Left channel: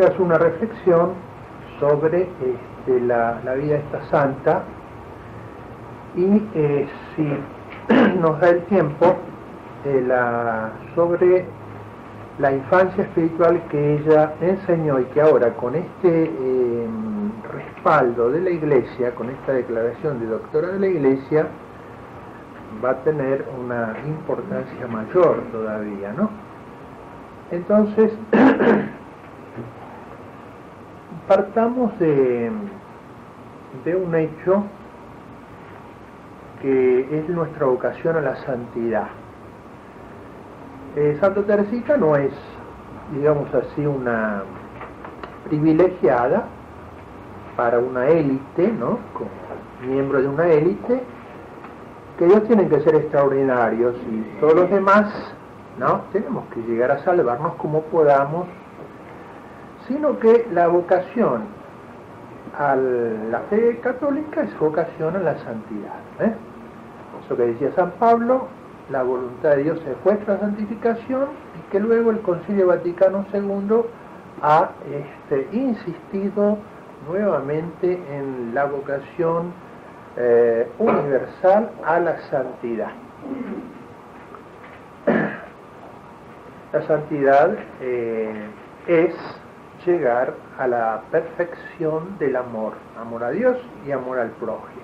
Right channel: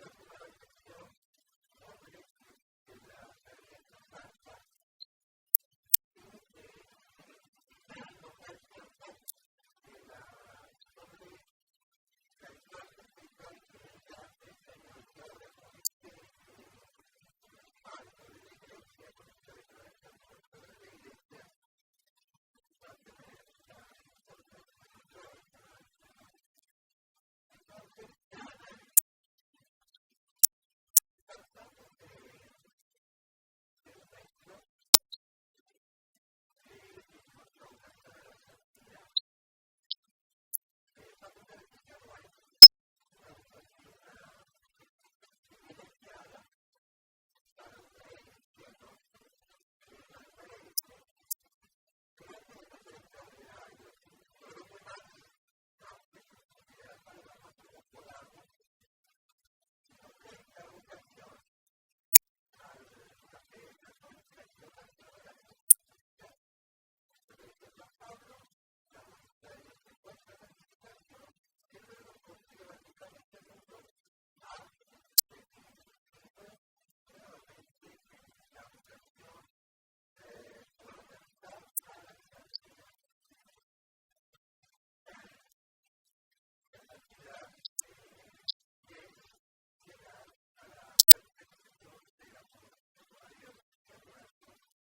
quiero hacer una reflexión sobre la vida de esta santa y si nos da el tiempo sobre la infancia espiritual que ella enseñó y que ahora con este respaldo de la Iglesia, con esta declaración de doctora de la Iglesia, va a tener una importancia mayor todavía, ¿no? Entonces, partamos de un hecho que es nuestra vocación a la santidad. Santa Teresita no es, digamos así, una privilegiada para una élite, ¿no? Como miembro de una élite, que ellos tienen que ser extraordinarios y todos los demás, ¿no? Tenemos que llegar a salvarnos como podamos, sino que la vocación a la fe católica es vocación a la santidad, ¿eh? Eso que decía San Pablo, la voluntad de Dios es vuestra santificación, y que luego el Concilio Vaticano II ha insistido nuevamente en la vocación universal a la santidad. La santidad es llegar a la perfección del amor a Dios y amor al prójimo,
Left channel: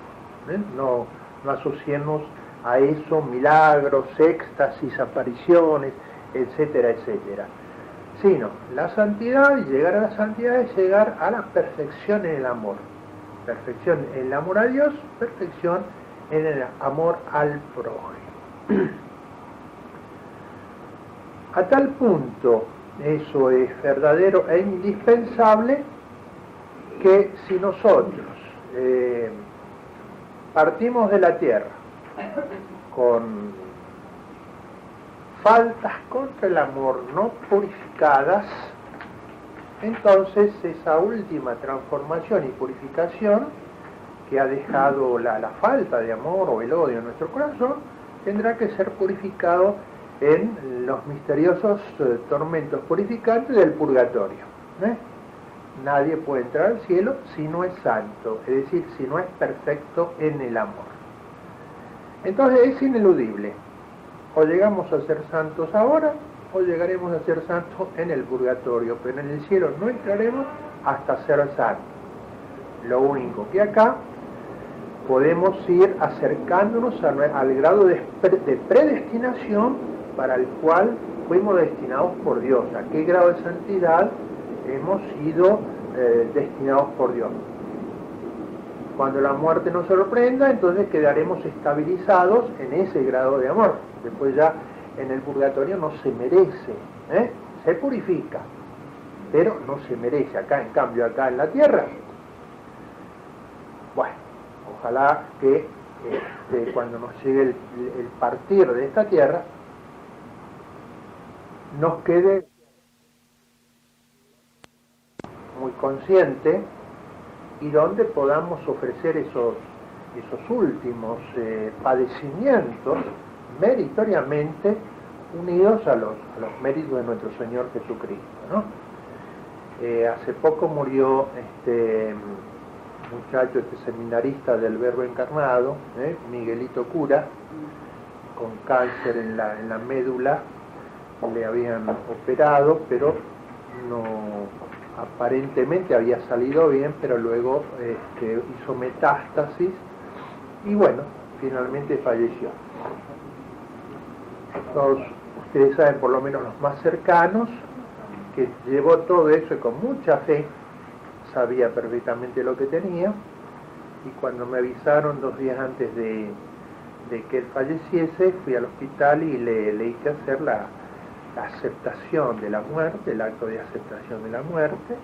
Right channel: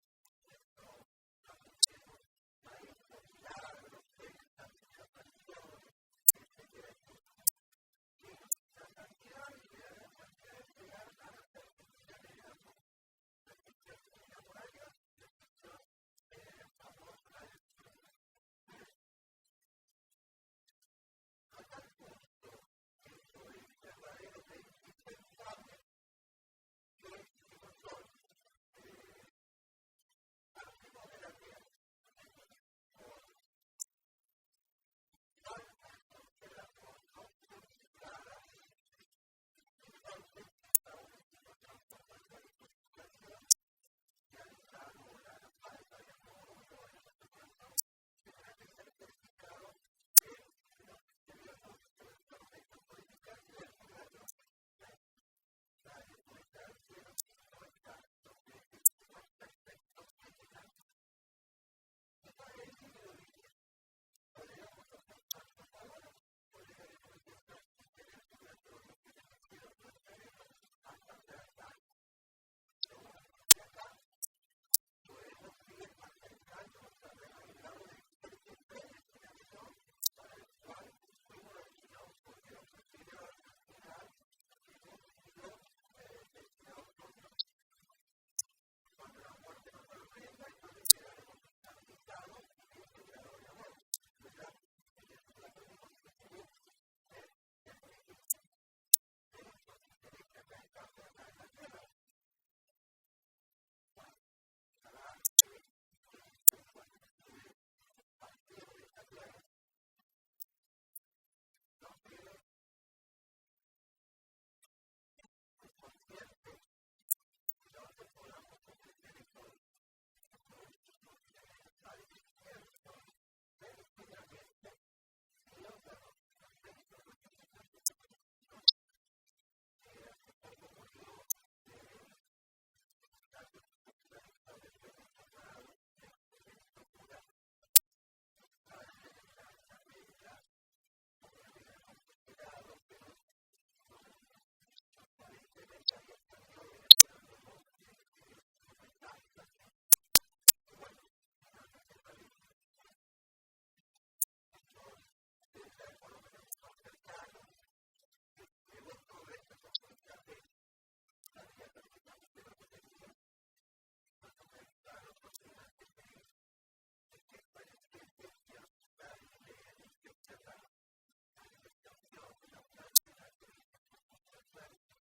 ¿eh? No asociemos a eso milagros, éxtasis, apariciones, etcétera, etcétera. Sino, la santidad, y llegar a la santidad es llegar a la perfección en el amor. Perfección en el amor a Dios, perfección en el amor al prójimo. A tal punto, eso es verdadero e indispensable, que si nosotros partimos de la tierra con faltas contra el amor no purificadas, entonces esa última transformación y purificación que ha dejado la falta de amor o el odio en nuestro corazón tendrá que ser purificado en los misteriosos tormentos purificantes del purgatorio, ¿eh? Nadie puede entrar al cielo si no es santo, es decir, si no es perfecto en el amor. Entonces es ineludible, o llegamos a ser santos ahora, o llegaremos a ser santos en el purgatorio, pero en el cielo no entraremos hasta ser santos. Lo único que acá podemos ir acercándonos al grado de predestinación para el cual fuimos destinados por Dios. ¿A qué grado de santidad hemos sido destinados por Dios? Cuando la muerte nos sorprenda, entonces quedaremos estabilizados en ese grado de amor. Después ya en el purgatorio no se merece, se purifica, pero no se merece. Acá, en cambio, acá en la tierra, bueno, ojalá que cuando nos llegue el partir de esta tierra, nos quede muy consciente y donde podamos ofrecer esos últimos padecimientos meritoriamente unidos a los méritos de nuestro Señor Jesucristo, ¿no? Hace poco murió este muchacho, seminarista del Verbo Encarnado, Miguelito Cura, con cáncer en la médula. Le habían operado, pero no, aparentemente había salido bien, pero luego hizo metástasis y bueno, finalmente falleció. Todos ustedes saben, por lo menos los más cercanos, que llevó todo eso y con mucha fe, sabía perfectamente lo que tenía, y cuando me avisaron 2 días antes de que él falleciese, fui al hospital y le hice hacer la aceptación de la muerte, el acto de aceptación de la muerte,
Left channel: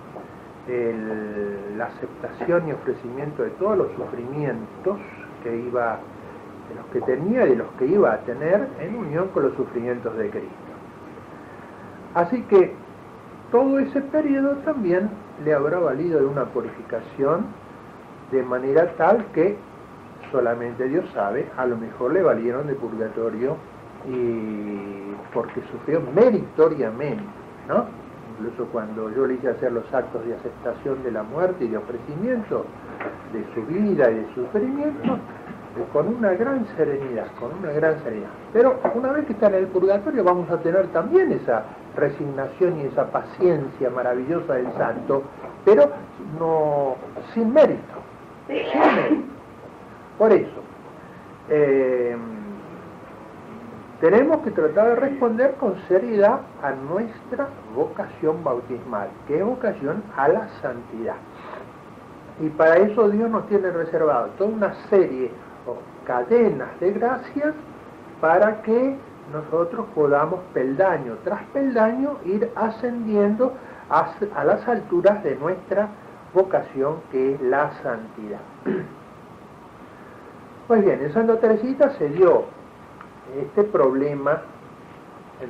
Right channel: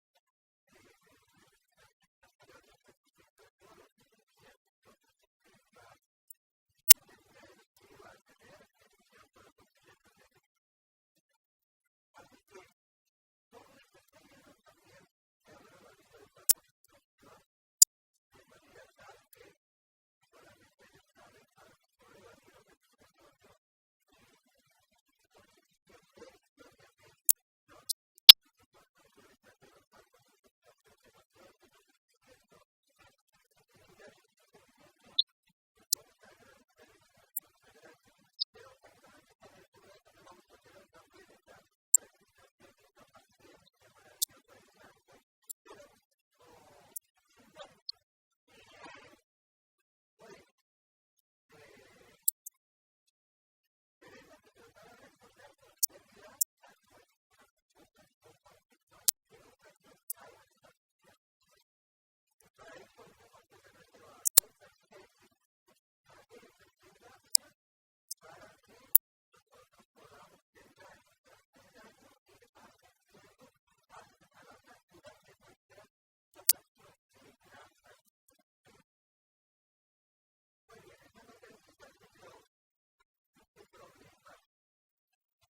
la aceptación y ofrecimiento de todos los sufrimientos de los que tenía y de los que iba a tener en unión con los sufrimientos de Cristo. Así que todo ese periodo también le habrá valido de una purificación de manera tal que solamente Dios sabe, a lo mejor le valieron de purgatorio y porque sufrió meritoriamente, ¿no? Incluso cuando yo le hice hacer los actos de aceptación de la muerte y de ofrecimiento de su vida y de su sufrimiento, con una gran serenidad, con una gran serenidad. Pero una vez que está en el purgatorio vamos a tener también esa resignación y esa paciencia maravillosa del santo, pero no sin mérito, sin mérito. Por eso, tenemos que tratar de responder con seriedad a nuestra vocación bautismal, que es vocación a la santidad. Y para eso Dios nos tiene reservado toda una serie o cadenas de gracias para que nosotros podamos peldaño tras peldaño ir ascendiendo a las alturas de nuestra vocación, que es la santidad. Pues bien, en Santa Teresita se dio este problema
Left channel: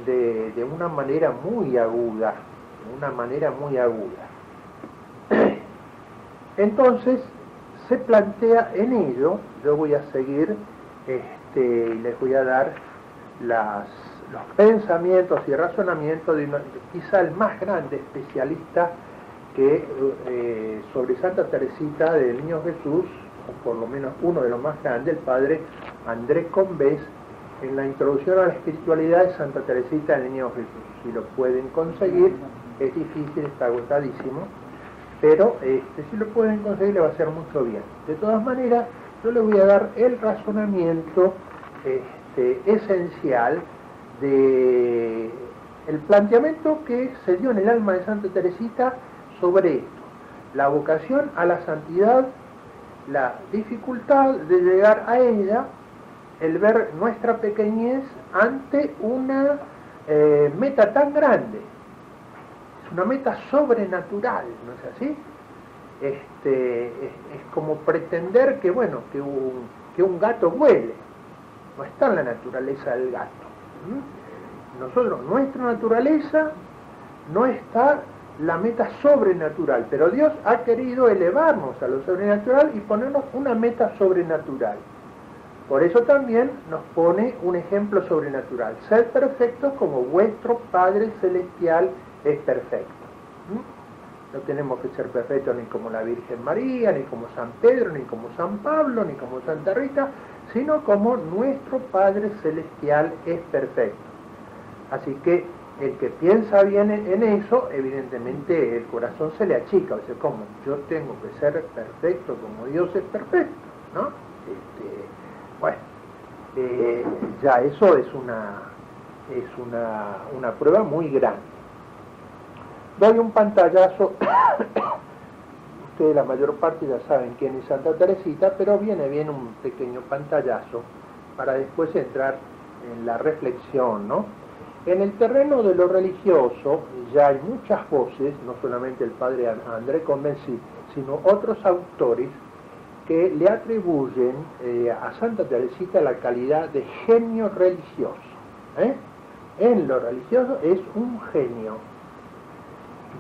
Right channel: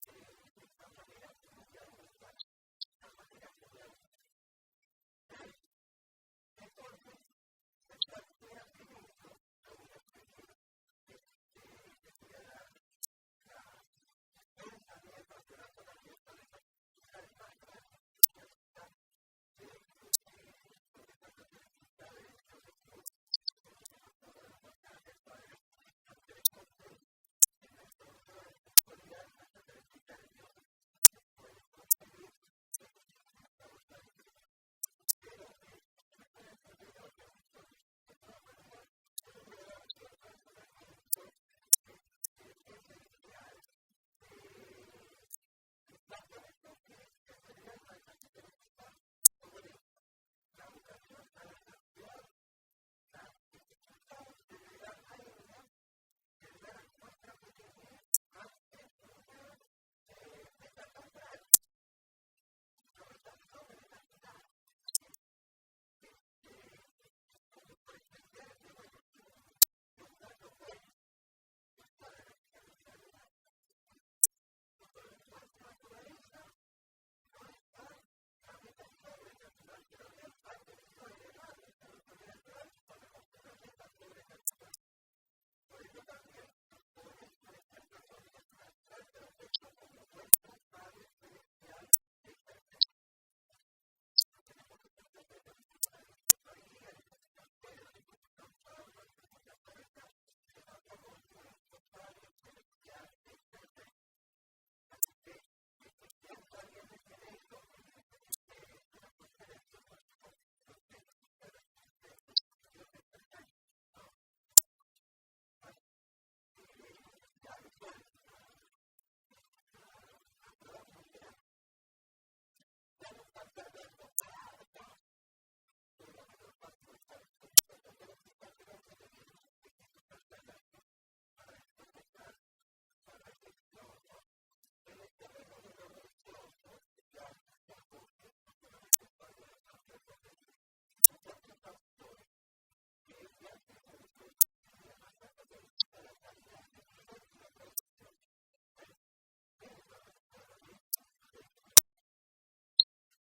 de una manera muy aguda, Entonces se plantea en ello, yo voy a seguir y les voy a dar los pensamientos y razonamientos de quizá el más grande especialista que sobre Santa Teresita del Niño Jesús, o por lo menos uno de los más grandes, el padre Andrés Combés, en la introducción a la espiritualidad de Santa Teresita del Niño Jesús. Si lo pueden conseguir, es difícil, está agotadísimo, pero si lo pueden conseguir le va a hacer mucho bien. De todas maneras, yo les voy a dar el razonamiento esencial de el planteamiento que se dio en el alma de Santa Teresita sobre esto: la vocación a la santidad, la dificultad de llegar a ella, el ver nuestra pequeñez ante una meta tan grande. Es una meta sobrenatural, ¿no es así? Es como pretender que un gato vuele. No está en la naturaleza del gato. Nuestra naturaleza no está la meta sobrenatural, pero Dios ha querido elevarnos a lo sobrenatural y ponernos una meta sobrenatural. Por eso también nos pone un ejemplo sobrenatural: sed perfectos como vuestro Padre Celestial es perfecto. No tenemos que ser perfectos ni como la Virgen María, ni como San Pedro, ni como San Pablo, ni como Santa Rita, sino como nuestro Padre Celestial es perfecto. Así que el que piensa bien en eso, evidentemente el corazón se le achica. O sea, ¿cómo? Yo tengo que ser perfecto como Dios es perfecto, ¿no? Ya eso es una prueba muy grande. Doy un pantallazo. Ustedes la mayor parte ya saben quién es Santa Teresita, pero viene bien un pequeño pantallazo para después entrar en la reflexión, ¿no? En el terreno de lo religioso ya hay muchas voces, no solamente el padre André Convenci, sino otros autores que le atribuyen a Santa Teresita la calidad de genio religioso. En lo religioso es un genio.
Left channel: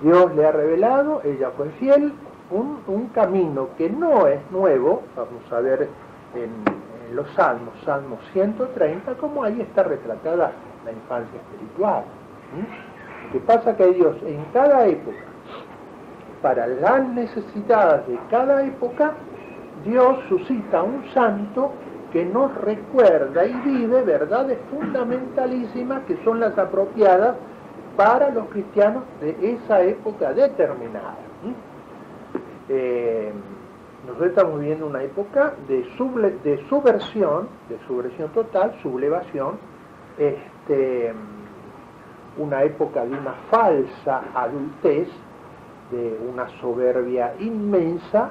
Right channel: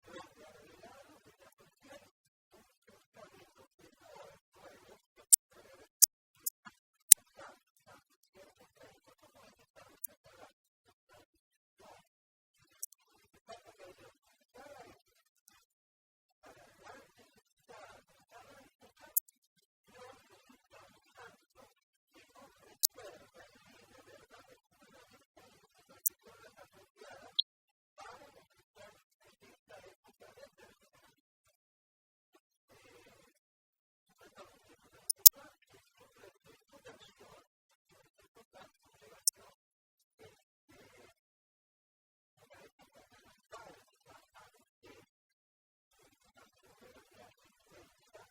Dios le ha revelado, ella fue fiel, un camino que no es nuevo. Vamos a ver en los Salmos, Salmo 130, como ahí está retratada la infancia espiritual. Lo que pasa es que Dios en cada época, para las necesidades de cada época, Dios suscita un santo que nos recuerda y vive verdades fundamentalísimas que son las apropiadas para los cristianos de esa época determinada. Nosotros estamos viviendo una época de subversión total, sublevación, una época de una falsa adultez, de una soberbia inmensa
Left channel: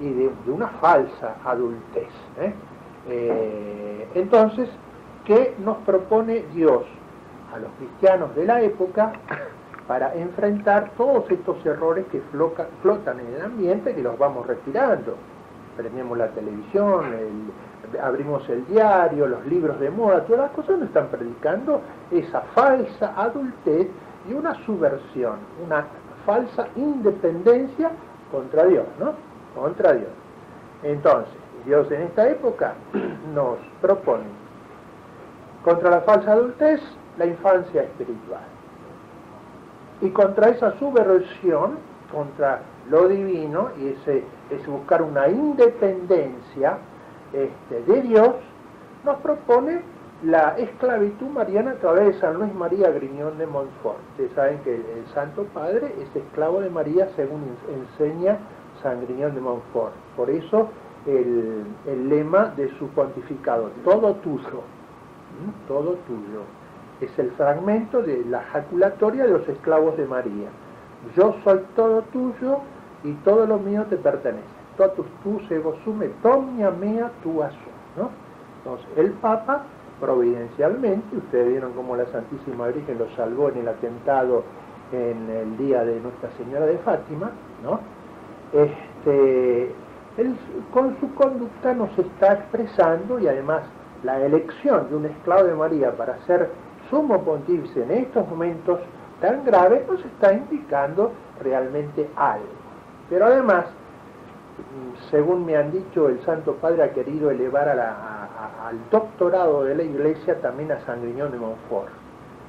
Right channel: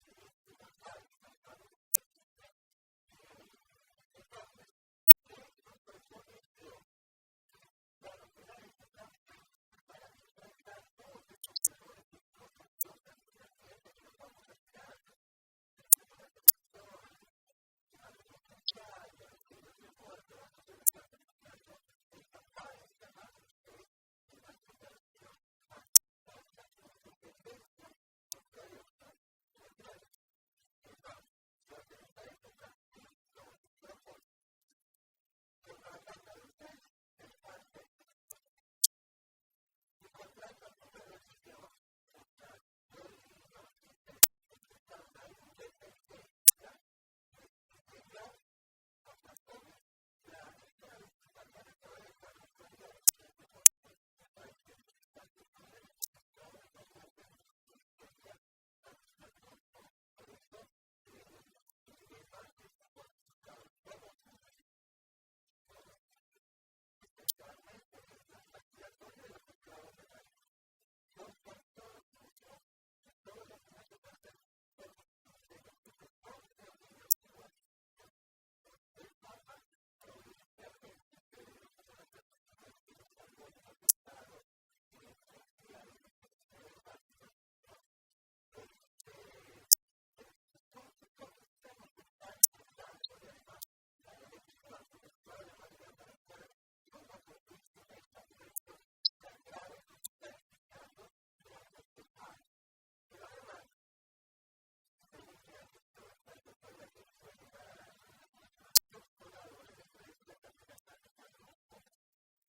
y de una falsa adultez. Entonces, ¿qué nos propone Dios a los cristianos de la época para enfrentar todos estos errores que flotan en el ambiente, que los vamos respirando? Prendemos la televisión, abrimos el diario, los libros de moda, todas las cosas nos están predicando esa falsa adultez y una subversión, una falsa independencia contra Dios, ¿no? Contra Dios. Entonces, Dios en esta época nos propone, contra la falsa adultez, la infancia espiritual. Y contra esa subversión, contra lo divino, y ese buscar una independencia de Dios, nos propone la esclavitud mariana a través de San Luis María Griñón de Montfort. Ustedes saben que el Santo Padre es esclavo de María, según enseña San Griñón de Montfort. Por eso el lema de su pontificado, todo tuyo, todo tuyo. Es el fragmento de la jaculatoria de los esclavos de María. Yo soy todo tuyo y todo lo mío te pertenece. Totus tu ego sume, tomnia mea tu asum, ¿no? Entonces, el Papa, providencialmente, ustedes vieron cómo la Santísima Virgen lo salvó en el atentado en el día de Nuestra Señora de Fátima, ¿no? Él, con su conducta nos está expresando, y además la elección de un esclavo de María para ser sumo pontífice en estos momentos tan graves nos está indicando realmente algo. Pero además, según me han dicho, el Santo Padre ha querido elevar al doctorado de la Iglesia también a San Griñón de Montfort,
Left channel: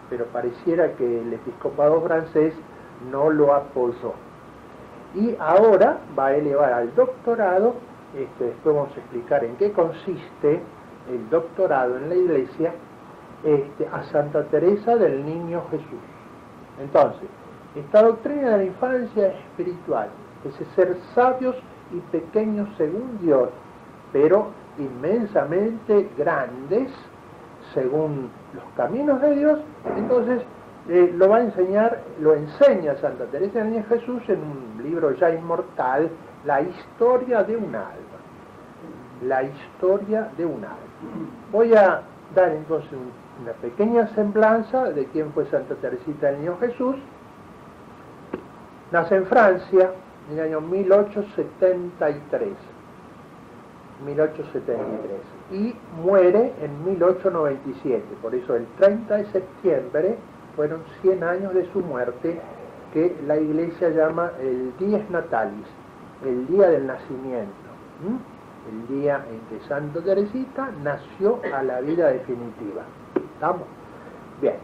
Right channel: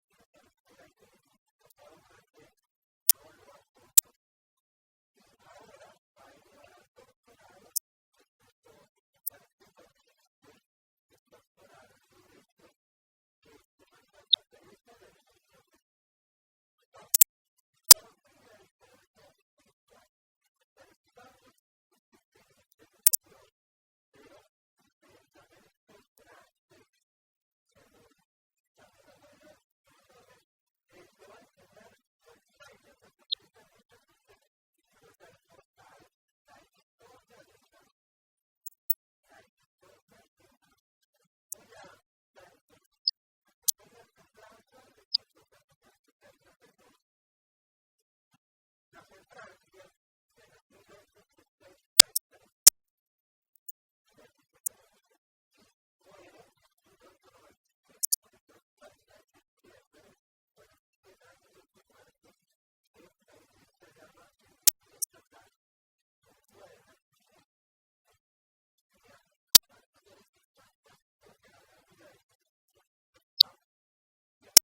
pero pareciera que el episcopado francés no lo apoyó. Y ahora va a elevar al doctorado, después vamos a explicar en qué consiste el doctorado en la Iglesia, a Santa Teresa del Niño Jesús. Entonces, esta doctrina de la infancia espiritual, ese ser sabios y pequeños según Dios, pero inmensamente grandes según los caminos de Dios, entonces lo va a enseñar, lo enseña Santa Teresa del Niño Jesús en un libro ya inmortal, La historia de un alma. La historia de un alma. Voy a dar entonces una pequeña semblanza de quién fue Santa Teresita del Niño Jesús. Nace en Francia en el año 1873 y muere en 1897. Por eso el 30 de septiembre fueron 100 años de su muerte, que la Iglesia llama el Dies Natalis, el día del nacimiento. El día en que Santa Teresita nació a la vida definitiva. ¿Estamos? Bien.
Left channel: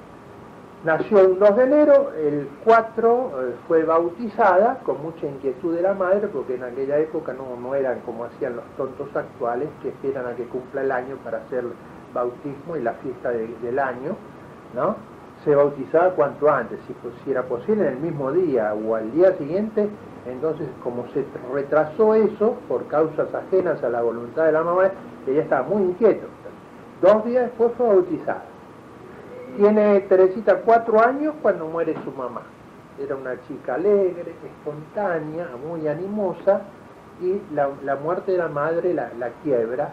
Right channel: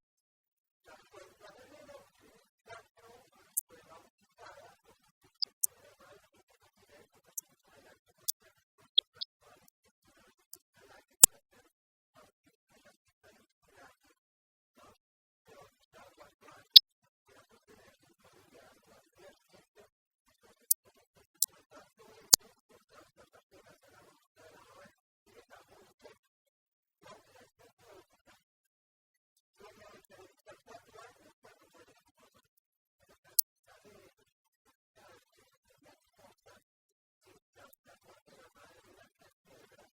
Nació el 2 de enero, el 4 fue bautizada, con mucha inquietud de la madre, porque en aquella época no eran como hacían los tontos actuales, que esperan a que cumpla el año para hacer el bautismo y la fiesta del año, ¿no? Se bautizaba cuanto antes, si era posible en el mismo día o al día siguiente. Entonces, como se retrasó eso por causas ajenas a la voluntad de la mamá, ella estaba muy inquieta. 2 días después fue bautizada. Tiene Teresita 4 años cuando muere su mamá. Era una chica alegre, espontánea, muy animosa, y la muerte de la madre la quiebra,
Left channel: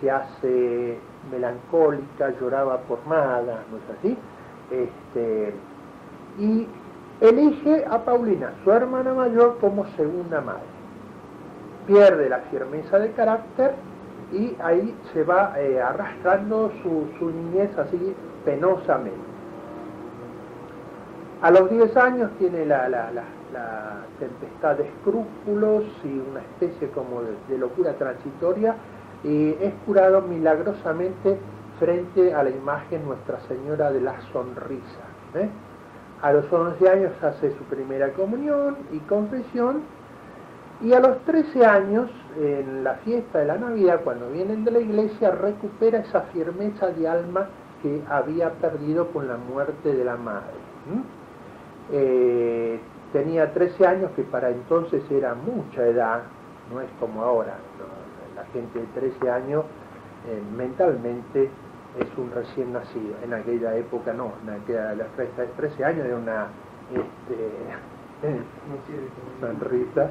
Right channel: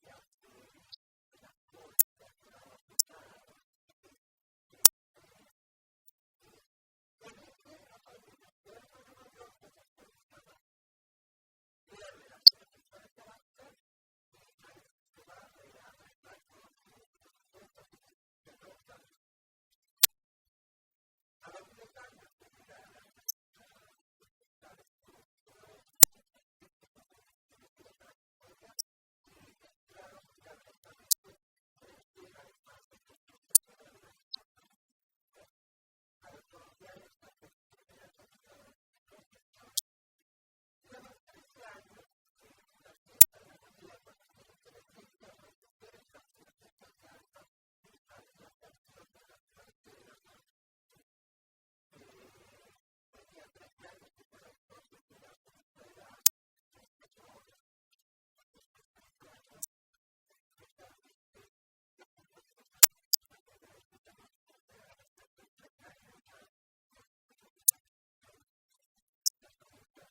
se hace melancólica, lloraba por nada, ¿no es así? Y elige a Paulina, su hermana mayor, como segunda madre. Pierde la firmeza de carácter y ahí se va arrastrando su niñez así penosamente. A los 10 años tiene la tempestad de escrúpulos y una especie como de locura transitoria, y es curado milagrosamente frente a la imagen Nuestra Señora de la Sonrisa. A los 11 años hace su primera comunión y confesión, y a los 13 años, en la fiesta de la Navidad, cuando vienen de la iglesia, recupera esa firmeza de alma que había perdido con la muerte de la madre. Tenía 13 años, que para entonces era mucha edad, no es como ahora, ¿no? La gente de 13 años mentalmente es un recién nacido. En aquella época no, a los 13 años era una sonrisa.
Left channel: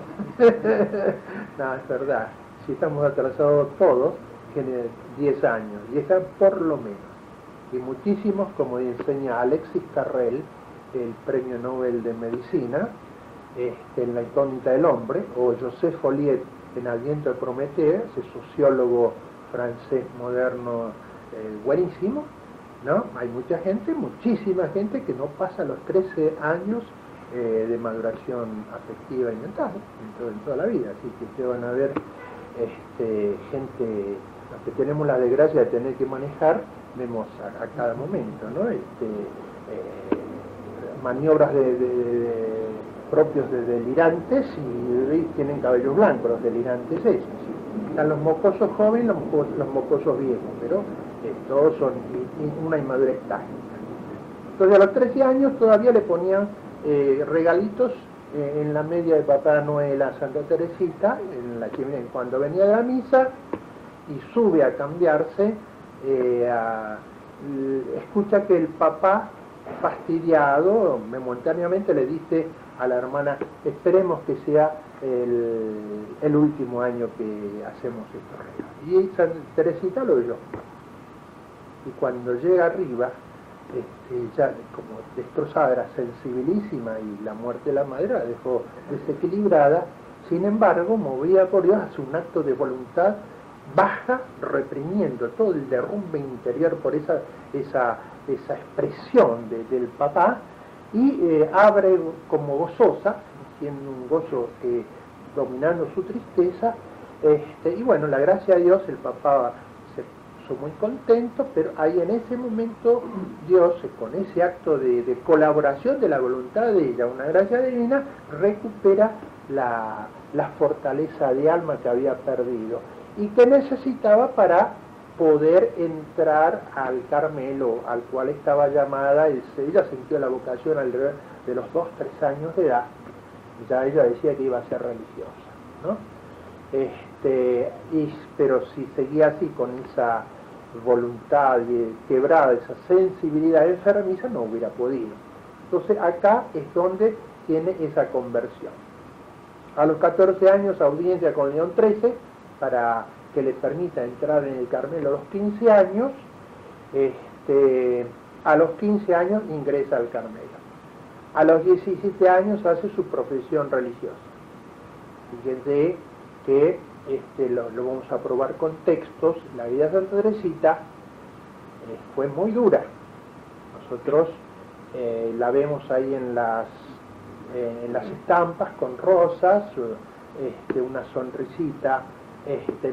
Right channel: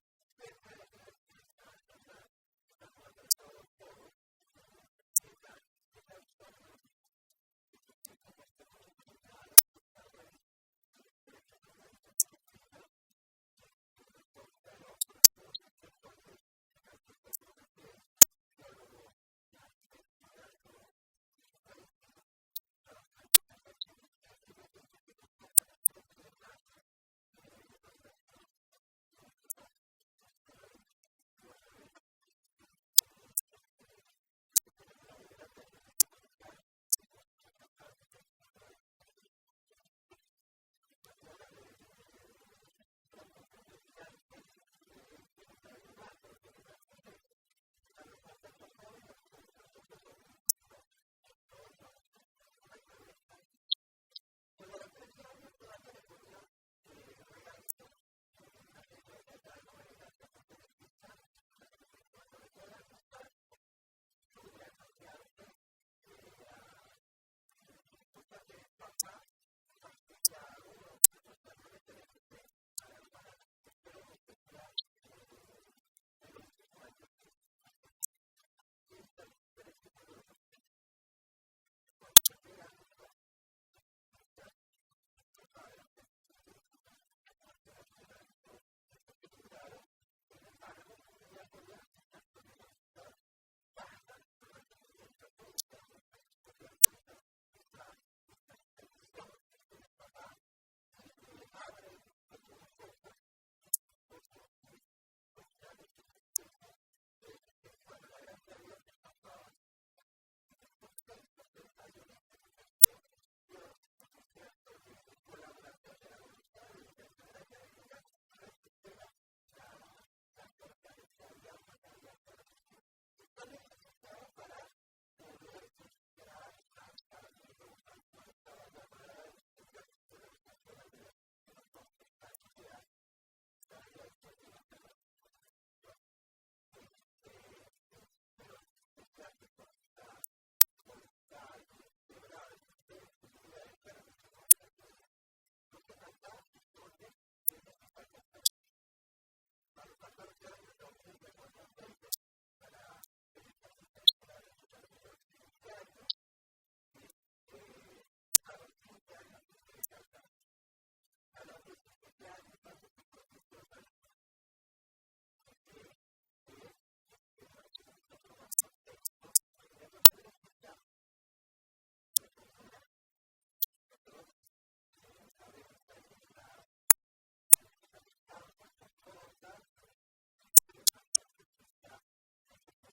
No, es verdad. Si estamos atrasados todos, tiene 10 años, 10 años por lo menos. Y muchísimos, como enseña Alexis Carrel, el premio Nobel de Medicina, en La incógnita del hombre, o Joseph Folliet en Al viento de Prometeo, ese sociólogo francés moderno buenísimo, ¿no? Hay mucha gente, muchísima gente que no pasa los 13 años de maduración afectiva y mental en toda la vida. Así que ustedes van a ver gente, los que tenemos la desgracia de tener que manejar, vemos a cada momento, ¿no? maniobras propios de delirantes y tienen cabello blanco los delirantes esos. Están los mocosos jóvenes, los mocosos viejos, pero todos son una inmadurez táctica. Entonces a los 13 años todavía le ponían regalitos en la media de Papá Noel a Santa Teresita, en la chimenea, cuando venía de la misa y sube a cambiarse, escucha que el papá, fastidiado, momentáneamente le dice a la hermana: esperemos que sea el último año que hacemos estos regalos. Y Santa Teresita lo oyó. Y cuando llega arriba, ya como destrozada, era sensibilísima, y la muerte de la madre la dejó desequilibrada. Sin embargo, movida por Dios, hace un acto de voluntad, baja reprimiendo todo el derrumbe interior por esa expresión del papá, y abre como gozosa, siendo un gozo dominando su tristeza, y bueno, la gracia de Dios, el papá se puso muy contento, pero ahí en ese momento Dios, con ese acto de colaboración de la voluntad de ella, una gracia divina, recupera la fortaleza de alma que había perdido y que necesitaba para poder entrar al Carmelo, al cual estaba llamada. Ella sintió la vocación alrededor de los 2-3 años de edad. Ya ella decía que iba a ser religiosa, ¿no? Pero si seguía así, con esa voluntad quebrada, esa sensibilidad enfermiza, no hubiera podido. Entonces acá es donde tiene esa conversión. A los 14 años, audiencia con León XIII para que le permita entrar en el Carmelo a los 15 años. A los 15 años ingresa al Carmelo. A los 17 años hace su profesión religiosa. Fíjense que lo vamos a probar con textos. La vida de Santa Teresita fue muy dura. Nosotros la vemos ahí en las estampas con rosas, una sonrisita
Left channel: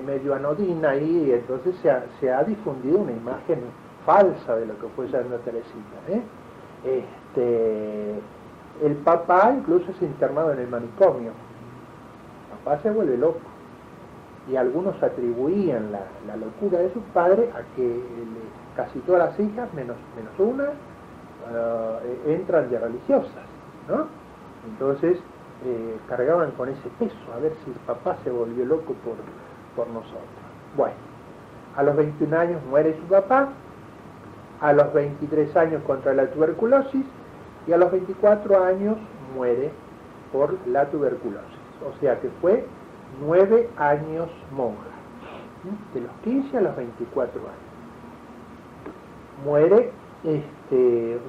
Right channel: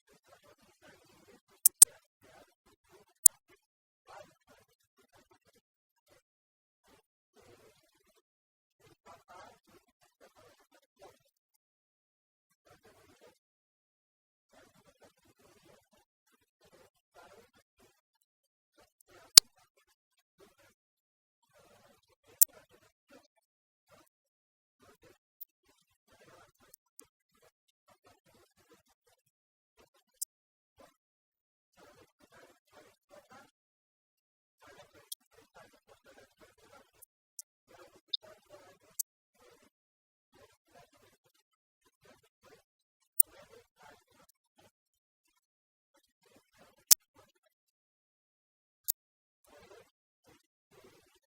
medio anodina, y entonces se ha difundido una imagen falsa de lo que fue Santa Teresita. El papá incluso es internado en el manicomio. El papá se vuelve loco, y algunos atribuían la locura de su padre a que casi todas las hijas, menos una, entran de religiosas, ¿no? Entonces cargaban con ese peso, a ver si el papá se volvió loco por nosotros. Bueno, a los 21 años muere su papá, a los 23 años contra la tuberculosis, y a los 24 años muere por la tuberculosis. O sea que fue 9 años monja, de los 15 a los 24 años. Muere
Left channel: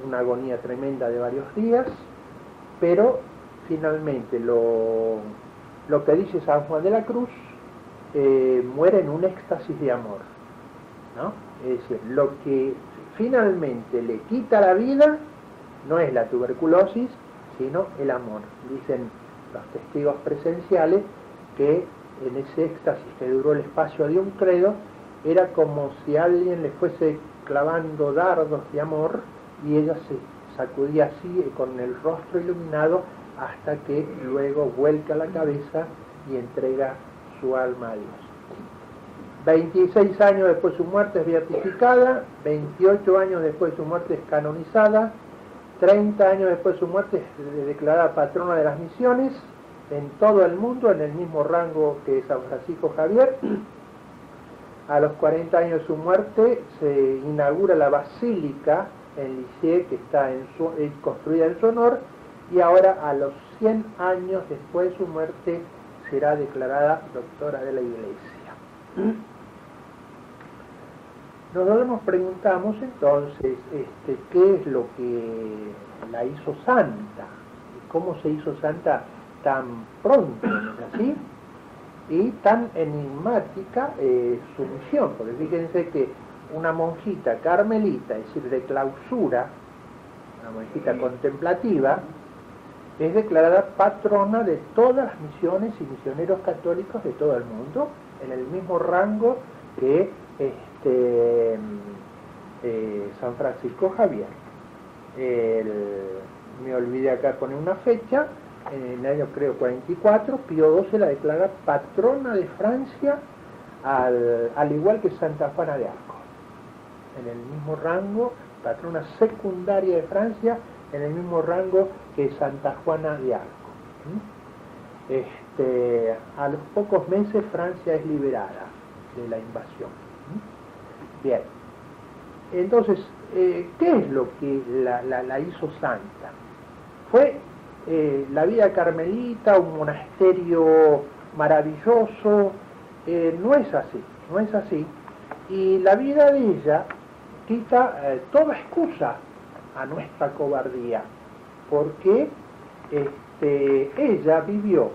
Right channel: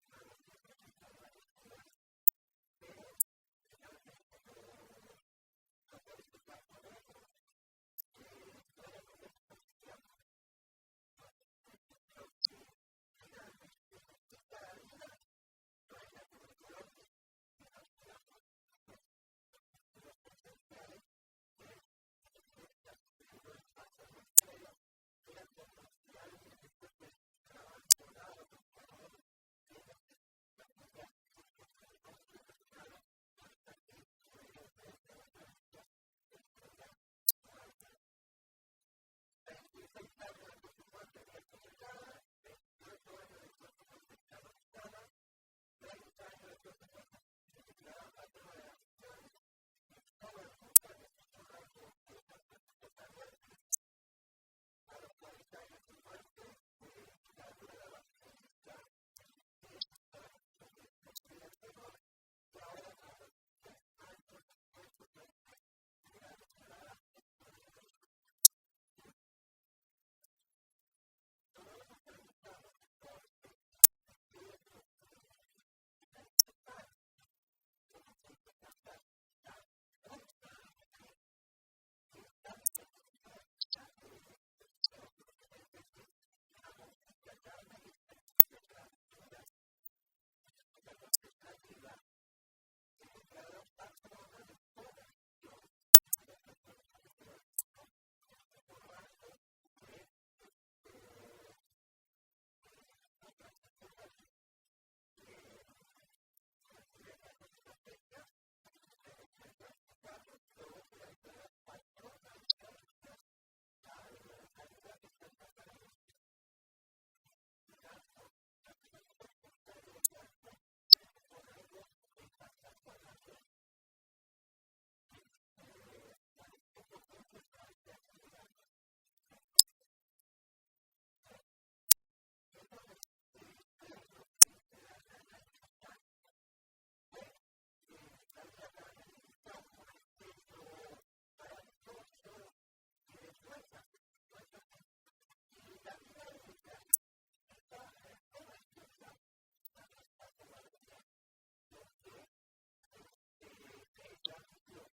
una agonía tremenda de varios días, pero finalmente lo que dice San Juan de la Cruz, muere en un éxtasis de amor, ¿no? Es decir, lo que finalmente le quita la vida no es la tuberculosis, sino el amor. Dicen los testigos presenciales que en ese éxtasis que duró el espacio de un credo, era como si alguien le fuese clavando dardos de amor, y ella se sacudía así con el rostro iluminado, hasta que luego vuelca la cabeza y entrega su alma a Dios. 26 años después de su muerte es beatificada, 28 años después de su muerte es canonizada, 30 años después de su muerte es declarada patrona de las misiones en todo el mundo, en el mismo rango que San Francisco Javier. A los 40 años de su muerte se inaugura la basílica en Lisieux, que está construida en su honor, y ahora a los 100 años después de su muerte será declarada doctora de la Iglesia. Nosotros nos preguntamos entonces qué es lo que la hizo santa, cómo se hizo santa tan pronto, ¿no es así? Y tan enigmática su misión, porque fíjense que una monjita carmelita, es decir, de clausura, una monjita contemplativa, es declarada patrona de todas las misiones y misioneros católicos de todo el mundo, en el mismo rango que San Francisco Javier. me olvidé acá poner una fecha, en el año creo 44, Pío XII la declara patrona de Francia, al igual que Santa Juana de Arco, en el mismo rango, patrona secundaria de Francia, en el mismo rango que Santa Juana de Arco. A los pocos meses Francia es liberada de la invasión. Bien, entonces, ¿qué es lo que la hizo santa? Fue la vida carmelita, un monasterio maravilloso. No es así, no es así. Y la vida de ella quita toda excusa a nuestra cobardía, porque ella vivió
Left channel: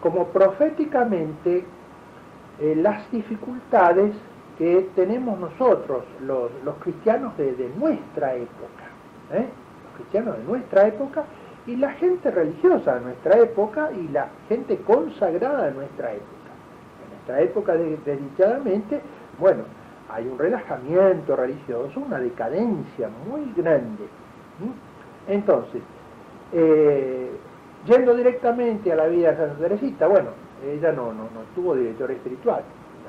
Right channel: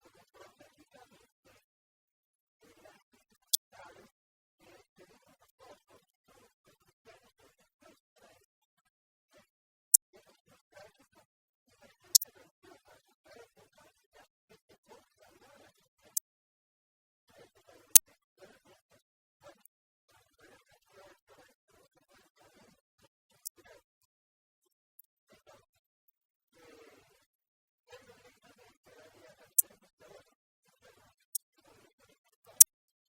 como proféticamente las dificultades que tenemos nosotros, los cristianos de nuestra época, los cristianos de nuestra época y la gente religiosa de nuestra época y la gente consagrada de nuestra época. En nuestra época, desdichadamente, bueno, hay un relajamiento religioso, una decadencia muy grande. Entonces, yendo directamente a la vida de Santa Teresita, bueno, ella no tuvo director espiritual.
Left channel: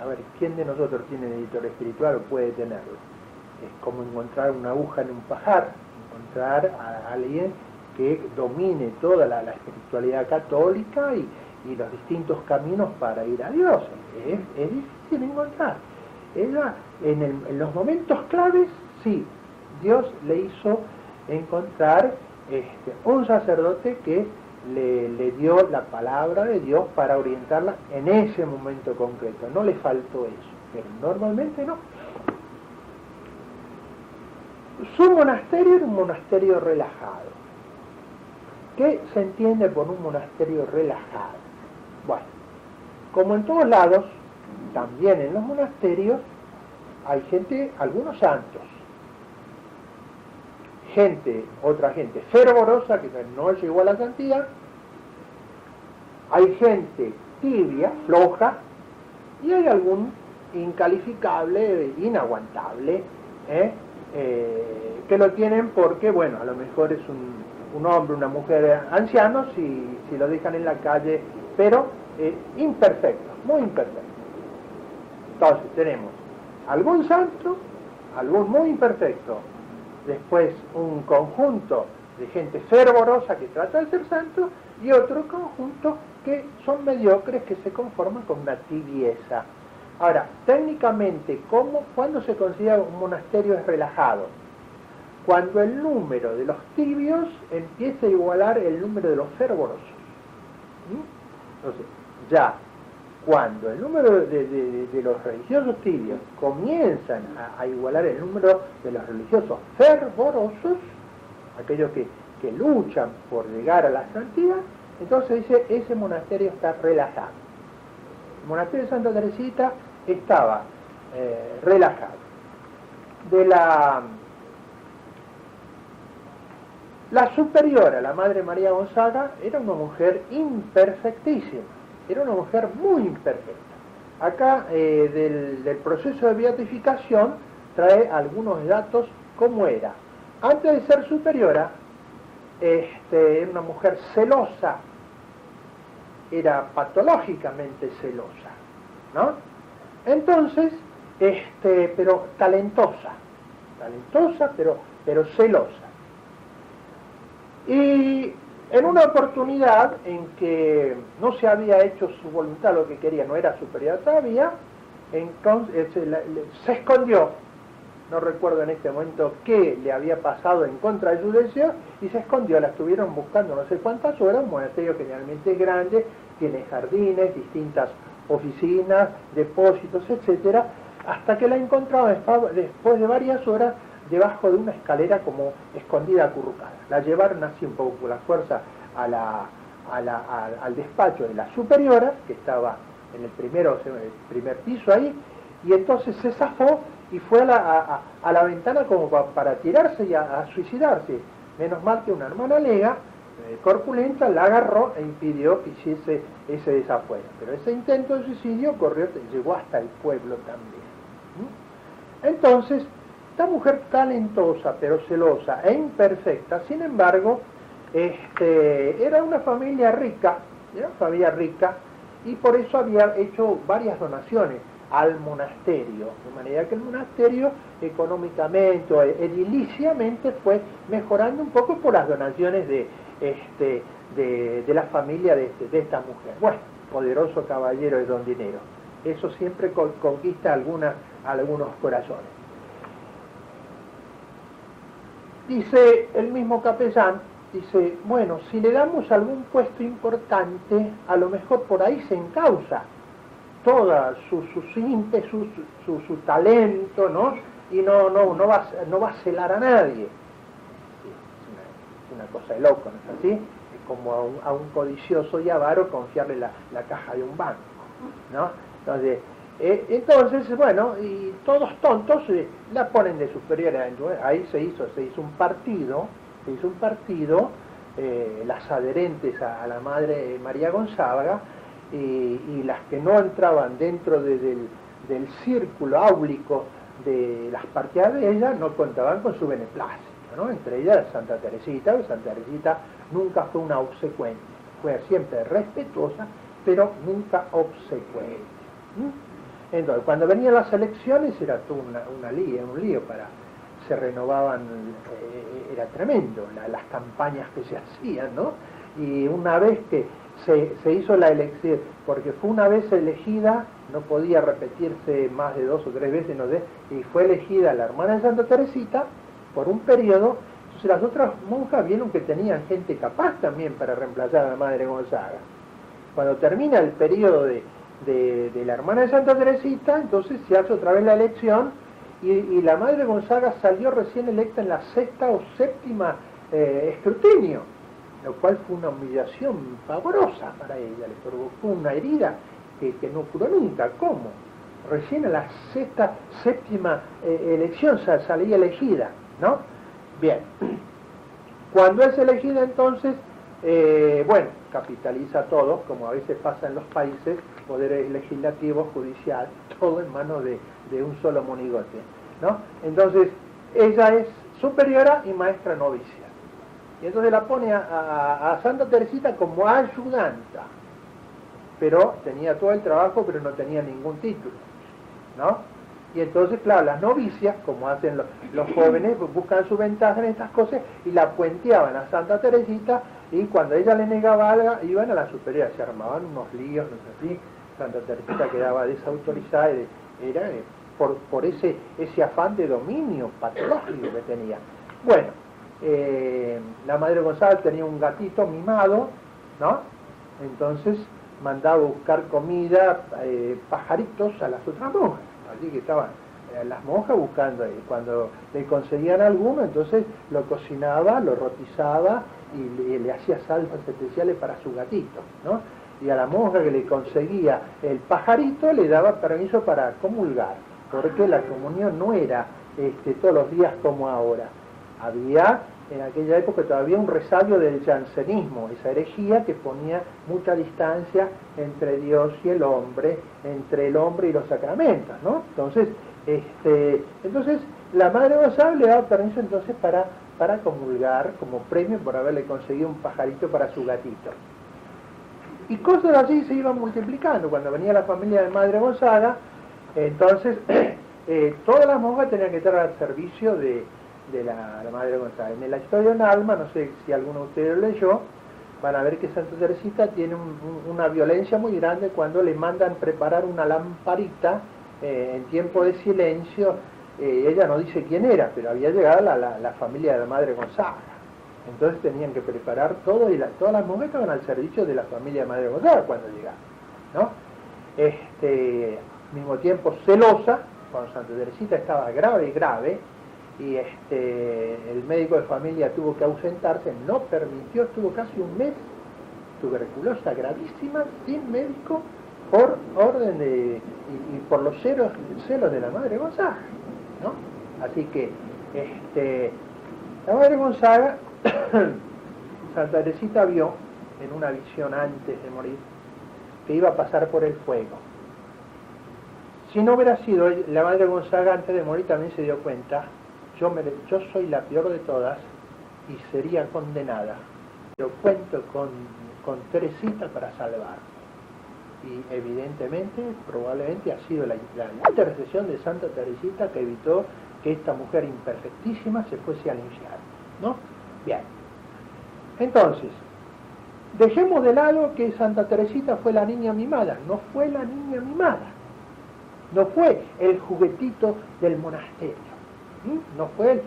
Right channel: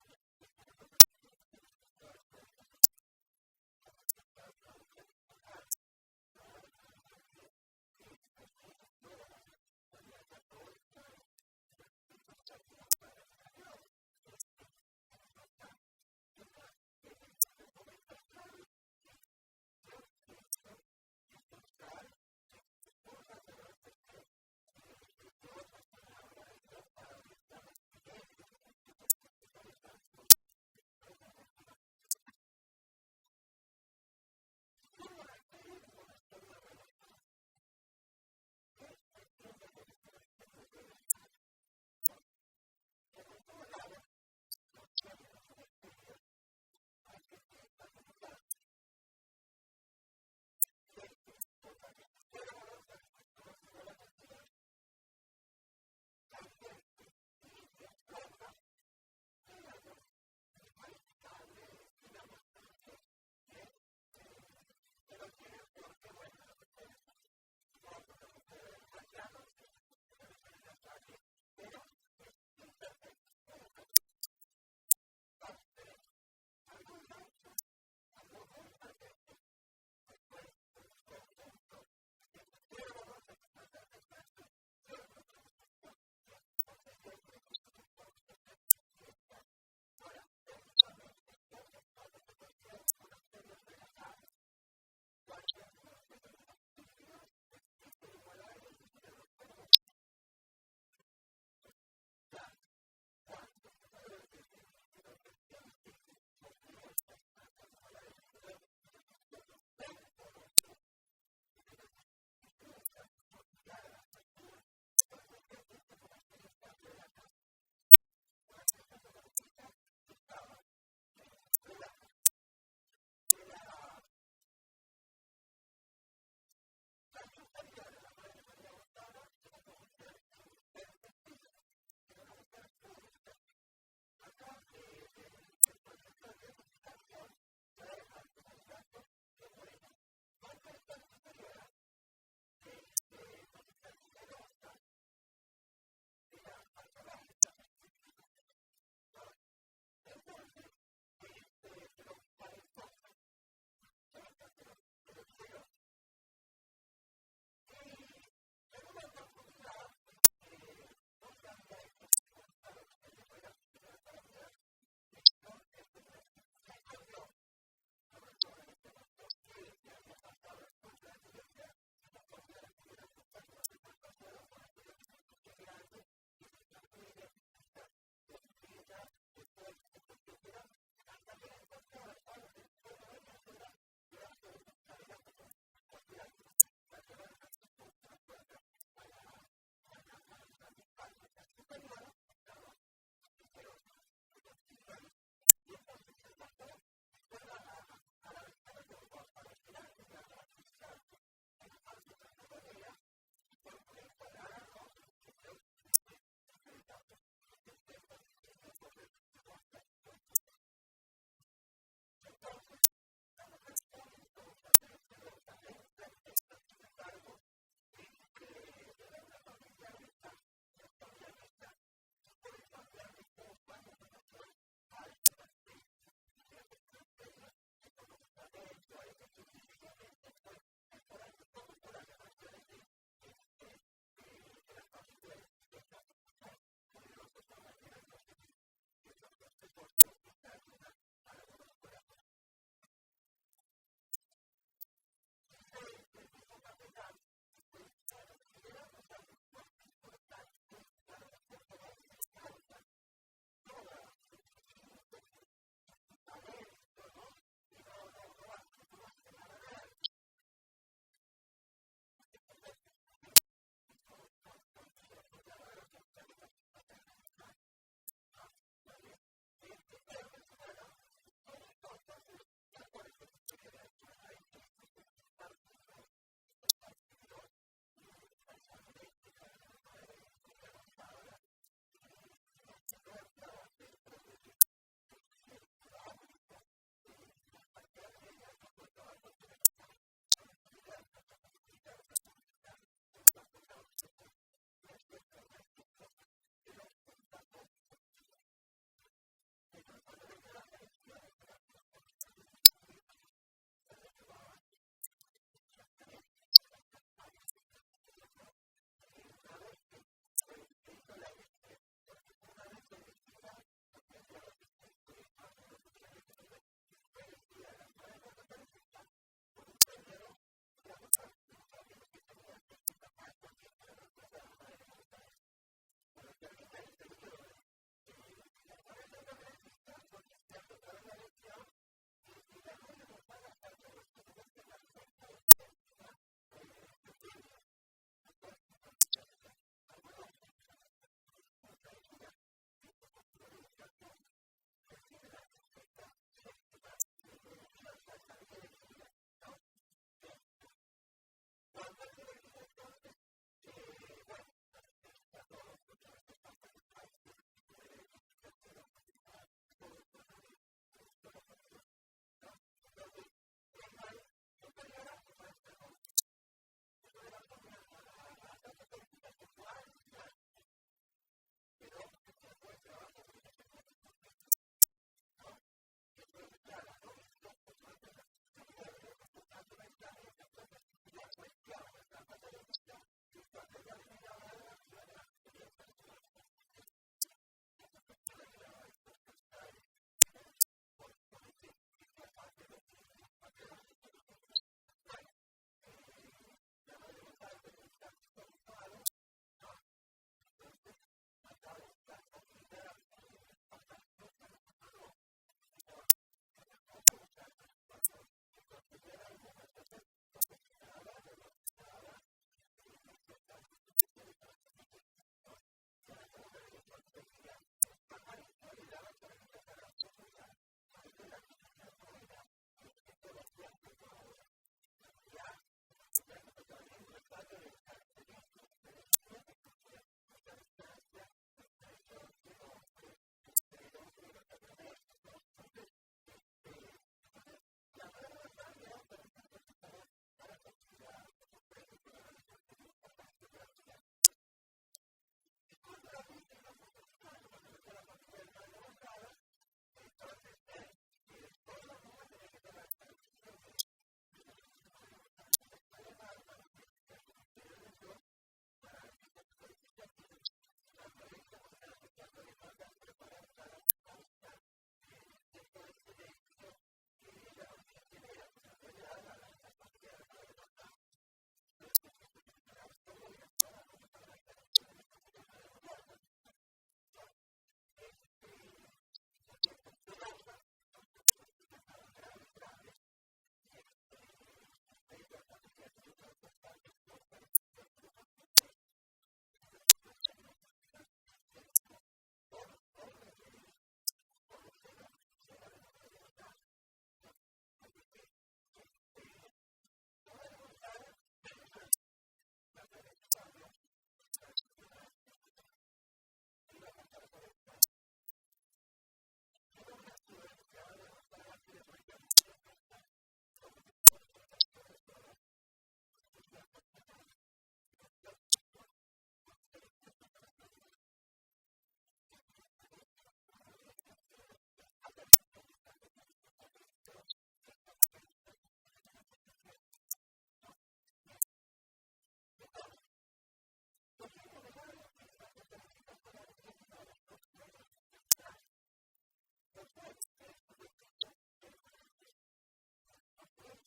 A ver, ¿quién de nosotros tiene director espiritual o puede tenerlo? Es como encontrar una aguja en un pajar, encontrar a alguien que domine toda la espiritualidad católica y los distintos caminos para ir a Dios. Es difícil encontrar. Ella, en los momentos claves, sí, Dios le hizo encontrar un sacerdote que le dio la palabra de Dios para orientarla en ese momento concreto. No le faltó eso, pero normalmente no. Su monasterio era un monasterio relajado. ¿Qué se entiende por un monasterio relajado? Bueno, como en todos lados, también en los monasterios hay gente, algunos santos, otra gente fervorosa que no llegó a la santidad, hay gente tibia, floja, y hay algún incalificable, inaguantable, que lo tienen porque, bueno, a lo mejor es un hombre, una mujer ancianos si lo dejan en la calle, pero imperfecto, muy imperfecto. Entonces tenemos algún santo, algún muy imperfecto, después un conjunto de gente fervorosa que trata de ser santo y otro conjunto que son mediocres, que se conforman con una tibieza. Ahora, técnicamente, ¿cuándo se considera un monasterio es relajado? Cuando el número de los tibios empieza a igualar el número de los fervorosos. Entonces, ya cuando el número de los religiosos tibios comienzan a igualar el número de los religiosos fervorosos, aquellos que luchan por llegar a la santidad, entonces dice, ese monasterio está relajado. El monasterio de Santa Teresita estaba relajado. La superiora, la Madre María Gonzaga, era una mujer imperfectísima, era una mujer muy imperfecta. Acá del proceso de beatificación trae algunos datos como era. Antes de ser superiora, era una mujer celosa, era patológicamente celosa, ¿no? Entonces, pero talentosa, pero celosa. Y en una oportunidad en que no se había hecho su voluntad, lo que quería, no era superior todavía, entonces se escondió, no recuerdo en este momento qué le había pasado en contra de su deseo, y se escondió, la estuvieron buscando no sé cuántas horas, un monasterio generalmente es grande, tiene jardines, distintas oficinas, depósitos, etcétera, hasta que la encontraron después de varias horas debajo de una escalera como escondida, acurrucada. La llevaron así un poco por la fuerza al despacho de la superiora, que estaba en el primer piso ahí, y entonces se zafó y fue a la ventana como para tirarse y a suicidarse. Menos mal que una hermana lega, corpulenta, la agarró e impidió que hiciese ese desafuero. Pero ese intento de suicidio llegó hasta el pueblo también. Entonces, esta mujer talentosa, pero celosa e imperfecta, sin embargo, era una familia rica, y por eso había hecho varias donaciones al monasterio, de manera que el monasterio económicamente o ediliciamente fue mejorando un poco por las donaciones de la familia de esta mujer. Bueno, poderoso caballero de don dinero. Eso siempre conquista algunos corazones. Dice el mismo capellán, dice, bueno, si le damos algún puesto importante, a lo mejor por ahí se encausa toda su ímpetu, su talento, ¿no? Y no va a celar a nadie. Es una cosa de loco, ¿no es así? Es como a un codicioso y avaro confiarle la caja de un banco, ¿no? Entonces, bueno, y todos tontos la ponen de superior. Ahí se hizo un partido, las adherentes a la madre María Gonzaga, y las que no entraban dentro del círculo áulico de las partidas de ella no contaban con su beneplácito, ¿no? Entre ellas Santa Teresita. Santa Teresita nunca fue una obsecuente, fue siempre respetuosa, pero nunca obsecuente. Entonces, cuando venían las elecciones era todo un lío se renovaban, era tremendo las campañas que se hacían, ¿no? Y una vez que se hizo la elección, porque fue una vez elegida, no podía repetirse más de 2 o 3 veces, no sé, y fue elegida la hermana de Santa Teresita por un periodo. Entonces las otras monjas vieron que tenían gente capaz también para reemplazar a la madre Gonzaga. Cuando termina el periodo de la hermana de Santa Teresita, entonces se hace otra vez la elección, y la madre Gonzaga salió recién electa en la 6ª o 7ª escrutinio, lo cual fue una humillación pavorosa para ella, le provocó una herida que no curó nunca. ¿Cómo? Recién a la 6ª, 7ª elección salía elegida, ¿no? Bien. Cuando es elegida entonces, bueno, capitaliza todo, como a veces pasa en los países, poderes legislativo, judicial, todo en manos de un solo monigote, ¿no? Entonces, ella es superiora y maestra novicia. Y entonces la pone a Santa Teresita como ayudanta, pero tenía todo el trabajo, pero no tenía ningún título, ¿no? Y entonces, claro, las novicias, como hacen los jóvenes, buscan su ventaja en estas cosas y la puenteaban a Santa Teresita, y cuando ella le negaba algo, iban a la superiora, se armaban unos líos, no sé si. Santa Teresita quedaba desautorizada, era por ese afán de dominio patológico que tenía. Bueno, la madre Gonzaga tenía un gatito mimado, ¿no? Entonces mandaba buscar comida, pajaritos a las otras monjas. Así que estaban las monjas buscando ahí. Cuando le conseguían alguno, entonces lo cocinaba, lo rotizaba y le hacía salsas especiales para su gatito, ¿no? Y a la monja que le conseguía el pajarito le daba permiso para comulgar, porque la comunión no era todos los días como ahora. Había en aquella época todavía un resabio del jansenismo, esa herejía que ponía mucha distancia entre Dios y el hombre, entre el hombre y los sacramentos, ¿no? Entonces la madre Gonzaga le daba permiso entonces para comulgar como premio por haberle conseguido un pajarito para su gatito. Y cosas así se iban multiplicando. Cuando venía la familia de Madre Gonzaga, entonces todas las monjas tenían que estar al servicio de la Madre Gonzaga. En la historia de un alma, no sé si alguno de ustedes lo leyó, van a ver que Santa Teresita tiene una violencia muy grande cuando le mandan preparar una lamparita en tiempo de silencio. Ella no dice quién era, pero había llegado la familia de la Madre Gonzaga. Entonces tenían que preparar todo, y todas las monjas estaban al servicio de la familia de Madre Gonzaga cuando llegaban, ¿no? Al mismo tiempo celosa, cuando Santa Teresita estaba grave, y el médico de familia tuvo que ausentarse, no permitió, estuvo casi un mes tuberculosa gravísima, sin médico, por orden y por los celos de la Madre Gonzaga, ¿no? Así que la Madre Gonzaga, Santa Teresita vio en una visión antes de morir que iba a pasar por el fuego. Si no hubiera sido la Madre Gonzaga, antes de morir también se dio cuenta yo soy la peor de todas y sería condenada, pero cuento con Teresita para salvarme. Y evidentemente, probablemente ha sido la intercesión de Santa Teresita que evitó que esta mujer imperfectísima se fuese al infierno, ¿no? Bien. Entonces, dejemos de lado que Santa Teresita fue la niña mimada. No fue la niña mimada. No fue el juguetito del monasterio. No fue él.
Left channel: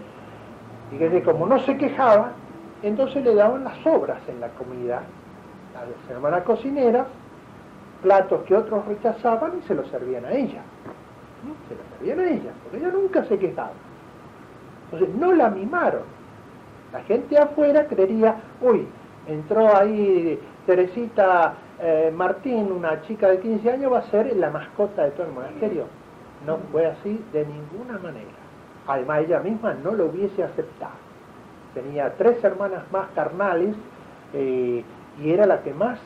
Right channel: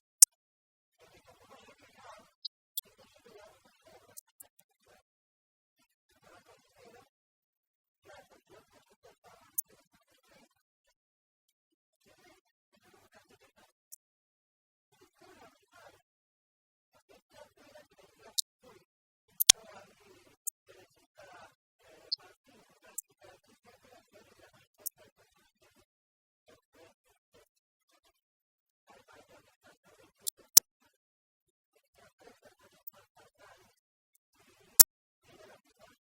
Fíjese, como no se quejaba, entonces le daban las sobras en la comida a las hermanas cocineras, platos que otros rechazaban y se los servían a ella. Se los servían a ella, porque ella nunca se quejaba. Entonces no la mimaron. La gente afuera creería, uy, entró ahí Teresita Martín, una chica de 15 años, va a ser la mascota de todo el monasterio. No fue así de ninguna manera. Además, ella misma no lo hubiese aceptado. Tenía 3 hermanas más carnales y era la que más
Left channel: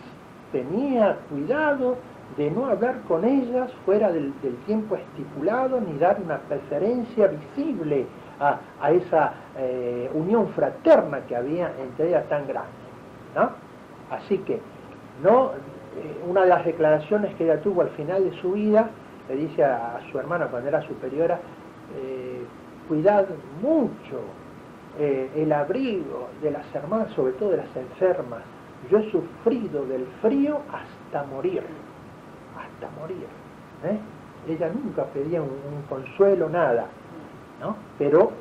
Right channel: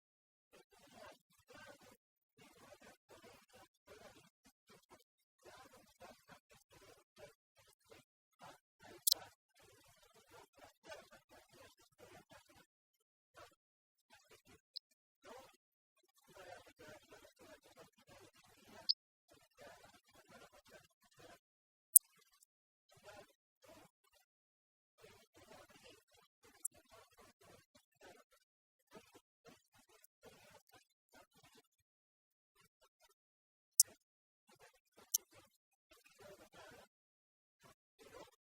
tenía cuidado de no hablar con ellas fuera del tiempo estipulado ni dar una preferencia visible a esa unión fraterna que había entre ellas tan grande, ¿no? Así que una de las declaraciones que ella tuvo al final de su vida, le dice a su hermana cuando era superiora, cuidad mucho el abrigo de las hermanas, sobre todo de las enfermas. Yo he sufrido del frío hasta morir, Ella nunca pedía un consuelo, nada, ¿no? Pero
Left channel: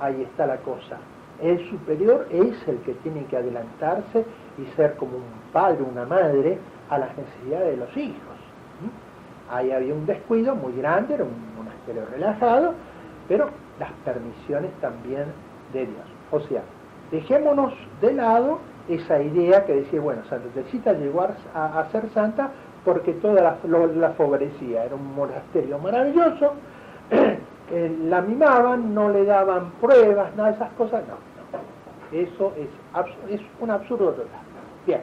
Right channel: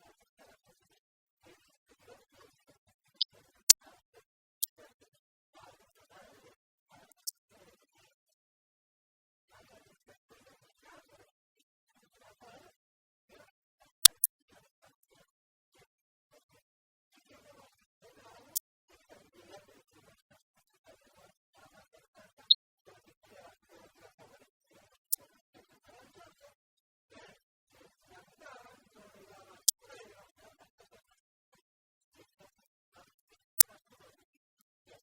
ahí está la cosa. El superior es el que tiene que adelantarse y ser como un padre, una madre, a las necesidades de los hijos. Ahí había un descuido muy grande, era un monasterio relajado, pero las permisiones también de Dios. O sea, dejémonos de lado esa idea que decía, bueno, Santa Teresita llegó a ser santa porque toda la favorecía. Era un monasterio maravilloso, la mimaban, no le daban pruebas, nada de esas cosas, no. Eso es un absurdo total. Bien.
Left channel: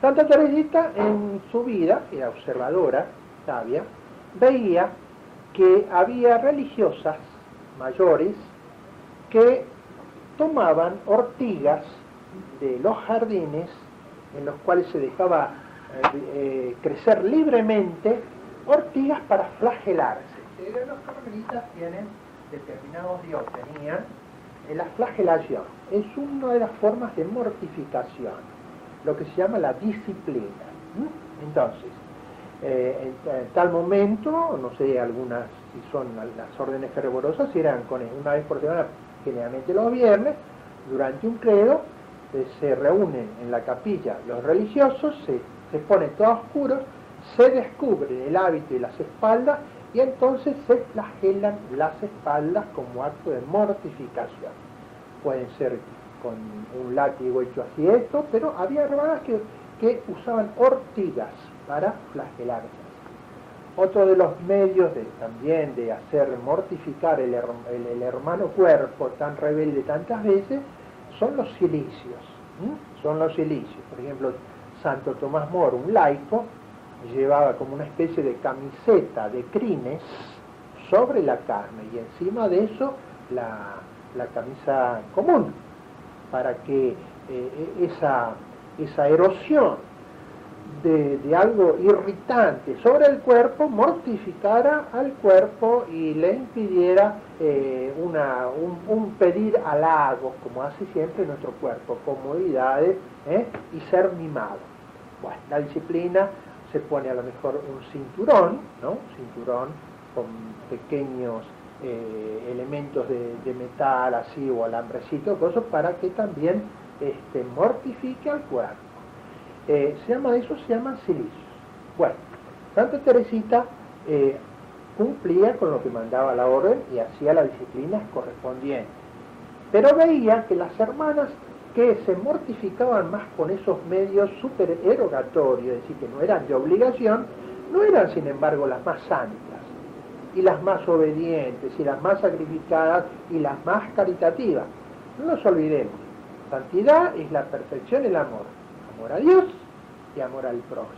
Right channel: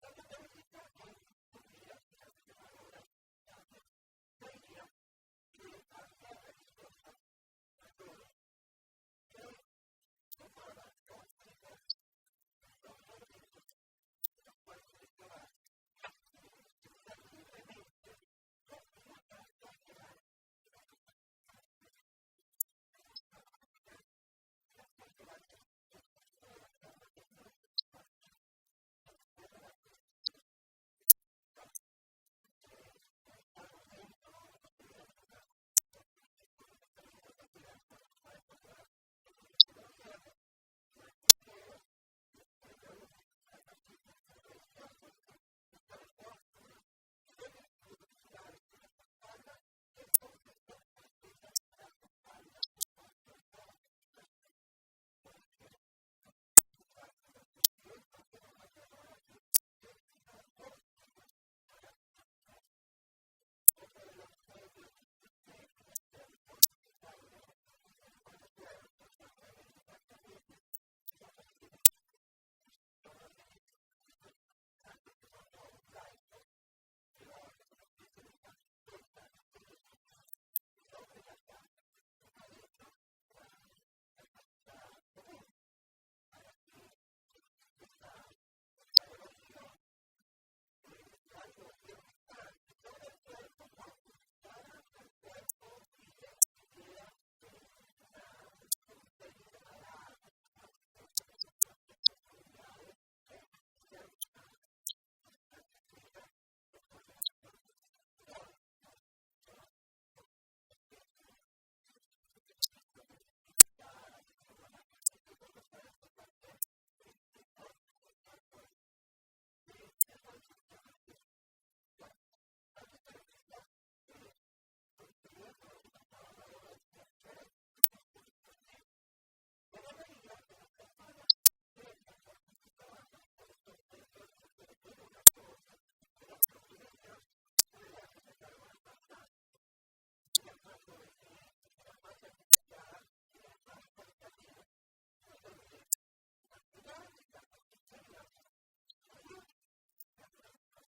Santa Teresita en su vida, era observadora, sabia, veía que había religiosas mayores que tomaban ortigas de los jardines en los cuales se dejaba crecer libremente ortigas para flagelarse. Los carmelitas tienen determinados días, tenían la flagelación. Es una de las formas de mortificación, lo que se llama la disciplina. Entonces, en tal momento, no sé, algunas, si son las órdenes fervorosas, eran con una vez por semana, generalmente los viernes, durante un credo, se reúnen en la capilla los religiosos, se pone todo oscuro, se descubren el hábito y las espaldas, y entonces se flagelan las espaldas como acto de mortificación. Pueden ser con un látigo hecho así esto, pero había hermanas que usaban ortigas para flagelarse. Otro de los medios también de hacer mortificar el hermano cuerpo tan rebelde tantas veces son los cilicios. Son los cilicios. Por ejemplo, Santo Tomás Moro, un laico, llevaba como una especie de camiseta de crines sobre la carne y encima de eso la camisa común, para que esa erosión de algo irritante sobre el cuerpo mortificara al cuerpo y le impidiera un pedir halagos, como hace siempre nuestro cuerpo, comodidades y ser mimado. Bueno, la disciplina se pone a lo mejor un cinturón, ¿no? Un cinturón con pequeños elementos de metal así o alambrecito, cosas para que también mortifique al cuerpo. Se llaman cilicios. Bueno, Santa Teresita cumplía con lo que mandaba la orden y hacía las disciplinas correspondientes. Pero veía que las hermanas que se mortificaban más con esos medios supererogatorios, es decir, que no eran de obligación, no eran sin embargo las más santas, y las más obedientes, y las más sacrificadas, y las más caritativas. No nos olvidemos, santidad es la perfección y el amor. Amor a Dios y amor al prójimo.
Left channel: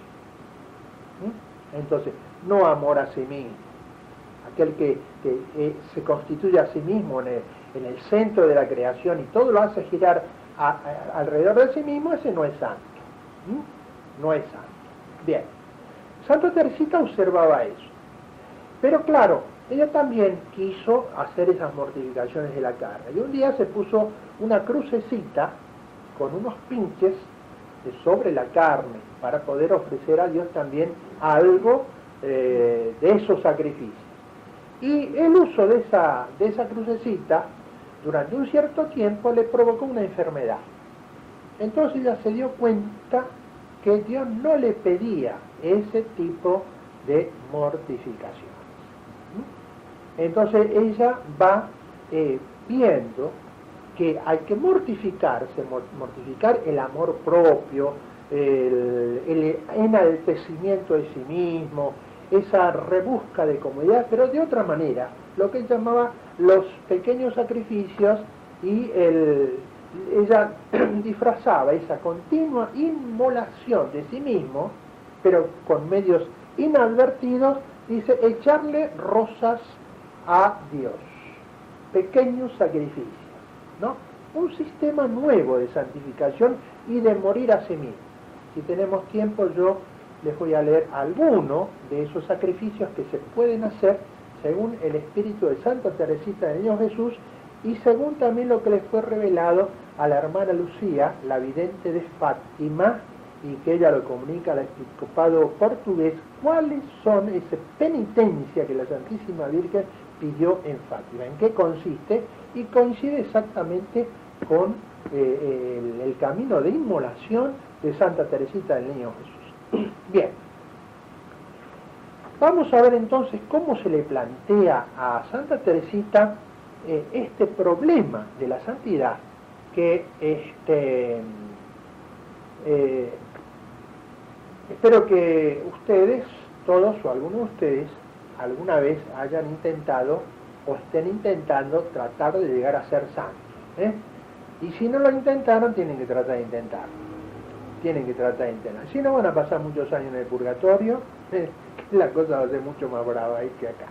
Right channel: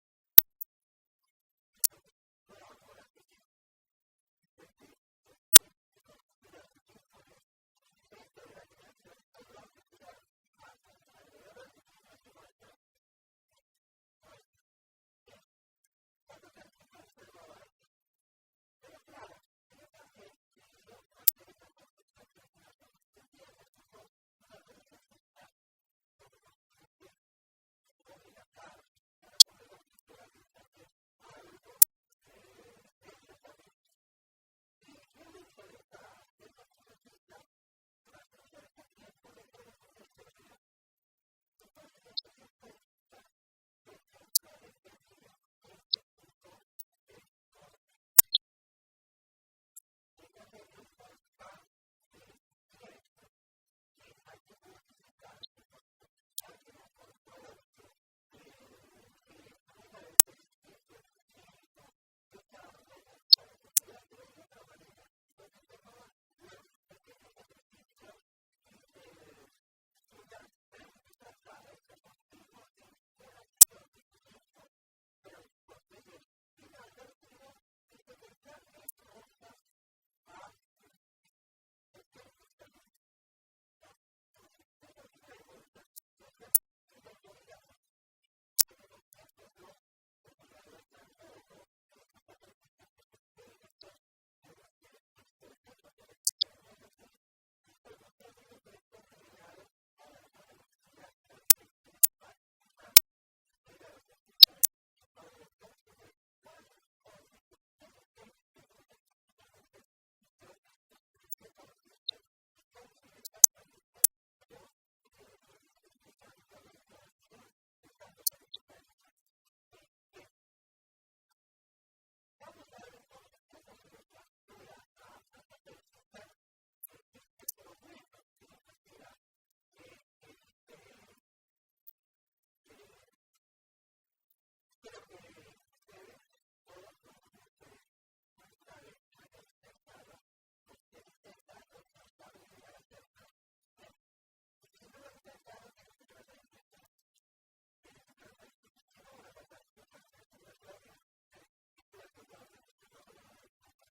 Entonces, no amor a sí mismo. aquel que se constituye a sí mismo en el centro de la creación y todo lo hace girar alrededor de sí mismo, ese no es santo. No es santo. Bien, Santa Teresita observaba eso. Pero claro, ella también quiso hacer esas mortificaciones de la carne. Y un día se puso una crucecita con unos pinches sobre la carne para poder ofrecer a Dios también algo de esos sacrificios. Y el uso de esa crucecita durante un cierto tiempo le provocó una enfermedad. Entonces ella se dio cuenta que Dios no le pedía ese tipo de mortificación. Entonces ella va viendo que hay que mortificarse, mortificar el amor propio, el enaltecimiento de sí mismo, esa rebusca de comodidad, pero de otra manera, lo que él llamaba los pequeños sacrificios, y ella disfrazaba esa continua inmolación de sí mismo, pero con medios inadvertidos, dice, echarle rosas a Dios, pequeños sacrificios, ¿no? Un sistema nuevo de santificación y de morir a sí mismo. Si tenemos tiempo, yo les voy a leer algunos de esos sacrificios que se pueden hacer según el espíritu de Santa Teresita del Niño Jesús y según también lo que les fue revelado a la hermana Lucía, la vidente de Fátima, y que ella lo comunica al episcopado portugués, cuáles son esa penitencia que la Santísima Virgen pidió en Fátima, en qué consiste, y coincide exactamente con el camino de inmolación de Santa Teresita del Niño Jesús. Bien, vamos a ver entonces cómo se le plantea a Santa Teresita este problema de la santidad, que espero que ustedes, todos o algunos de ustedes, alguna vez hayan intentado o estén intentando tratar de llegar a ser santos. Y si no lo intentaron, tienen que tratar de intentarlo. Tienen que tratar de intentarlo. Si no, van a pasar muchos años en el purgatorio, la cosa va a ser mucho más brava ahí que acá.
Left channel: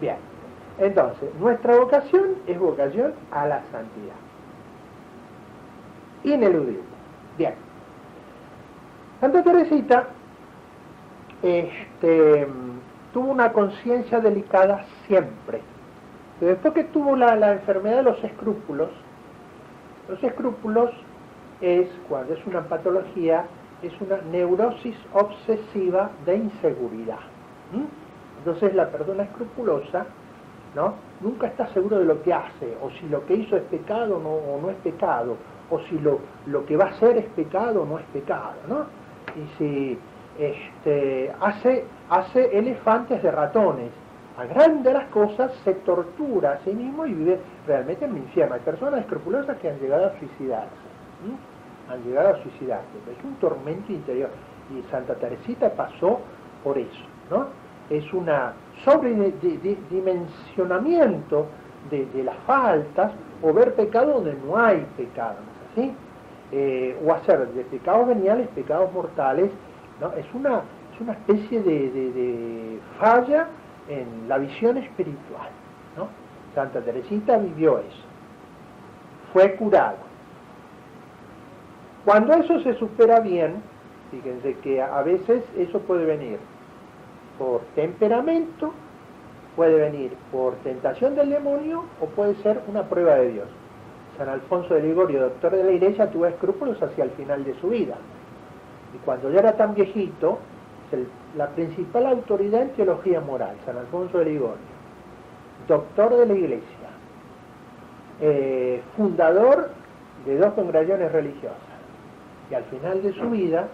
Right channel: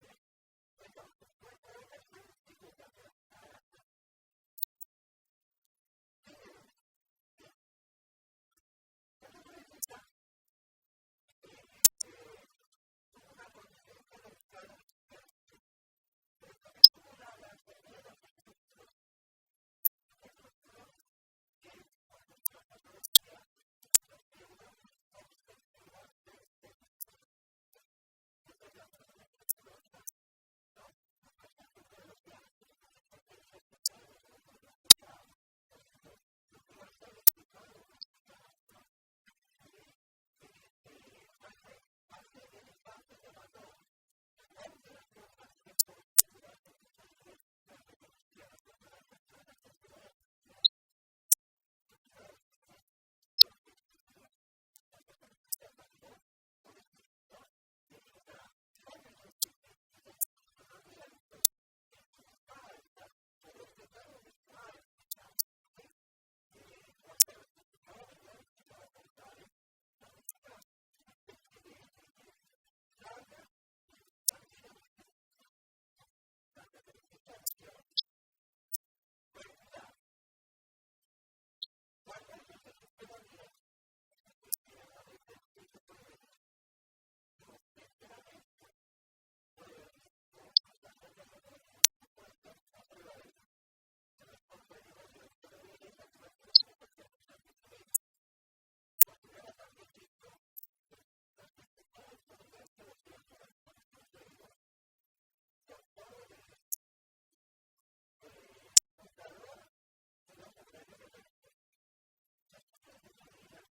Bien, entonces, nuestra vocación es vocación a la santidad. Ineludible. Bien. Santa Teresita tuvo una conciencia delicada siempre. Después que tuvo la enfermedad de los escrúpulos es, cuando es una patología, es una neurosis obsesiva de inseguridad. Entonces la persona escrupulosa, ¿no?, nunca está seguro de lo que hace, o si lo que hizo es pecado o no es pecado, o si lo que va a hacer es pecado o no es pecado, ¿no? Y si hace elefantes de ratones, agranda las cosas, se tortura a sí mismo y vive realmente en el infierno. Hay personas escrupulosas que han llegado a suicidarse. Han llegado a suicidarse. Es un tormento interior. Y Santa Teresita pasó por eso, ¿no? Es un sobredimensionamiento de las faltas, o ver pecado donde no hay pecado, ¿no es así? O hacer de pecados veniales pecados mortales, ¿no? Es una especie de falla en la visión espiritual, ¿no? Santa Teresita vivió eso, fue curada. Cuando eso se supera bien, fíjense que a veces eso puede venir por temperamento, puede venir por tentación del demonio, o puede ser una prueba de Dios. San Alfonso de Ligorio, doctor de la Iglesia, tuvo escrúpulos hacia el final de su vida. Y cuando ya era tan viejito, la principal autoridad en teología moral, San Alfonso de Ligorio, doctor de la Iglesia, fundador de 2 congregaciones religiosas, y al final de su vida,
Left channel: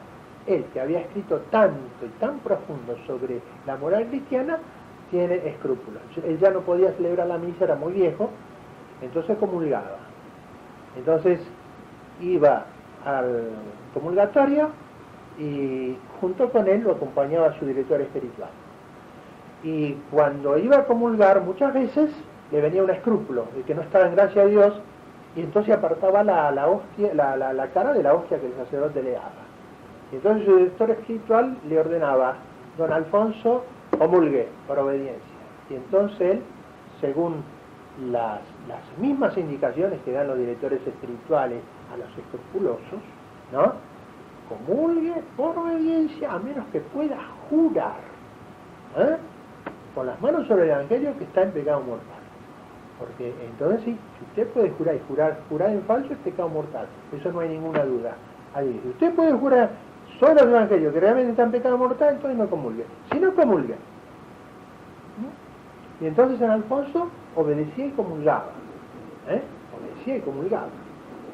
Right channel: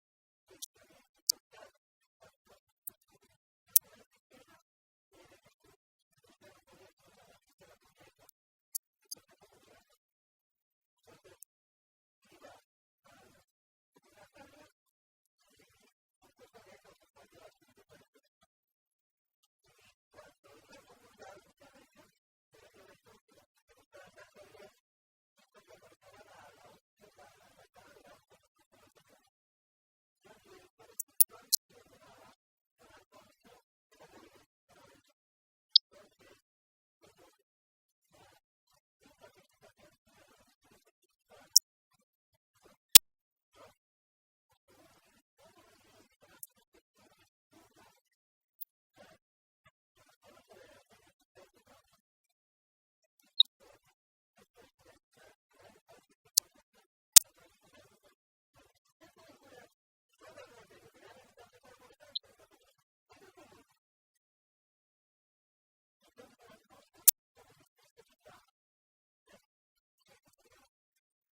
él, que había escrito tanto y tan profundo sobre la moral cristiana, tiene escrúpulos. Él ya no podía celebrar la misa, era muy viejo, entonces comulgaba. Entonces iba al comulgatorio y junto con él lo acompañaba su director espiritual. Y cuando iba a comulgar, muchas veces le venía un escrúpulo de que no estaba en gracia a Dios, y entonces apartaba la hostia, la cara de la hostia que el sacerdote le daba. Y entonces su director espiritual le ordenaba: don Alfonso, comulgue por obediencia. Y entonces él, según las mismas indicaciones que dan los directores espirituales a los escrupulosos, ¿no? Comulgue por obediencia a menos que pueda jurar, ¿eh? Con las manos sobre el Evangelio que está en pecado mortal. Porque entonces sí, si usted puede jurar y jurar en falso es pecado mortal, eso no hay ninguna duda. Ahí, si usted puede jurar sobre el Evangelio que realmente está en pecado mortal, entonces no comulgue. Si no comulgue. Y entonces San Alfonso obedecía y comulgaba. Obedecía y comulgaba.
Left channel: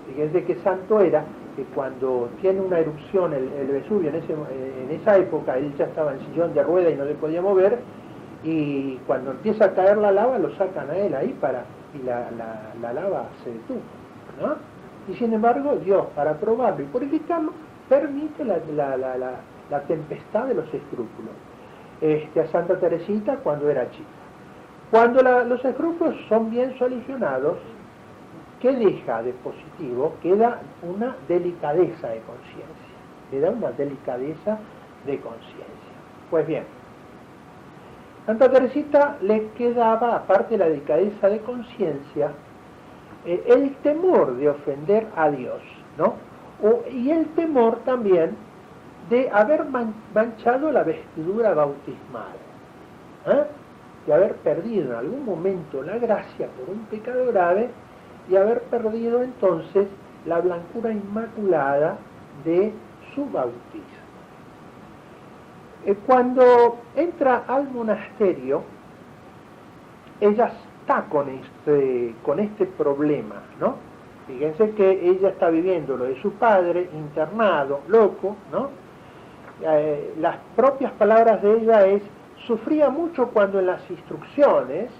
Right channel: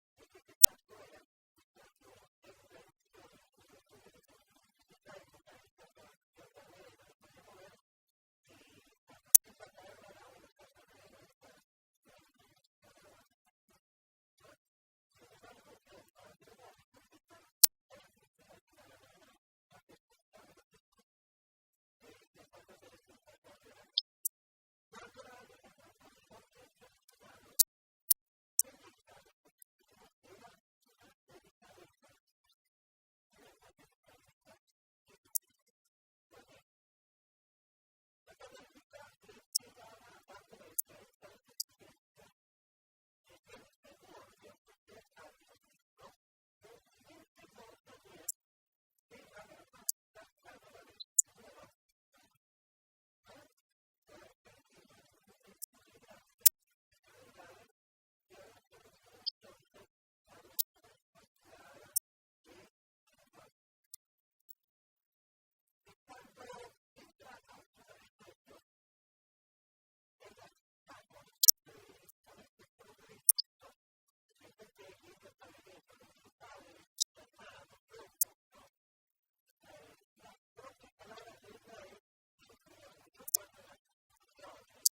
Fíjense qué santo era que cuando tiene una erupción el Vesubio en esa época, él ya estaba en sillón de rueda y no se podía mover, y cuando empieza a caer la lava lo sacan a él ahí y la lava se detuvo, ¿no? Y sin embargo Dios, para probarlo y purificarlo, permite la tempestad de los escrúpulos. A Santa Teresita cuando era chica. Cuando los escrúpulos son bien solucionados, ¿qué deja de positivo? Queda una delicadeza de conciencia. Queda una delicadeza de conciencia. Pues bien, Santa Teresita le quedaba, aparte de la delicadeza de conciencia, el temor de ofender a Dios, ¿no? Y el temor también de haber manchado la vestidura bautismal, de haber perdido en algún momento la gracia por un pecado grave y haber perdido entonces la blancura inmaculada de su bautismo. Cuando entra al monasterio, ella está con este problema, ¿no? Fíjense que ella está viviendo lo de su padre, internado, loco, ¿no? Las propias palabras de ella es: sufría mucho cuando en las instrucciones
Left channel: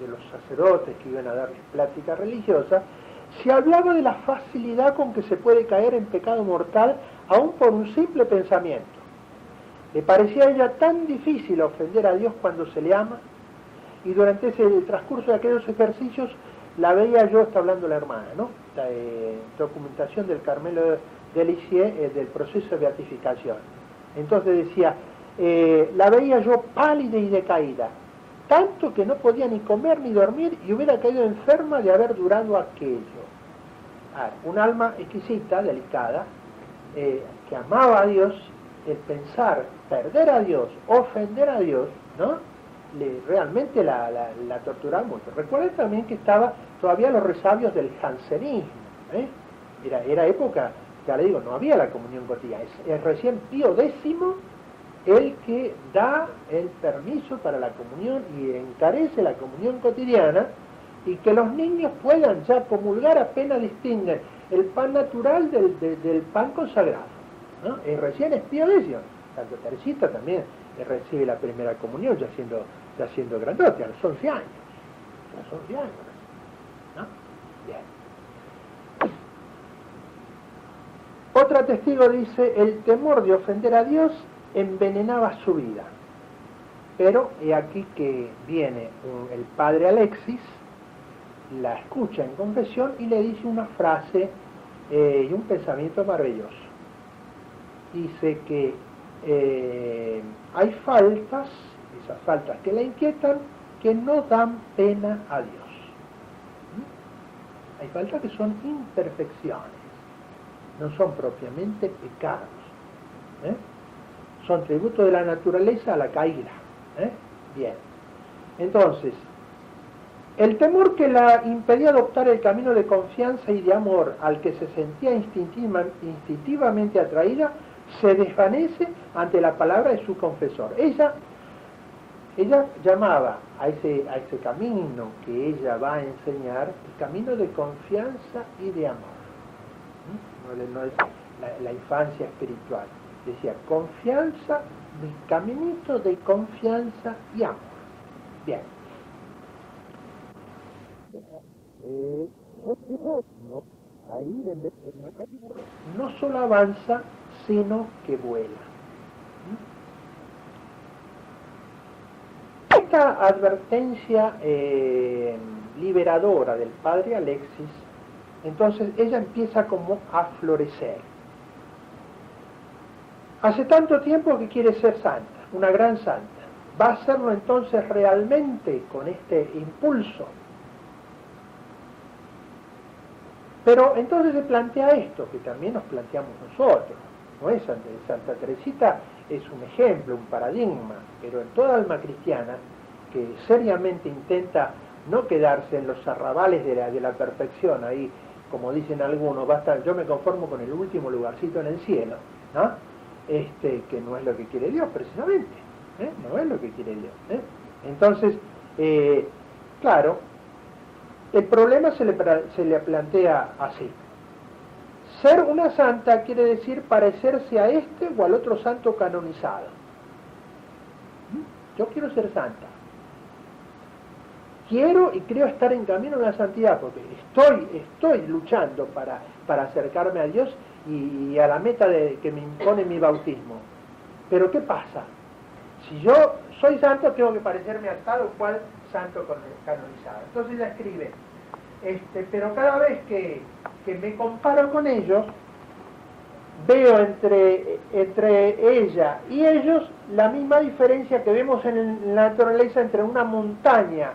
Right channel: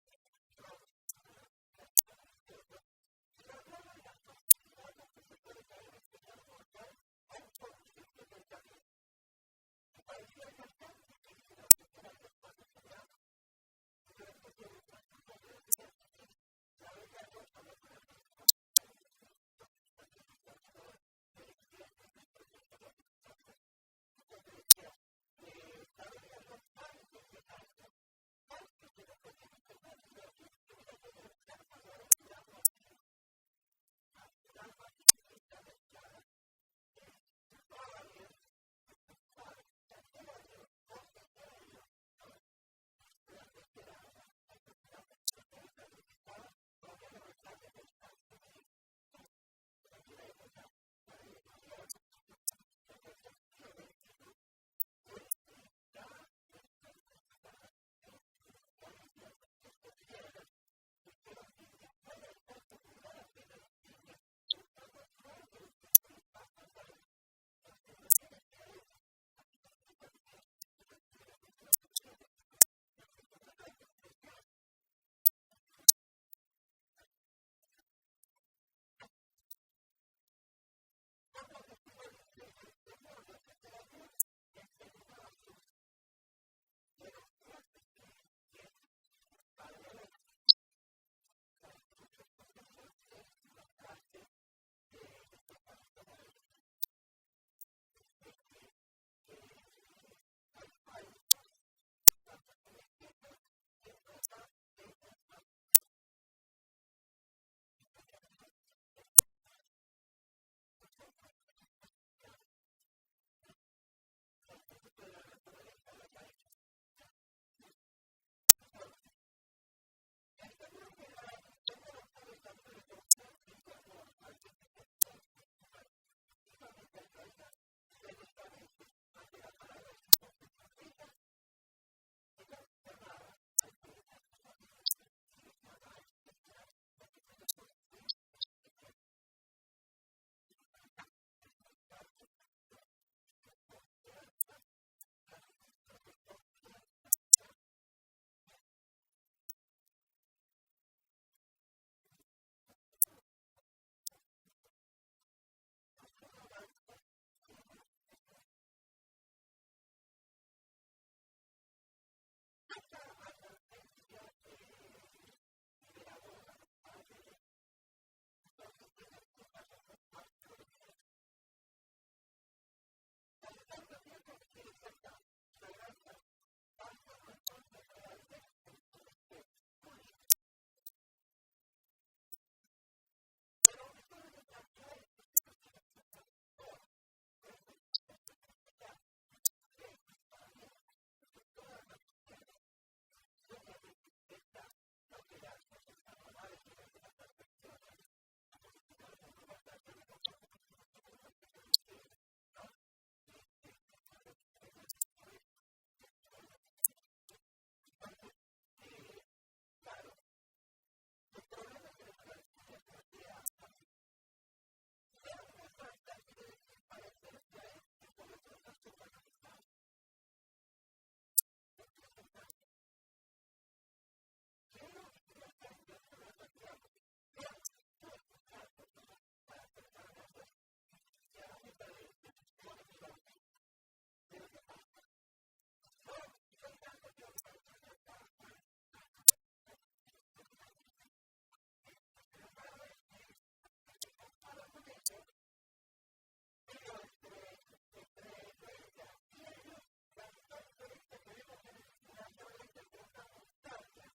de los sacerdotes que iban a darles plática religiosa, se hablaba de la facilidad con que se puede caer en pecado mortal aún por un simple pensamiento. Le parecía a ella tan difícil ofender a Dios cuando se le ama, y durante el transcurso de aquellos ejercicios la veía yo, está hablando la hermana, ¿no? La documentación del Carmelo de Lisieux del proceso de beatificación. Entonces decía, la veía yo pálida y decaída, tanto que no podía ni comer ni dormir y hubiera caído enferma de haber durado aquello. Un alma exquisita, delicada, que amaba a Dios. El pensar perder a Dios, ofender a Dios, ¿no? Realmente la torturaba mucho. Recuerden también que estaba todavía los resabios del jansenismo, Era época, ya le digo, no había la comunión cotidiana. Es recién Pío X el que da el permiso para la comunión y encarece la comunión cotidiana, y que los niños puedan ya comulgar apenas distinguen el pan natural del pan consagrado, ¿no? Recién es Pío X. Santa Teresita también recibe la primera comunión ya siendo grandote, a los 11 años. A los 11 años, ¿no? Bien. Otra testigo dice: el temor de ofender a Dios envenenaba su vida. Pero he aquí que viene el padre Alexis, la escucha en confesión y le dice una frase y un pensamiento maravilloso. Dice que hay faltas, esas faltas que la inquietan, que no dan pena a Dios. Hay faltas que son imperfecciones, no son propiamente pecados. Son tributo de la naturaleza a la caída. Bien. Entonces, el temor que la impedía adoptar el camino de confianza y de amor al que se sentía instintivamente atraída, se desvanece ante la palabra de su confesor. Ella llamaba a ese camino que ella va a enseñar el camino de confianza y de amor. No es la infancia espiritual. Decía, confianza, mi caminito de confianza y amor. Bien. No solo avanza, sino que vuela. Esta advertencia liberadora del padre Alexis, entonces ella empieza como a florecer. Hace tanto tiempo que quiere ser santa, una gran santa, ¿Va a hacerlo entonces realmente con este impulso? Pero entonces se plantea esto, que también nos planteamos nosotros. ¿No es? Santa Teresita es un ejemplo, un paradigma, pero en toda alma cristiana que seriamente intenta no quedarse en los arrabales de la perfección, ahí, como dicen algunos, basta, yo me conformo con el último lugarcito en el cielo, ¿no? Que no es lo que quiere Dios precisamente, no es lo que quiere Dios. Entonces, claro, el problema se le plantea así. Ser una santa quiere decir parecerse a este o al otro santo canonizado. Yo quiero ser santa. Quiero y creo estar en camino a la santidad, porque estoy luchando para acercarme a Dios y a la meta que me impone mi bautismo. Pero ¿qué pasa? Si yo soy santo, tengo que parecerme a tal o cual santo canonizado. Entonces ella escribe, pero cada vez que me comparo con ellos, veo entre ella y ellos la misma diferencia que vemos en la naturaleza entre una montaña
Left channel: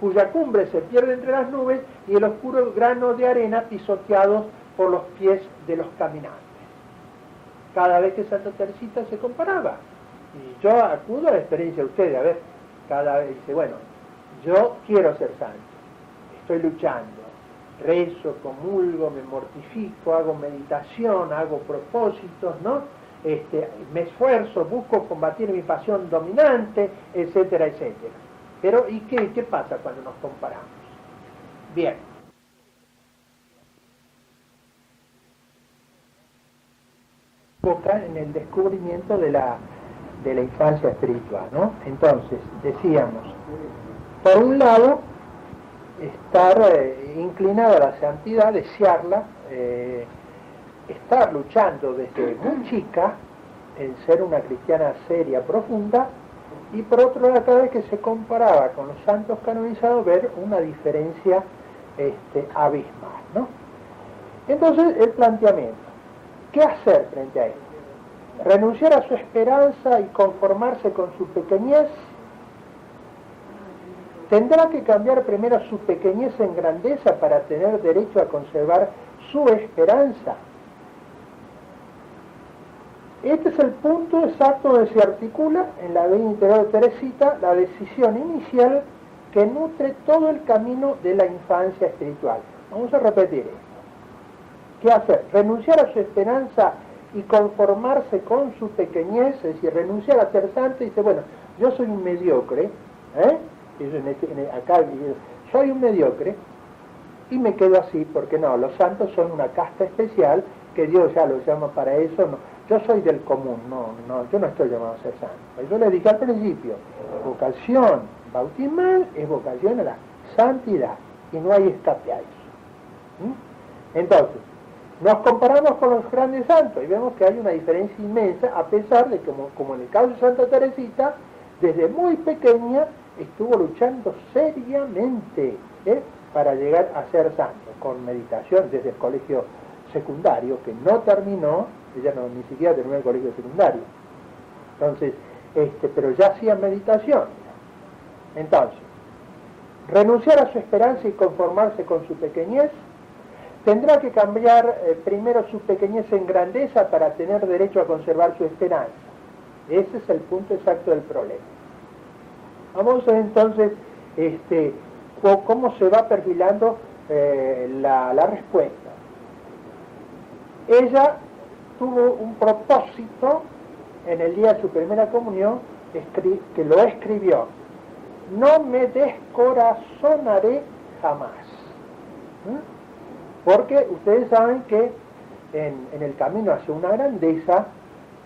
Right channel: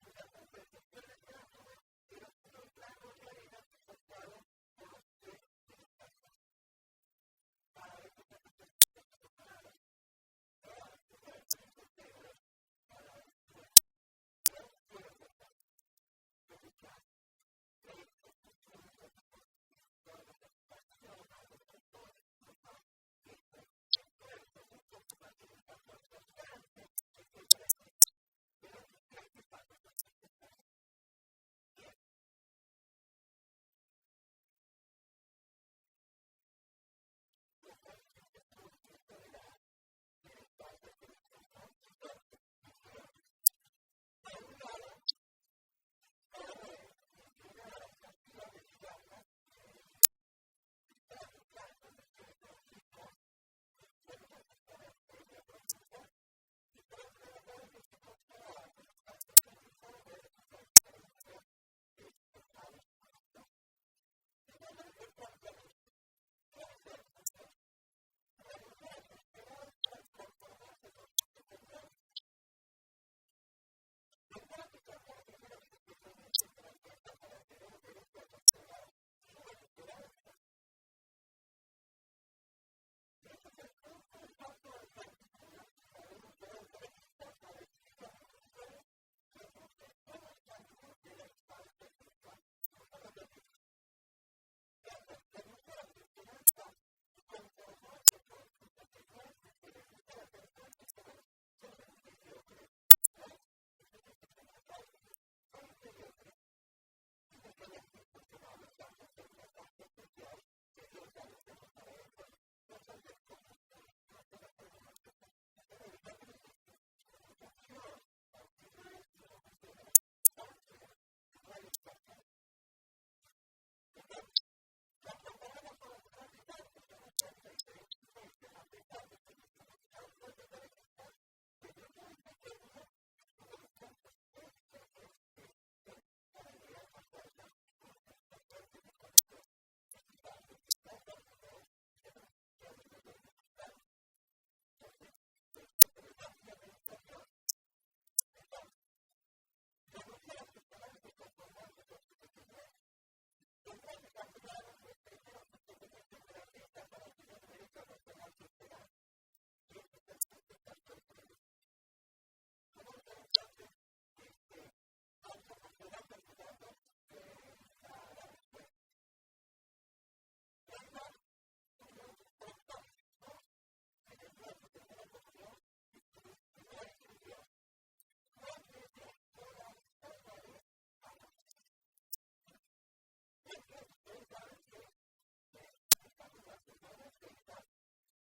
cuya cumbre se pierde entre las nubes y el oscuro grano de arena pisoteados por los pies de los caminantes. Cada vez que Santa Teresita se comparaba. Y yo acudo a la experiencia de ustedes, a ver, cada vez dice, bueno, yo quiero ser santo, estoy luchando, rezo, comulgo, me mortifico, hago meditación, hago propósitos, ¿no? Me esfuerzo, busco combatir mi pasión dominante, etcétera, etcétera. Pero, ¿y qué pasa cuando nos comparamos? Bien. En el descubrimiento de la infancia espiritual, ¿no? Entonces, decíamos, por un lado, estar inclinado a la santidad, desearla, estar luchando desde muy chica en ser una cristiana seria, profunda, y por otro lado, cada vez que se comparaba con los santos canonizados, ver una diferencia abismal, ¿no? Entonces, el planteamiento, ¿qué hacer frente a esto? ¿Renunciar a su esperanza y conformarse con su pequeñez? ¿Tendrá que cambiar primero su pequeñez en grandeza para tener derecho a conservar su esperanza? Este es el punto exacto donde se articula en la vida interior de Teresita la decisión inicial que nutre todo el camino de la infancia espiritual. Vamos a repetir esto. ¿Qué hacer? Renunciar a su esperanza y conformarse con su pequeñez, es decir, renunciar a ser santo y dice, bueno, yo soy un mediocre, acá soy un mediocre y me quedo así, porque no, los santos son una casta especial que Dios ya los llama para eso, no, yo soy del común, yo no estoy llamado a ser santo. Yo le dije al principio, vocación bautismal es vocación a la santidad y no hay escape a eso. Entonces, nos comparamos con los grandes santos y vemos que hay una diferencia inmensa, a pesar de que, como en el caso de Santa Teresita, desde muy pequeña estuvo luchando seriamente para llegar a ser santo, con meditación desde el colegio secundario, que no terminó, ella ni siquiera terminó el colegio secundario. Entonces, pero ya hacía meditación. Entonces, renunciar a su esperanza y conformarse con su pequeñez. Tendrá que cambiar primero su pequeñez en grandeza para tener derecho a conservar su esperanza. Ese es el punto exacto del problema. Vamos a ver entonces cómo se va perfilando la respuesta. Ella tuvo un propósito en el día de su primera comunión que lo escribió. No me descorazonaré jamás. Porque ustedes saben que en el camino hacia una grandeza,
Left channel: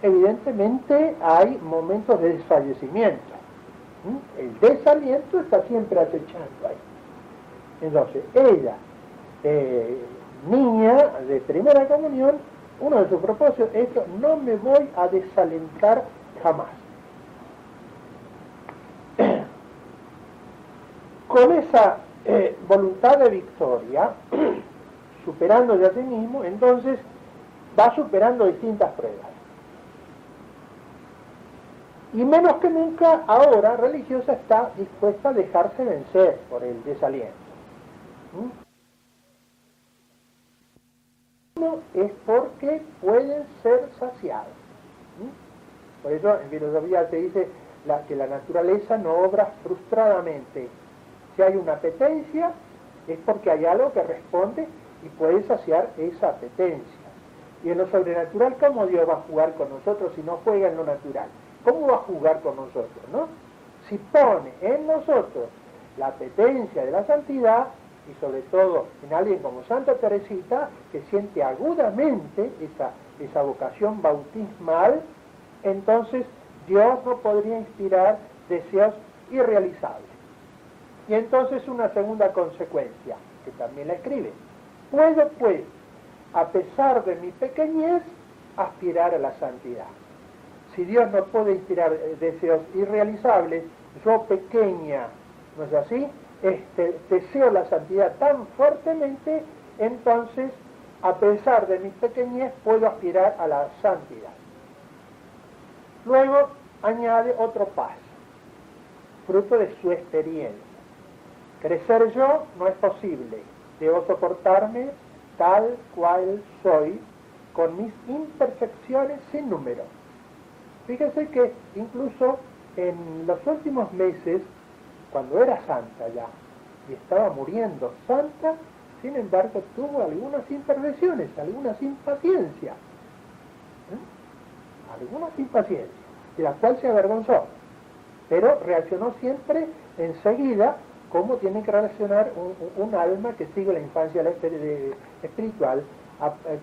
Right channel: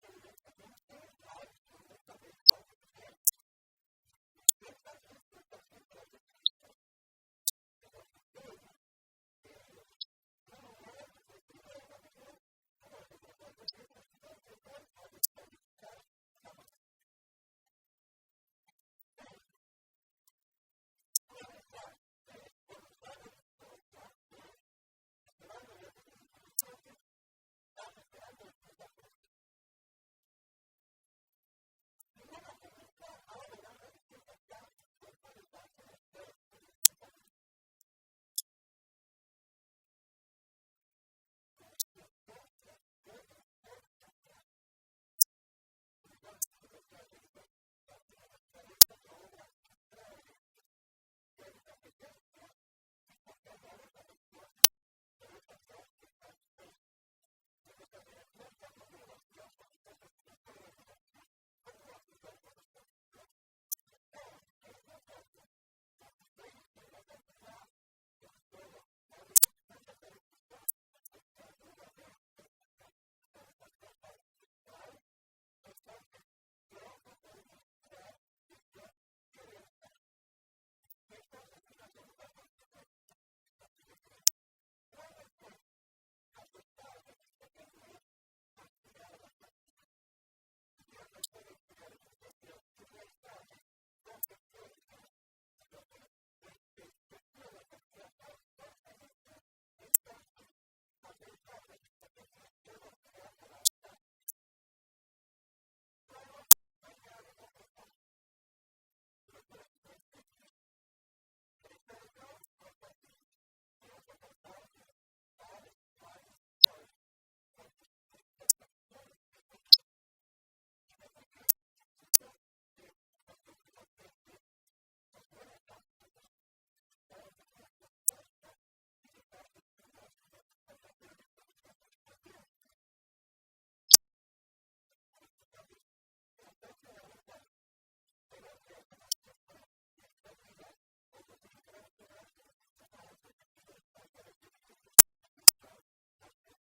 evidentemente hay momentos de desfallecimiento. El desaliento está siempre acechando ahí. Entonces, ella, niña de primera comunión, uno de sus propósitos es que no me voy a desalentar jamás. Con esa voluntad de victoria, superándose a sí mismo, entonces va superando distintas pruebas. Y menos que nunca ahora religiosa está dispuesta a dejarse vencer por el desaliento. Uno es porque pueden ser saciados. Por eso en filosofía se dice que la naturaleza no obra frustradamente. Si hay una apetencia, es porque hay algo que responde y puede saciar esa apetencia. Y en lo sobrenatural, ¿cómo Dios va a jugar con nosotros si no juega en lo natural? ¿Cómo va a jugar con nosotros, no? Si pone en nosotros la apetencia de la santidad, y sobre todo en alguien como Santa Teresita, que siente agudamente esa vocación bautismal, entonces Dios no podría inspirar deseos irrealizables. Y entonces una segunda consecuencia, que también la escribe. Puedo, pues, a pesar de mi pequeñez, aspirar a la santidad. Si Dios no puede inspirar deseos irrealizables, yo pequeña, ¿no es así? Deseo la santidad tan fuertemente, entonces, a pesar de mi pequeñez, puedo aspirar a la santidad. Luego añade otro paso, fruto de su experiencia. Crecer yo no es posible, debo soportarme tal cual soy, con mis imperfecciones sin número. Fíjense que incluso en los últimos meses, cuando era santa ya, y estaba muriendo santa, sin embargo tuvo algunas imperfecciones, algunas impaciencias. Algunas impaciencias, de las cuales se avergonzó, pero reaccionó siempre enseguida, como tiene que reaccionar un alma que sigue la infancia espiritual,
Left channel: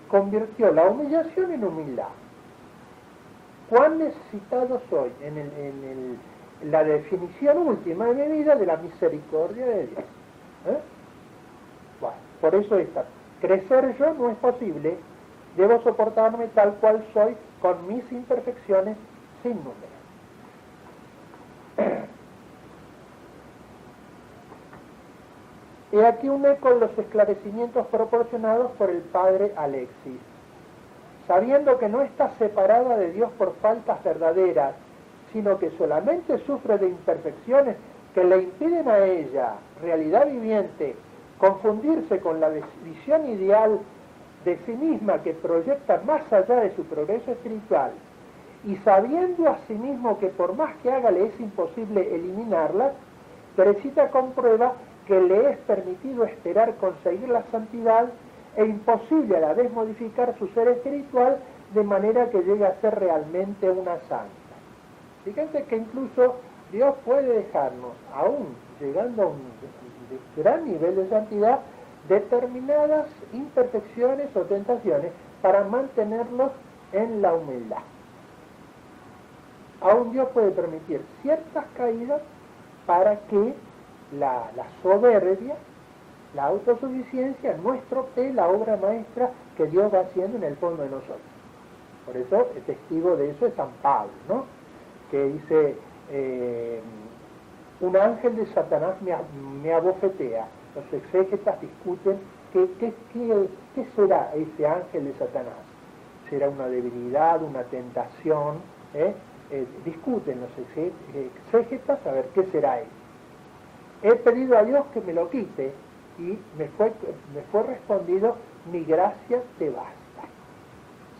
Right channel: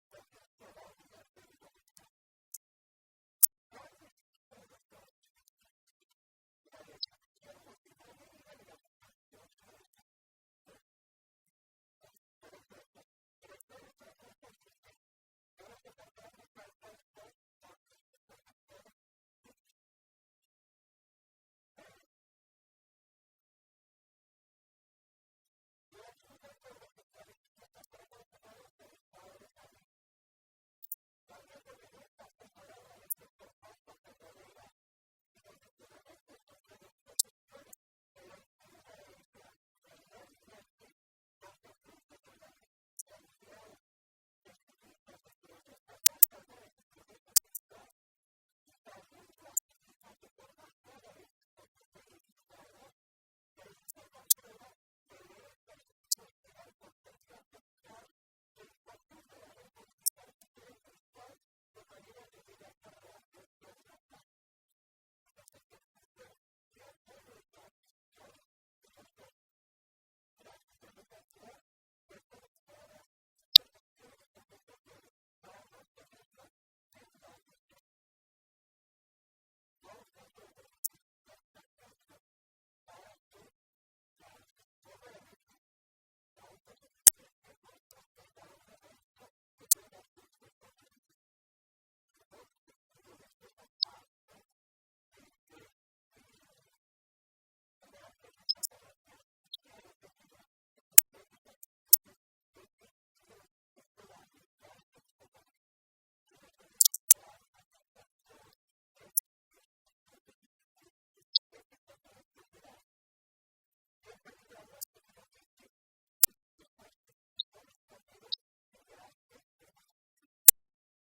convirtió la humillación en humildad. ¿Cuán necesitado soy en la definición última de mi vida de la misericordia de Dios? Bueno, por eso crecer yo no es posible, debo soportarme tal cual soy, con mis imperfecciones sin número. He aquí un eco de los esclarecimientos proporcionados por el padre Alexis. Sabiendo que no está separada de Dios por faltas verdaderas, sino que solamente sufre de imperfecciones que le impiden a ella, realidad viviente, confundirse con la visión ideal de sí misma que proyecta más allá de su progreso espiritual, y sabiendo a sí mismo que por más que haga le es imposible eliminarlas, Teresita comprueba que le es permitido esperar conseguir la santidad e imposible a la vez modificar su ser espiritual de manera que llegue a ser realmente una santa. Fíjense que incluso Dios puede dejarnos, aún llegando a un gran nivel de santidad, determinadas imperfecciones o tentaciones para mantenerlos en la humildad. Aún Dios puede permitir ciertas caídas para que la soberbia, la autosuficiencia no estropee la obra maestra que Dios va haciendo en el fondo de nosotros. Por eso el testigo de eso es San Pablo, ¿no? Que dice, un ángel de Satanás me abofetea. Los exégetas discuten qué será ese ángel de Satanás. ¿Será una debilidad, una tentación? Discuten los exégetas a ver qué será él. He pedido a Dios que me lo quite y me fue respondido, mi gracia te basta.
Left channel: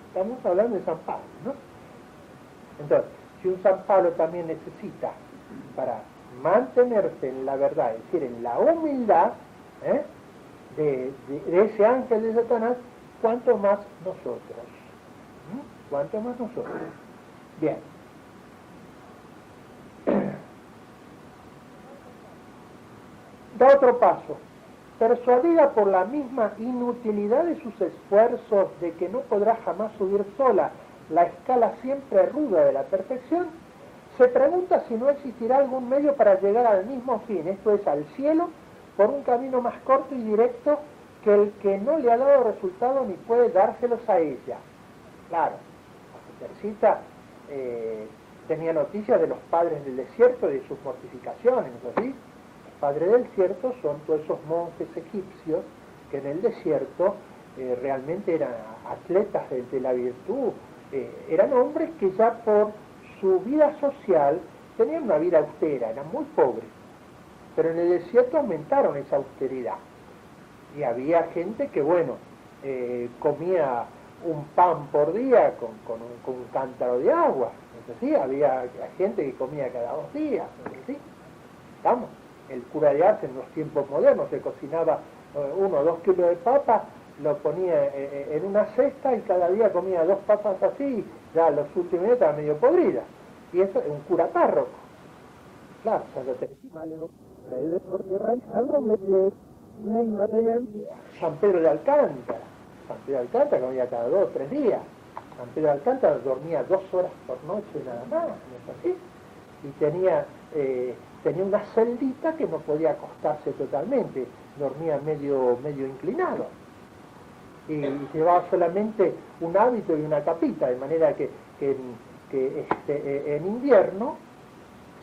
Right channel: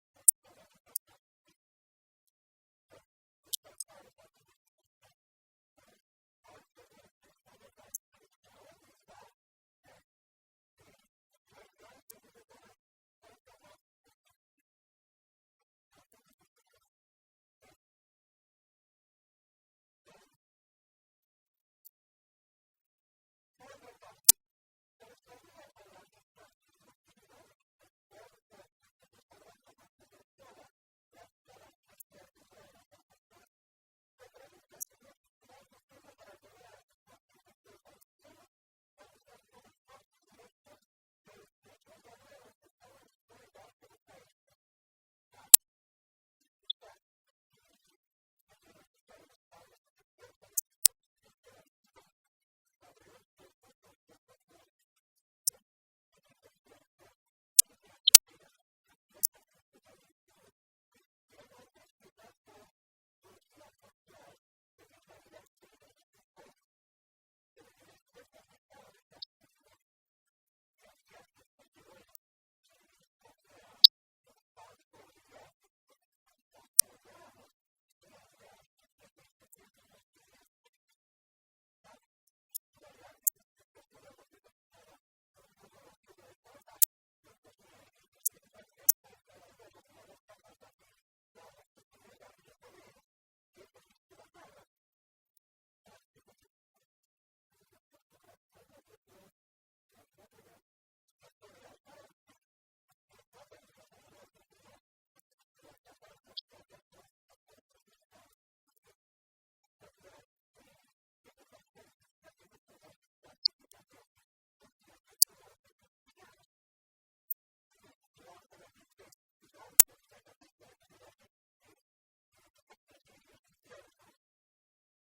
Estamos hablando de San Pablo, ¿no? Entonces, si un San Pablo también necesita para mantenerse en la verdad, es decir, en la humildad de ese ángel de Satanás, ¿cuánto más nosotros? ¿Cuánto más nosotros? Bien. Da otro paso. Persuadida por la misma inutilidad de sus esfuerzos, de que no podrá jamás subir sola la escala siempre ruda de la perfección, se pregunta si no existirá algún medio para llegar al mismo fin, esto es, al cielo, por un camino más corto y directo que el que no le ha dado resultado ni puede dárselos a ella. Claro, Teresita tenía noticias de los padres del desierto, de sus mortificaciones, ¿no es así? Los padres del desierto son todos esos monjes egipcios que en el desierto realmente eran atletas de la virtud, eran hombres que ya por su vida social tenían una vida austera, eran muy pobres, pero en el desierto aumentaron esa austeridad. Y había gente que, bueno, comía un pan por día con un cántaro de agua, ¿no es así? Había gente que comía cada 2 días, ¿no es así? Estamos. El cura de Ars en los tiempos modernos se cocinaba 1 o 2 kilos de papa, lo ponía en una cesta y cada día comía 2 papas así, ya los últimos días estaba medio podrida. Y eso es un cura párroco. Claro, Santa Teresita, San Pedro de Alcántara. San Pedro de Alcántara comía cada 2 o 3 días. San Pedro de Alcántara dormía 2 horas por noche nada más, ¿no es así? Y tenía una celdita que no podía acostarse totalmente, dormía medio inclinado. Y llevaba solamente un hábito y una capita, de manera que en invierno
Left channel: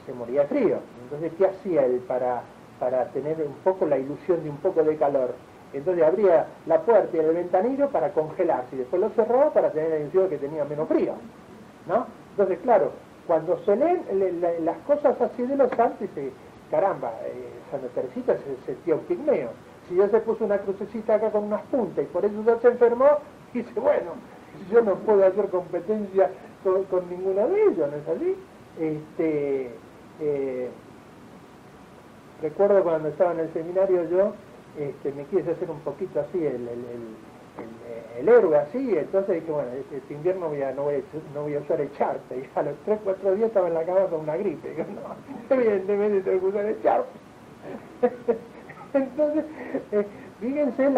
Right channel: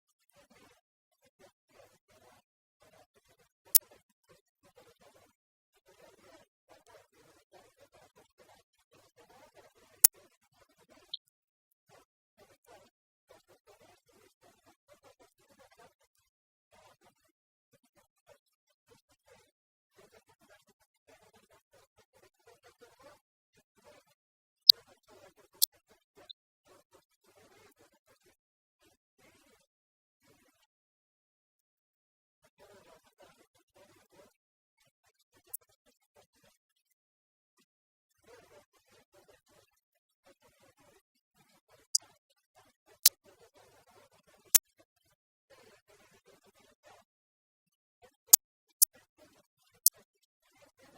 se moría frío. Entonces, ¿qué hacía él para tener un poco la ilusión de un poco de calor? Entonces abría la puerta y el ventanillo para congelarse y después lo cerraba para tener la ilusión de que tenía menos frío, ¿no? Entonces, claro, cuando se leen las cosas así de los santos, dice, caramba, Santa Teresita se sentía un pigmeo. Si yo se puso una crucecita acá con unas puntas y por eso ya se enfermó, dice, bueno, yo no puedo hacer competencia con ninguno de ellos, ¿no es así? Recuerdo cuando estaba en el seminario yo, me quise hacer un poquito así el héroe así, entonces dije, bueno, este invierno no voy a usar el charpe, y a los 3 o 4 días estaba en la cama con una gripe, digo, no, evidentemente tengo que usar el charpe. Entonces, fíjense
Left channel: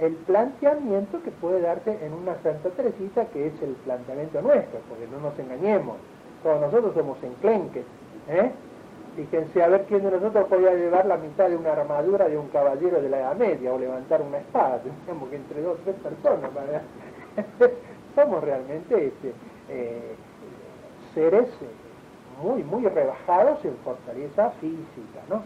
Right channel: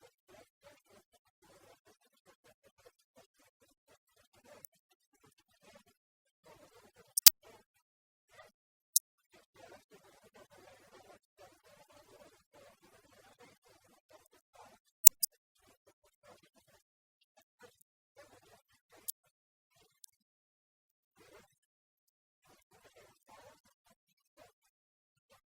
el planteamiento que puede darse en una Santa Teresita, que es el planteamiento nuestro, porque no nos engañemos, todos nosotros somos enclenques, Fíjense a ver quién de nosotros podía llevar la mitad de una armadura de un caballero de la Edad Media o levantar una espada. Tendríamos que entre 2 o 3 personas somos realmente seres muy rebajados en fortaleza física, ¿no?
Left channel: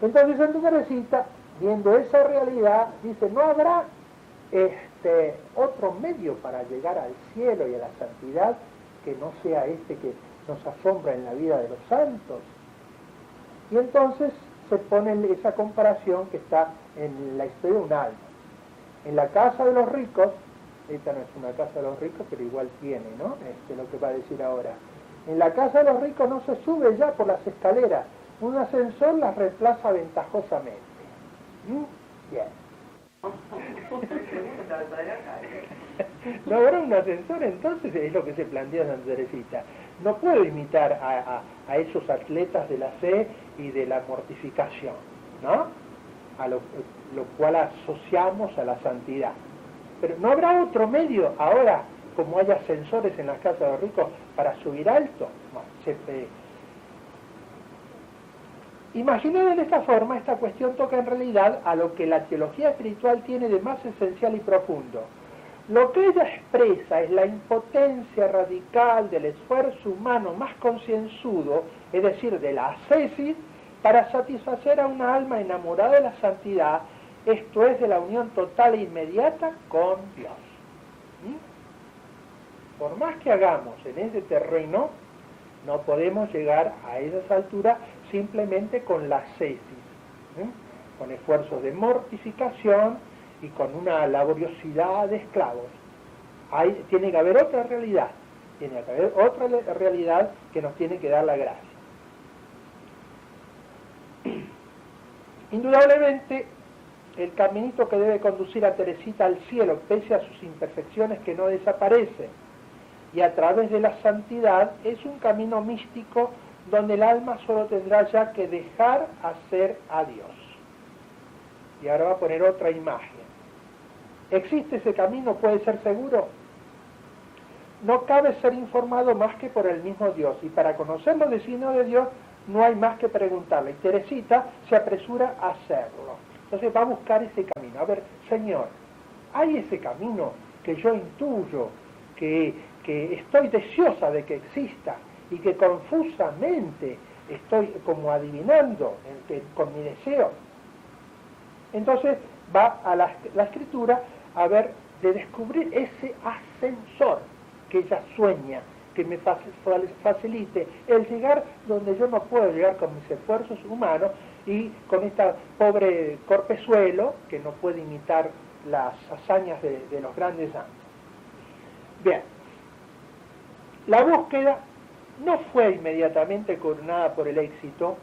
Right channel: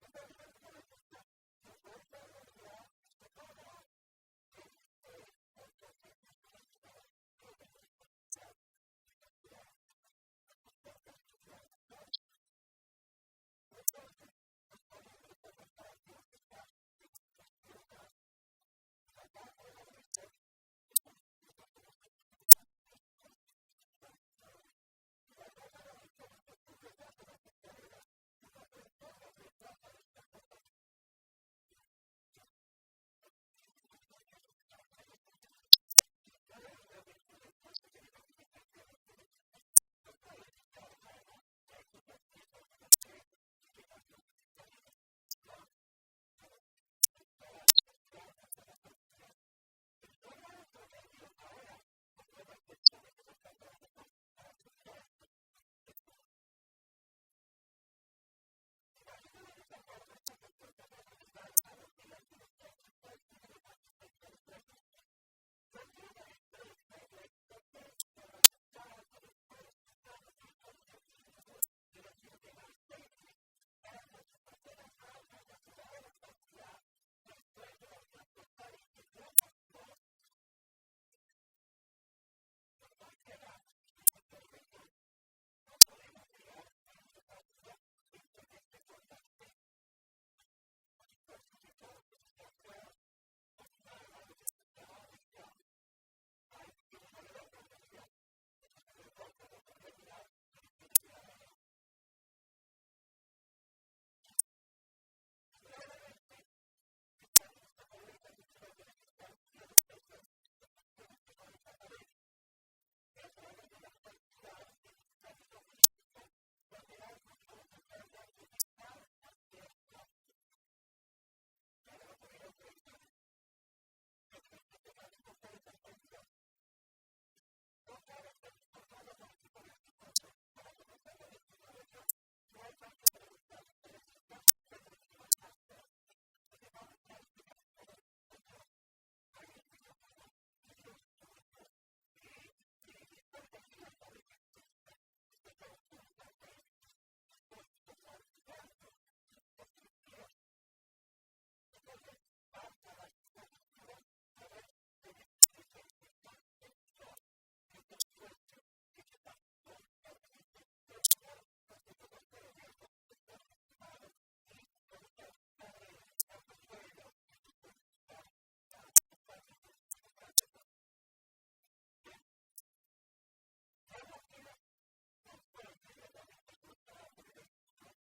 Entonces Santa Teresita, viendo esa realidad, dice, no habrá otro medio para llegar al cielo y a la santidad que no sea que nos asombra en la vida de los santos. Y entonces se pone esa comparación que está en la historia de un alma. En la casa de los ricos, esta no es una casa de los ricos, pero igual tiene, ¿no? Lo que va a decir ahora. En la casa de los ricos no se sube ya por las escaleras, un ascensor las reemplaza ventajosamente. Bien. No habrá un ascensor, entonces es lo que se plantea Santa Teresita. No puedo imitar a esos atletas de la fe y de la mortificación, ¿no? A lo cual asociamos a la santidad. Pero no habrá otro medio ahora, como hay ascensores en las casas de los ricos, para subir alto. Imaginada de esta forma, esta cuestión toca en realidad a lo que la teología espiritual tiene de más esencial y profundo. Lo que ella expresa es la impotencia radical del esfuerzo humano más concienzudo, es decir, de la ascesis, para satisfacer a una alma enamorada de la santidad, esto es, de la unión total e inmediata con Dios. Por más que hagamos en ese terreno, no podemos llegar a esas alturas simplemente con la ascesis, con esfuerzos de mortificación y con una laboriosidad de esclavos. Tiene que haber otra realidad, que nos tiene que dar la gracia. Indudablemente, el caminito que debe conducir a Teresita al cielo, pese a sus imperfecciones que no desaparecen, y a través de la santidad, es un camino místico donde el alma solo tendrá ya que dejar hacer a Dios. Y ahora va a poner otra imagen. ¿Existe ese camino? ¿Puede ser seguro? No cabe ser informado más que por el mismo Dios, y para conocer los designios de Dios no hay más que preguntarle. Y Teresita se apresura a hacerlo. Entonces va a buscar ese camino. A ver, Señor, ¿hay ese camino que yo intuyo, que estoy deseosa de que exista y que confusamente estoy como adivinando con mi deseo? Entonces va a la escritura a ver de descubrir ese ascensor que ella sueña, que me facilite el llegar donde yo no puedo llegar con mis esfuerzos humanos y con esta pobre corpezuelo que no puede imitar las hazañas de los grandes santos. Bien, la búsqueda no fue inmediatamente coronada por el éxito,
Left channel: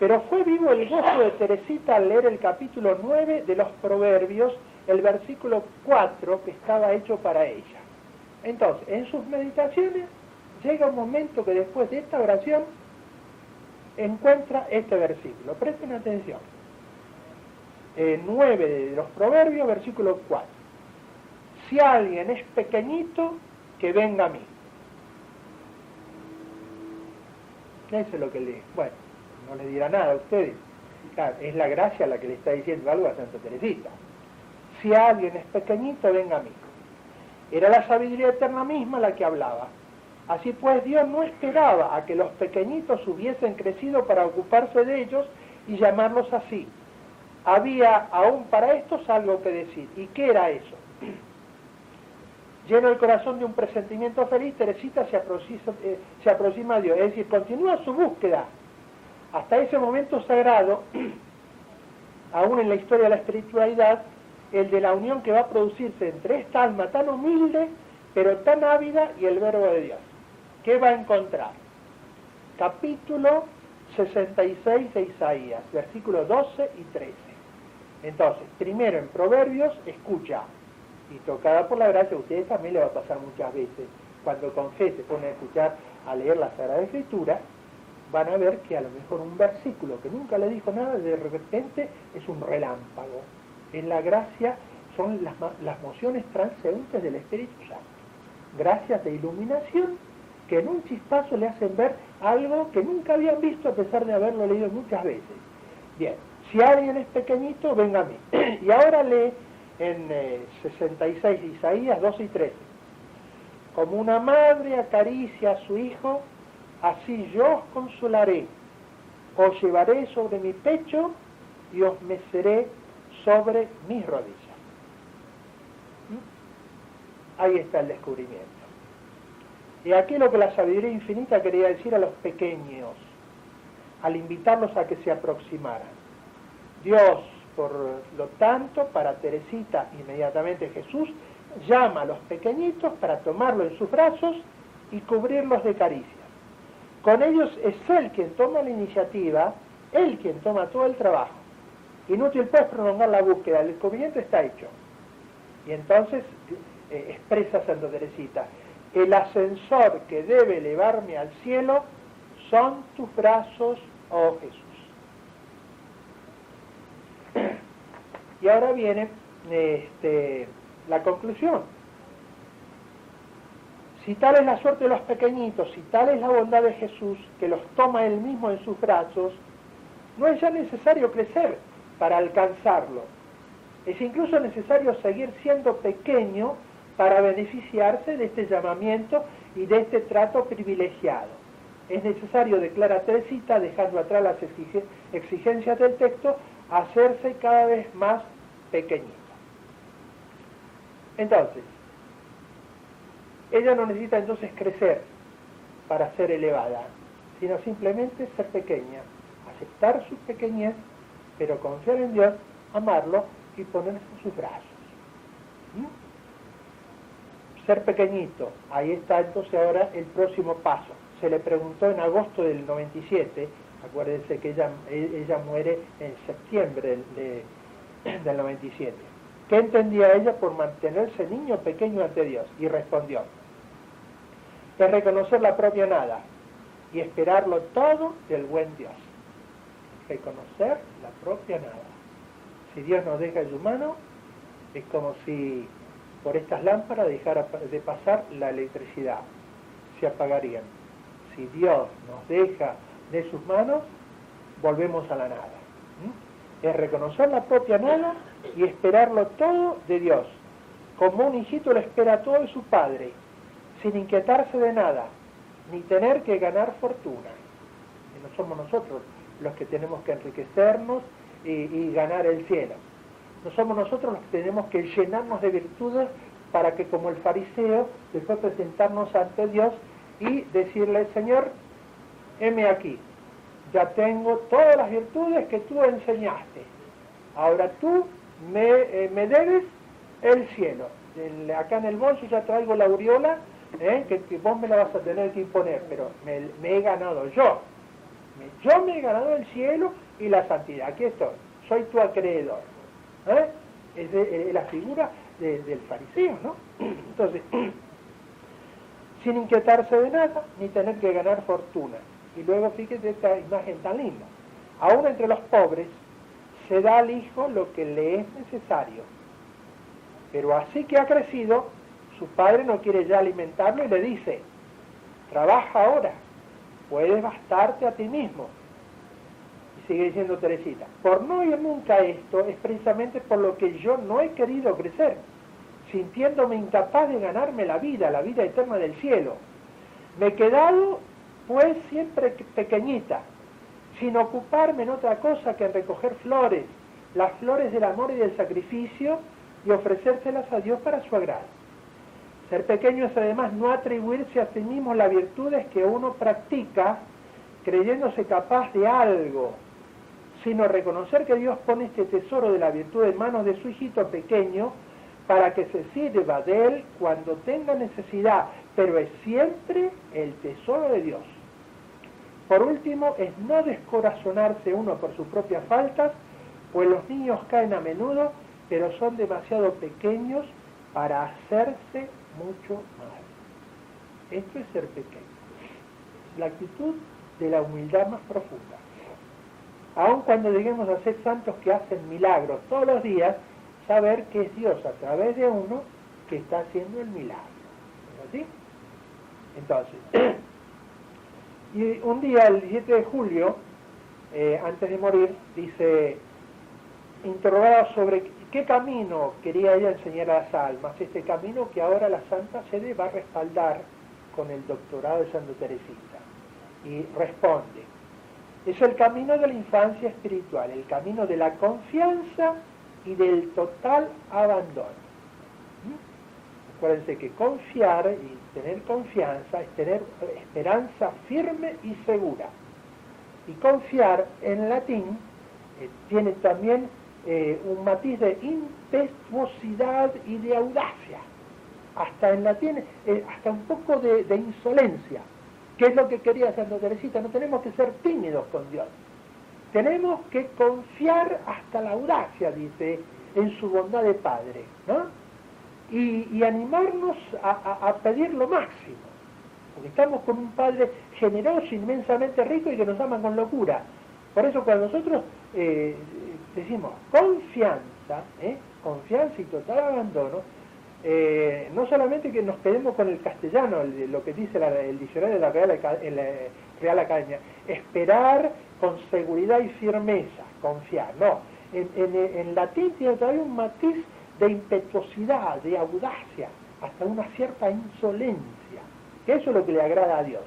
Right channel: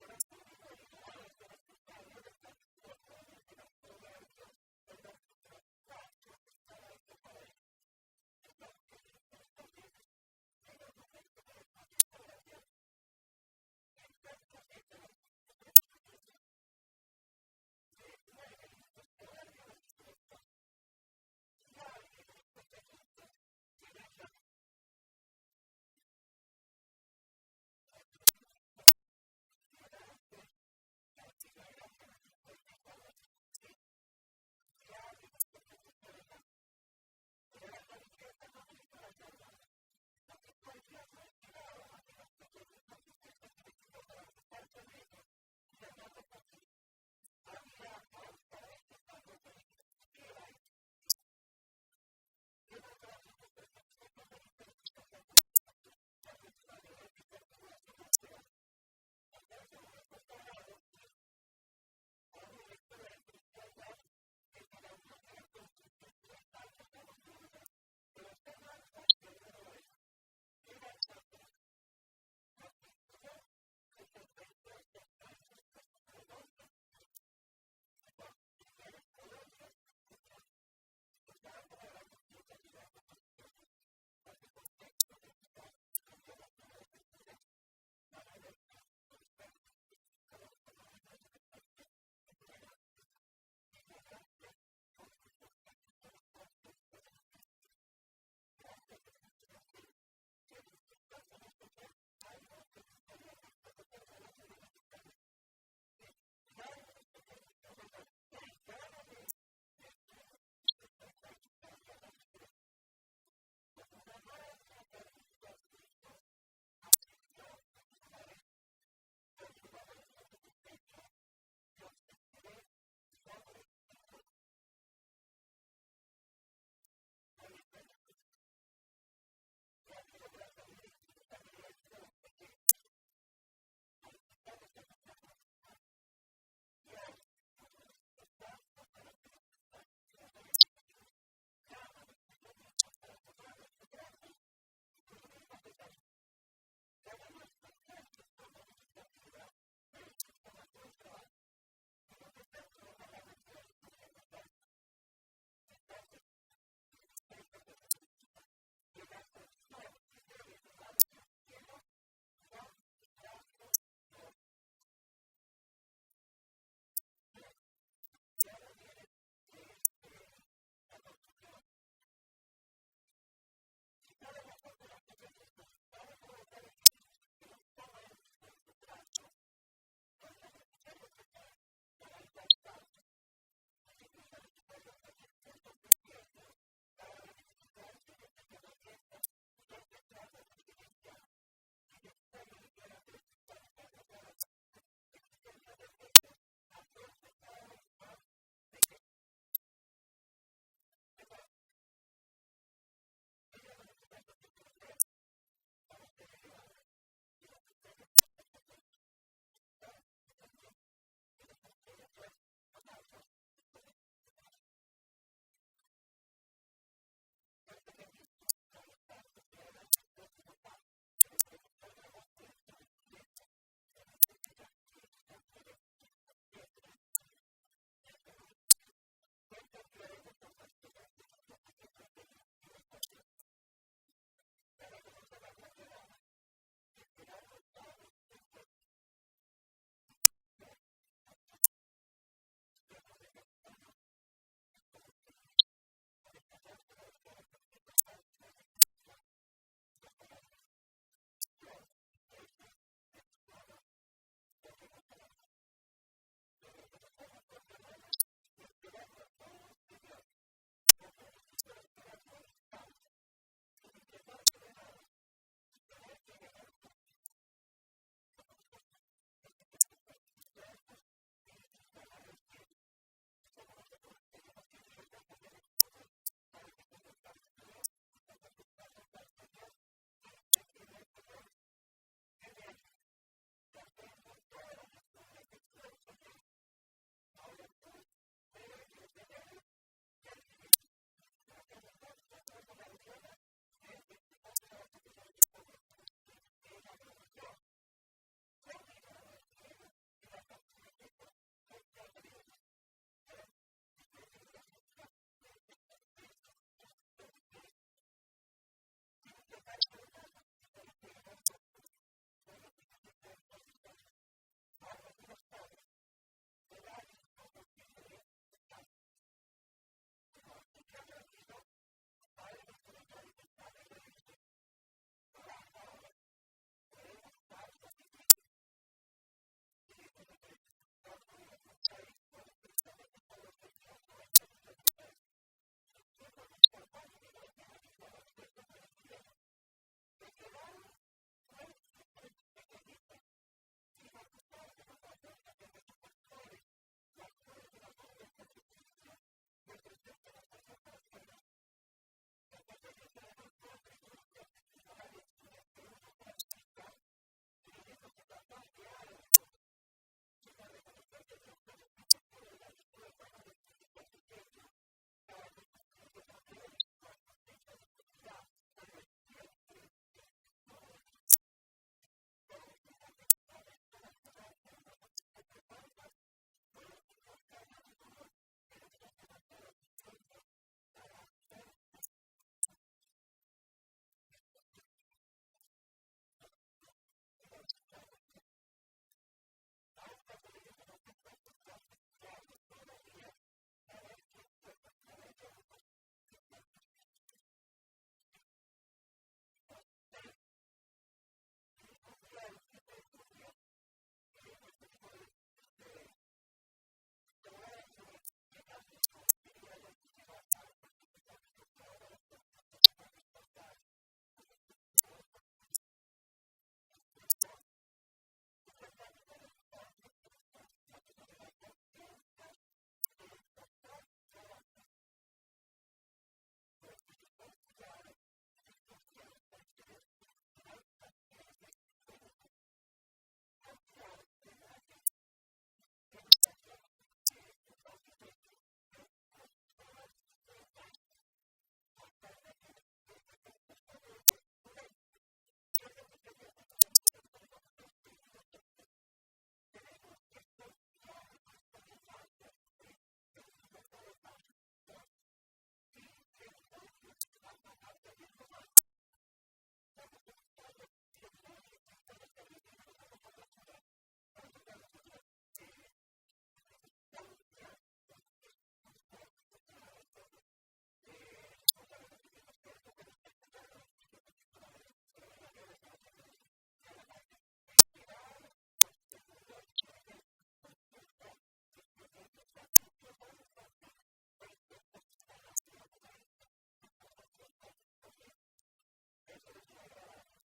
pero fue vivo el gozo de Teresita al leer el capítulo 9 de los Proverbios, el versículo 4 que estaba hecho para ella. Entonces, en sus meditaciones llega un momento que después de esta oración encuentra este versículo. Presten atención. 9 de los Proverbios, versículo 4. Si alguien es pequeñito, que venga a mí. Eso es lo que le... Bueno, no le dirá nada a ustedes. Claro, es la gracia la que le está diciendo algo a Santa Teresita. Si alguien es pequeñito, venga a mí. Era la sabiduría eterna misma la que hablaba. Así pues, Dios no esperaba a que los pequeñitos hubiesen crecido para ocuparse de ellos y llamarlos así. Había aún para estos algo que decir. ¿Y qué era eso? Lleno el corazón de un presentimiento feliz, Teresita se aproxima a Dios, es decir, continúa su búsqueda. Hasta ese momento sagrado, aún en la historia de la espiritualidad, el de la unión que va a producirse entre esta alma tan humilde, pero tan ávida, y el verbo de Dios. ¿Qué va a encontrar? Capítulo 66 de Isaías, versículos 12 y 13. Entonces, primero en Proverbios, escucha. Y tocada por la gracia, a ustedes también le va a pasar muchas veces. Cuando con fe se ponen a escuchar, a leer la Sagrada Escritura, van a ver que a lo mejor un versículo que nunca le dijo nada, de repente es un relámpago. En la gracia son las mociones transeúntes del Espíritu Santo. Gracias de iluminación que en un chispazo le hacen ver algo que nunca habían visto a pesar de haberlo leído muchas veces. Bien, si alguien es pequeñito, venga a mí. Y ahora lee en 66 de Isaías 12 y 13. Como una madre acaricia a su hijo, así yo os consolaré. Os llevaré sobre mi pecho y os meceré sobre mis rodillas. Ahí está el descubrimiento. Y aquí lo que la sabiduría infinita quería decir a los pequeños, al invitarlos a que se aproximaran. Dios, por lo tanto, para Teresita, inmediatamente Jesús, llama a los pequeñitos para tomarlo en sus brazos y cubrirlos de caricias. Con ellos es Él quien toma la iniciativa, Él quien toma todo el trabajo. Inútil pues prolongar la búsqueda, el descubrimiento está hecho. Y entonces expresa Santa Teresita, el ascensor que debe elevarme al cielo son tus brazos, oh Jesús. Y ahora viene la conclusión. Si tal es la suerte de los pequeñitos, si tal es la bondad de Jesús, que los toma Él mismo en sus brazos, no es ya necesario crecer para alcanzarlo. Es incluso necesario seguir siendo pequeño para beneficiarse de este llamamiento y de este trato privilegiado. Es necesario, declara Teresita, dejando atrás las exigencias del texto, hacerse cada vez más pequeñito. Entonces, ella no necesita entonces crecer para ser elevada, sino simplemente ser pequeña, aceptar su pequeñez, pero confiar en Dios, amarlo y ponerse en sus brazos. Ser pequeñito, ahí está entonces ahora el próximo paso. Se le preguntó en agosto del 97, acuérdense que ella muere en septiembre del 97. ¿Qué entendía ella por mantenerse niño pequeño ante Dios? Y respondió, es reconocer la propia nada y esperarlo todo del buen Dios. Reconocer la propia nada. Si Dios nos deja en su mano, es como si por estas lámparas dejara de pasar la electricidad, se apagarían. Si Dios nos deja de sus manos, volvemos a la nada. Es reconocer la propia nada y esperarlo todo de Dios. Como un hijito lo espera todo de su padre, sin inquietarse de nada, ni tener que ganar fortuna. Y no somos nosotros los que tenemos que enriquecernos y ganar el cielo. No somos nosotros los que tenemos que llenarnos de virtudes para que como el fariseo, después presentarnos ante Dios y decirle, Señor, heme aquí, ya tengo todas las virtudes que tú enseñaste, ahora tú me debes el cielo, acá en el bolso ya traigo la aureola, que vos me la vas a tener que imponer, pero me he ganado yo me he ganado el cielo y la santidad, aquí estoy, soy tu acreedor. Es la figura del fariseo, ¿no? Entonces, sin inquietarse de nada, ni tener que ganar fortuna. Y luego fíjate esta imagen tan linda. Aún entre los pobres se da al hijo lo que le es necesario. Pero así que ha crecido, su padre no quiere ya alimentarlo y le dice, trabaja ahora, puedes bastarte a ti mismo. Y sigue diciendo Teresita, por no oír nunca esto es precisamente por lo que yo no he querido crecer, sintiéndome incapaz de ganarme la vida eterna del cielo. Me he quedado, pues, siempre pequeñita, sin ocuparme en otra cosa que en recoger flores, las flores del amor y del sacrificio, y ofrecérselas a Dios para su agrado. Ser pequeño es además no atribuirse a sí mismo las virtudes que uno practica creyéndose capaz de algo, sino reconocer que Dios pone este tesoro de la virtud en manos de su hijito pequeño para que se sirva de él cuando tenga necesidad, pero es siempre el tesoro de Dios. Por último, es no descorazonarse uno por sus propias faltas, pues los niños caen a menudo, pero son demasiado pequeños para hacerse mucho mal. Esto es ser pequeño. La actitud de la humildad más profunda. Aun cuando lleguemos a ser santos que hacen milagros todos los días, saber que es Dios a través de uno que está haciendo el milagro. ¿Es así? Entonces, y un día, el 17 de julio, antes de morir, dice, interrogada sobre qué camino quería ella enseñar a las almas, este camino que ahora la Santa Sede va a respaldar con el doctorado de Santa Teresita. Y responde, es el camino de la infancia espiritual, el camino de la confianza y del total abandono. Acuérdense que confiar y tener confianza es tener esperanza firme y segura. Y confiar en latín tiene también un matiz de impetuosidad y de audacia. Hasta en latín, hasta un poco de insolencia. ¿Qué es lo que quería Santa Teresita? No tenemos que ser tímidos con Dios. Tenemos que confiar hasta la audacia, dice, en su bondad de Padre, ¿no? Y animarnos a pedir lo máximo. Porque estamos con un Padre generoso, inmensamente rico y que nos ama con locura. Por eso cuando nosotros decimos confianza, confianza y total abandono, no solamente que nos quedemos con el castellano, lo que dice el diccionario de la Real Academia, esperar con seguridad y firmeza, confiar, no. En latín tiene todavía un matiz de impetuosidad, de audacia, hasta una cierta insolencia, que eso es lo que le agrada a Dios.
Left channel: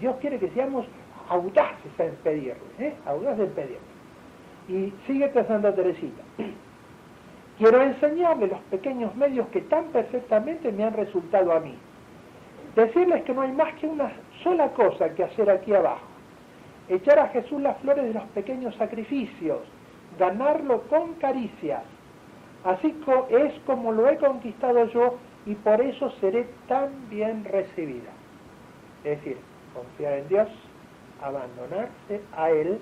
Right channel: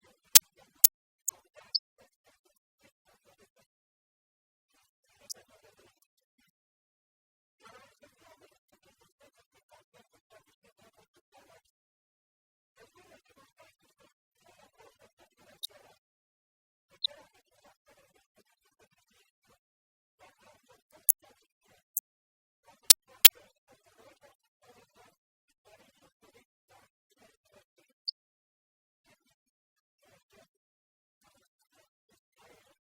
Dios quiere que seamos audaces en pedirle, audaces en pedirle. Y sigue Santa Teresita. Quiero enseñarle los pequeños medios que tan perfectamente me han resultado a mí. Decirles que no hay más que una sola cosa que hacer aquí abajo. Echar a Jesús las flores de los pequeños sacrificios, ganarlo con caricias. Así es como lo he conquistado yo y por eso seré tan bien recibida. Es decir, confiar en Dios, abandonarse a Él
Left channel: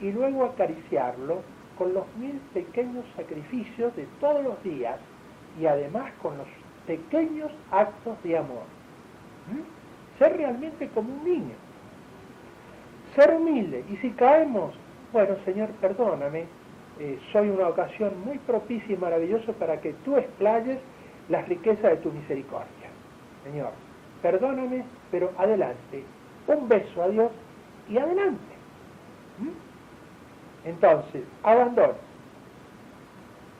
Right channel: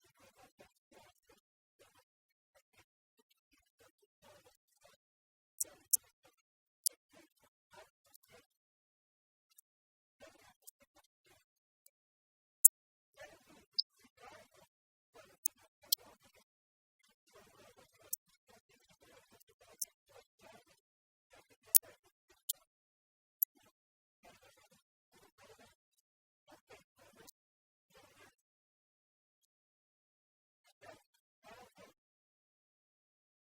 y luego acariciarlo con los 1000 pequeños sacrificios de todos los días y además con los pequeños actos de amor. Ser realmente como un niño. Ser humilde. Y si caemos, bueno, Señor, perdóname, soy una ocasión muy propicia y maravillosa para que tú explayes las riquezas de tu misericordia. Señor, perdóname, pero adelante. Un beso a Dios y adelante. Entonces, abandono.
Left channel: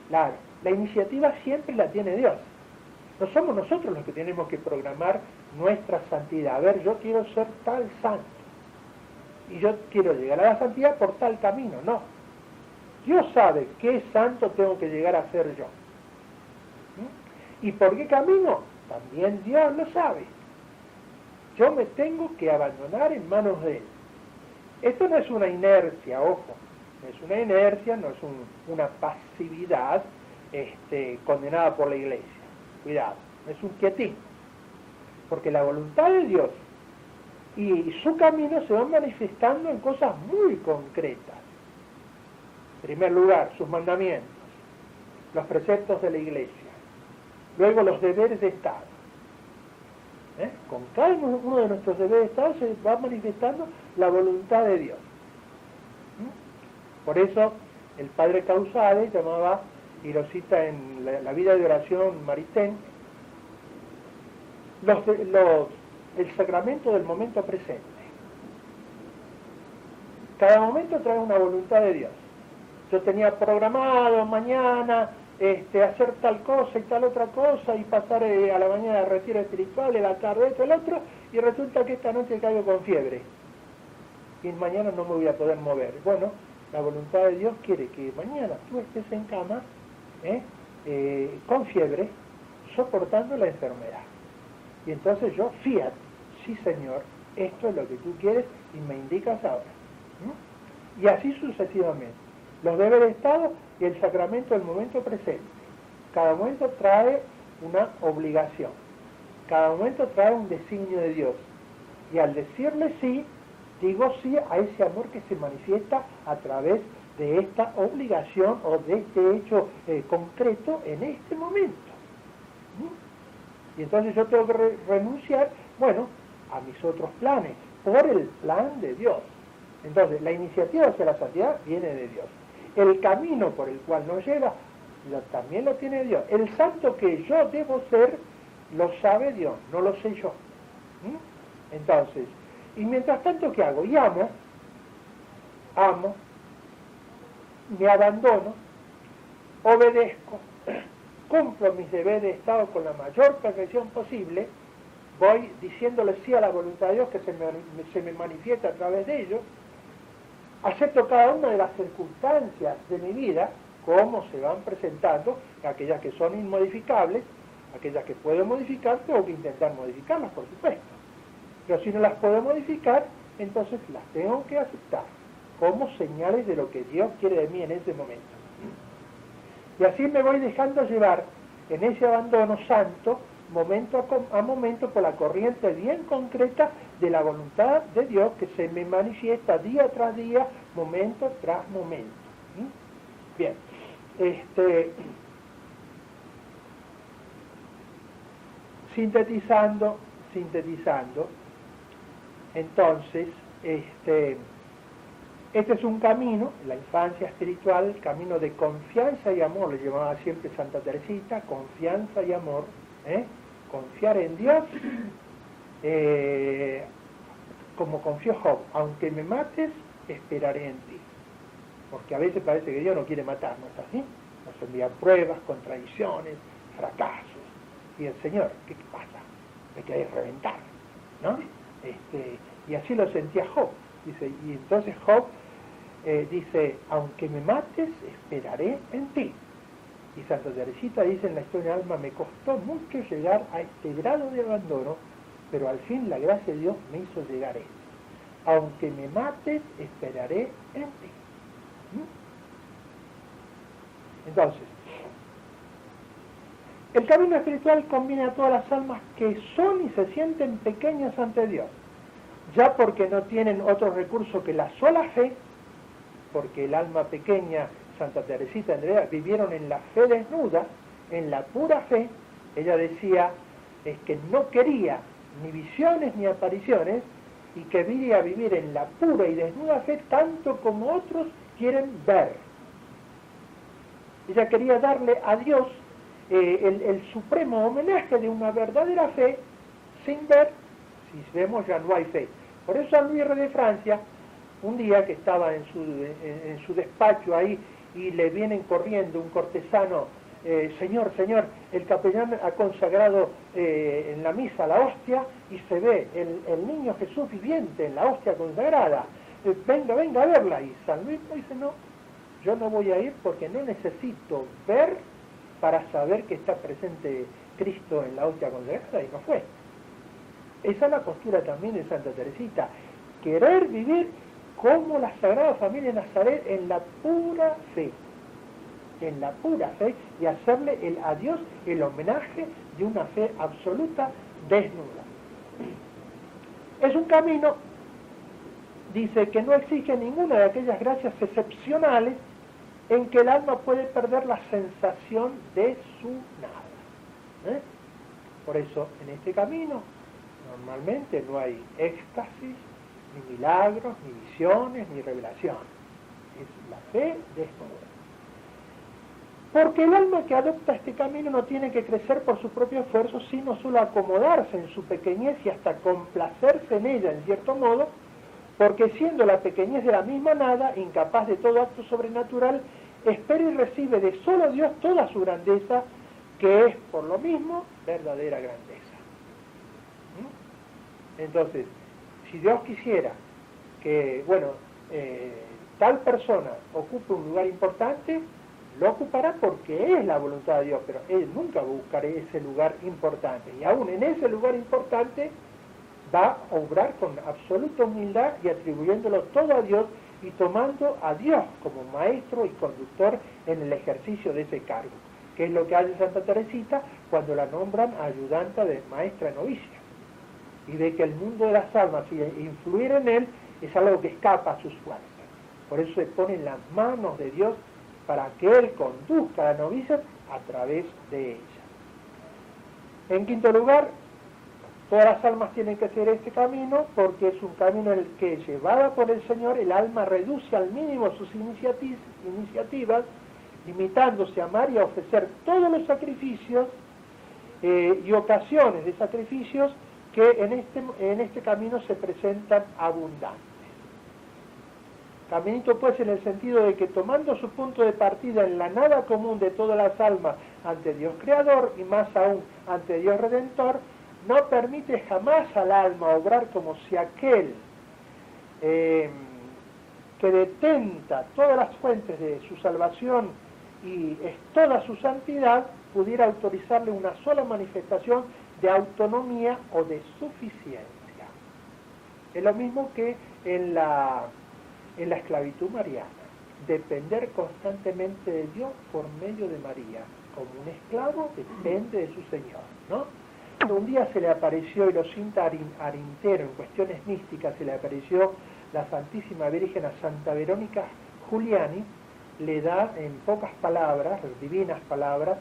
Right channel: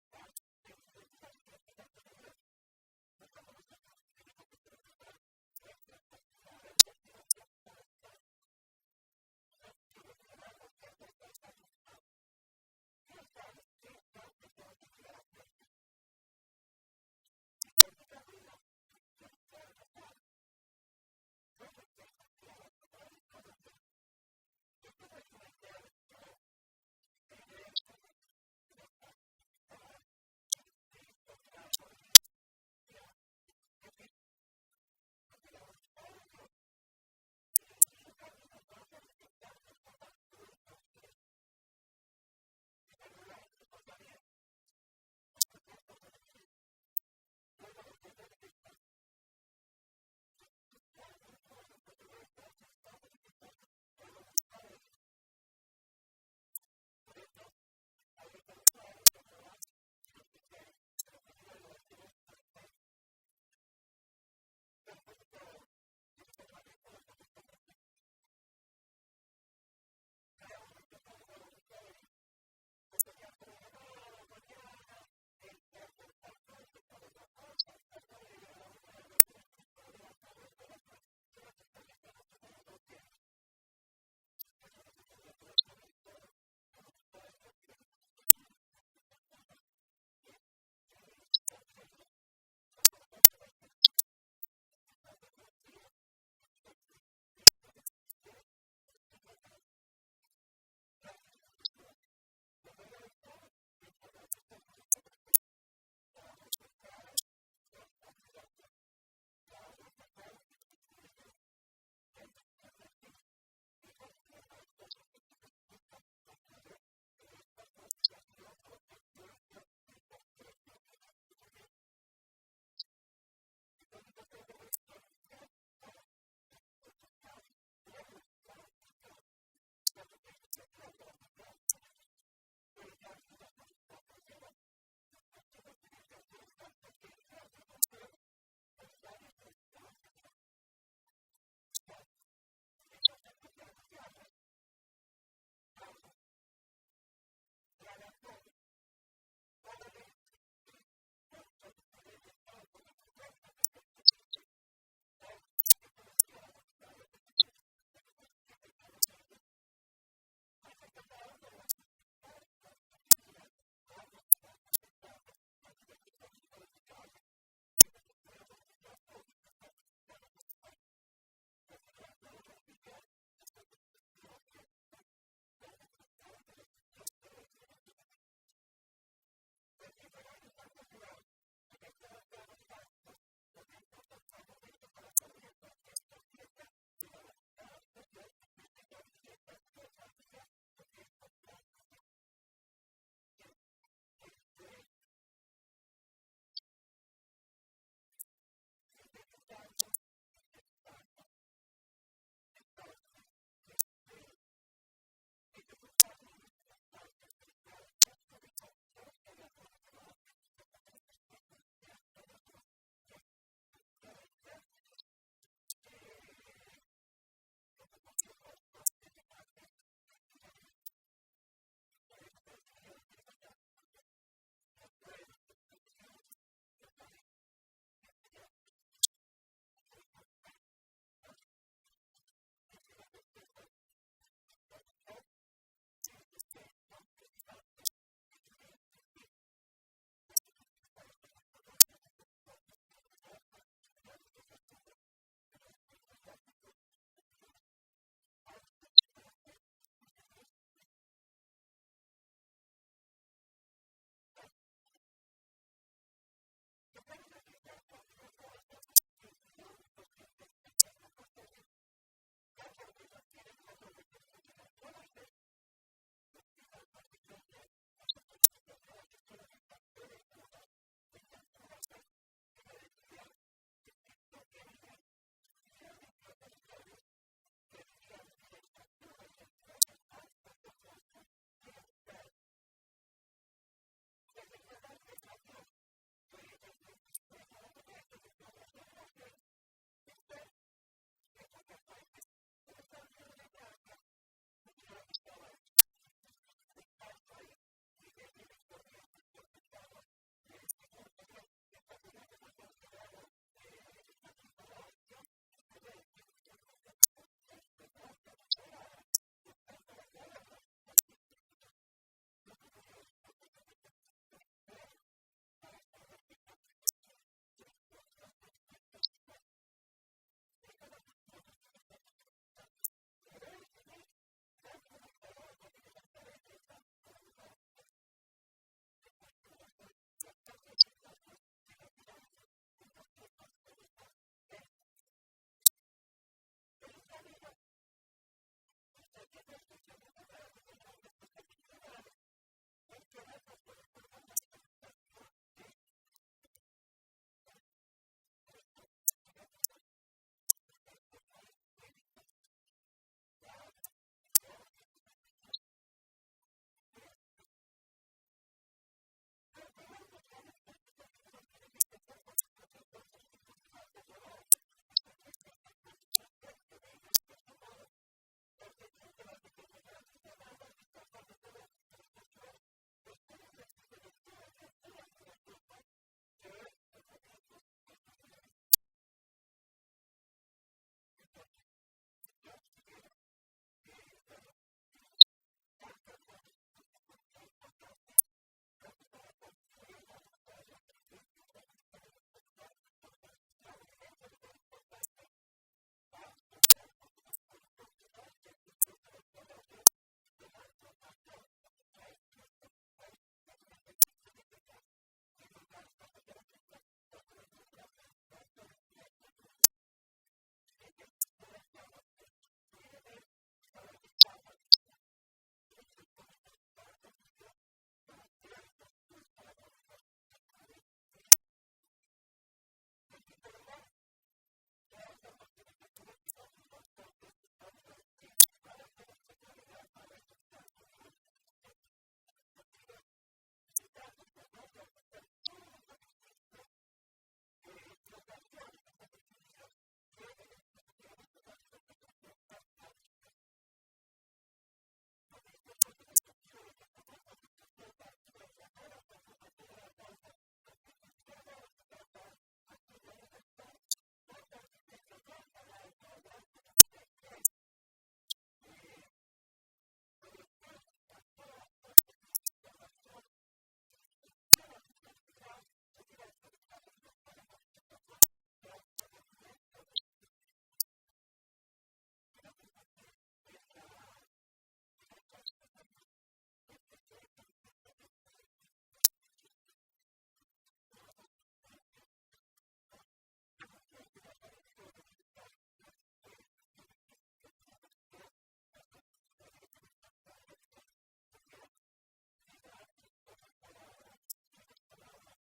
Claro, la iniciativa siempre la tiene Dios. No somos nosotros los que tenemos que programar nuestra santidad. A ver, yo quiero ser tal santo. Y yo quiero llegar a la santidad por tal camino. No. Dios sabe qué santo tengo que llegar a ser yo. ¿Y por qué camino? También Dios lo sabe. Yo me tengo que abandonar en manos de Él. Esto no es una inercia, ojo, no es una inercia, no es una pasividad condenada por la Iglesia. Cuidado, no es un quietismo, porque la voluntad de Dios y su camino se van manifestando en cosas muy concretas. En primer lugar, sus mandamientos, los preceptos de la Iglesia, luego los deberes de Estado. Con cada uno de nuestros deberes de Estado se va manifestando la voluntad de Dios. Por eso el padre Causade llamaba, y lo cita en la vida de oración Maritain, el sacramento del momento presente. Cada momento trae una voluntad de Dios. Yo tenía programado mañana hacer tal cosa y tal otra cosa y pasar a la mañana al retiro espiritual, a la tarde esto, el otro, y resulta que esta noche caigo con fiebre y mañana no me voy a poder mover. Bueno, la voluntad de Dios quiere que mañana tú estés en cama con fiebre, soportando la enfermedad. Y entonces yo, fiat, sí Señor, esto es lo que tú quieres y me indicas ahora. Y así sucesivamente. Los deberes de Estado y el sacramento del momento presente. Cada momento trae una obligación. Cada momento trae un designio de Dios. Y al decirle sí, digo sí a ese amor que se manifiesta a través de esta obligación o de este hecho concreto en este momento. Y entonces yo tengo que renunciar, bueno, a mis otros planes, por el plan de Dios. Entonces, la iniciativa hacia la santidad viene de Dios. El camino por el cual nos lleva, también lo tiene Dios. El santo que yo debo ser, lo sabe Dios, no lo sé yo. Entonces, y mientras tanto, ¿qué hago? Y amo, me abandono, obedezco, cumplo mis deberes de Estado con la mayor perfección posible, voy diciéndole sí a la voluntad de Dios que se me manifiesta a través de ellos, acepto cada una de las circunstancias de mi vida, cómo se van presentando, aquellas que son inmodificables, aquellas que puedo modificar, tengo que intentar modificarlas, por supuesto. Pero si no las puedo modificar, entonces las tengo que aceptar como señales de lo que Dios quiere de mí en ese momento. Y así me voy dejando llevar en ese abandono santo, momento a momento, por la corriente bien concreta de la voluntad de Dios que se me manifiesta día tras día, momento tras momento. Bien, sintetizando, entonces, este es un camino, la infancia espiritual, camino de confianza y amor, le llamaba siempre Santa Teresita, confianza y amor, confiar en Dios, como confió Job, aunque me mates, esperaré en ti. Porque a veces parece que Dios no quiere matarnos, ¿así? Nos envía pruebas, contradicciones, fracasos. Y el Señor, ¿qué pasa? Me queréis reventar, ¿no? Y así lo sentía Job. Dice, y entonces Job dice, aunque me mates, esperaré en ti. Y Santa Teresita dice en la historia del alma, me costó mucho llegar a este grado de abandono, pero al fin la gracia de Dios me hizo llegar a esto. Aunque me mates, esperaré en ti. Entonces, el camino espiritual combina a todas las almas que son y se sienten pequeñas ante Dios, ya porque no tienen otro recurso que la sola fe, porque el alma pequeña, Santa Teresita Andrea, vivieron en la fe desnuda, en la pura fe. Ella decía, es que no quería ni visiones ni apariciones, y que quería vivir en la pura y desnuda fe tanto como otros quieren ver. Ella quería darle a Dios el supremo homenaje de una verdadera fe sin ver. Si vemos ya no hay fe. Por eso San Luis de Francia, un día que estaba en su despacho ahí y le vienen corriendo un cortesano, señor, el capellán ha consagrado en la misa la hostia y se ve el niño Jesús viviente en la hostia consagrada, venga a verla. Y San Luis dice, no, yo no voy a ir porque no necesito ver para saber que está presente Cristo en la hostia consagrada y no fue. Esa es la postura también de Santa Teresita, querer vivir como la Sagrada Familia de Nazaret en la pura fe, y hacerle a Dios el homenaje de una fe absoluta desnuda. Es un camino, dice, que no exige ninguna de aquellas gracias excepcionales en que el alma puede perder la sensación de su nada. Por eso, en este camino, normalmente no hay éxtasis, ni milagros, ni visiones, ni revelación. Es la fe desnuda. Porque el alma que adopta este camino no tiene que crecer por su propio esfuerzo, sino solo acomodarse en su pequeñez y hasta complacerse en ella, en cierto modo, porque siendo la pequeñez de la misma nada, incapaz de todo acto sobrenatural, espera y recibe de solo Dios toda su grandeza, que es, por lo mismo, verdadera grandeza. Entonces, si Dios quisiera que, tal persona ocupe un lugar importante, lo ocupará porque es la voluntad de Dios, pero Él nunca buscará ese lugar importante. Y aún en ese lugar importante va a obrar con absoluta humildad y atribuyéndolo todo a Dios y tomando a Dios como maestro y conductor en el ejercicio de ese cargo, que es lo que hace Santa Teresita cuando la nombran ayudanta de maestra novicia. Y ve que el mundo de las almas y influir en él es algo que escapa a sus fuerzas. Por eso se pone en las manos de Dios para que Él conduzca a la novicia a través de ella. En quinto lugar, todas las almas tienen que hacer este camino porque es un camino en el que, llevada por el Señor, el alma reduce al mínimo sus iniciativas, limitándose a amar y a ofrecer todos los sacrificios y ocasiones de sacrificios que en este camino se presentan abundantes. Caminito pues en el sentido de que tomando su punto de partida en la nada común de todas las almas ante Dios Creador y más aún ante Dios Redentor, no permite jamás al alma obrar como si aquel que detenta todas las fuentes de su salvación y es toda su santidad, pudiera autorizarle una sola manifestación de autonomía o de suficiencia. Es lo mismo que en la esclavitud mariana, depender constantemente de Dios por medio de María, como un esclavo depende de su Señor, ¿no? Un día se le apareció, y lo cinta Arintero, en cuestiones místicas, se le apareció la Santísima Virgen a Santa Verónica Giuliani, le da en pocas palabras, divinas palabras,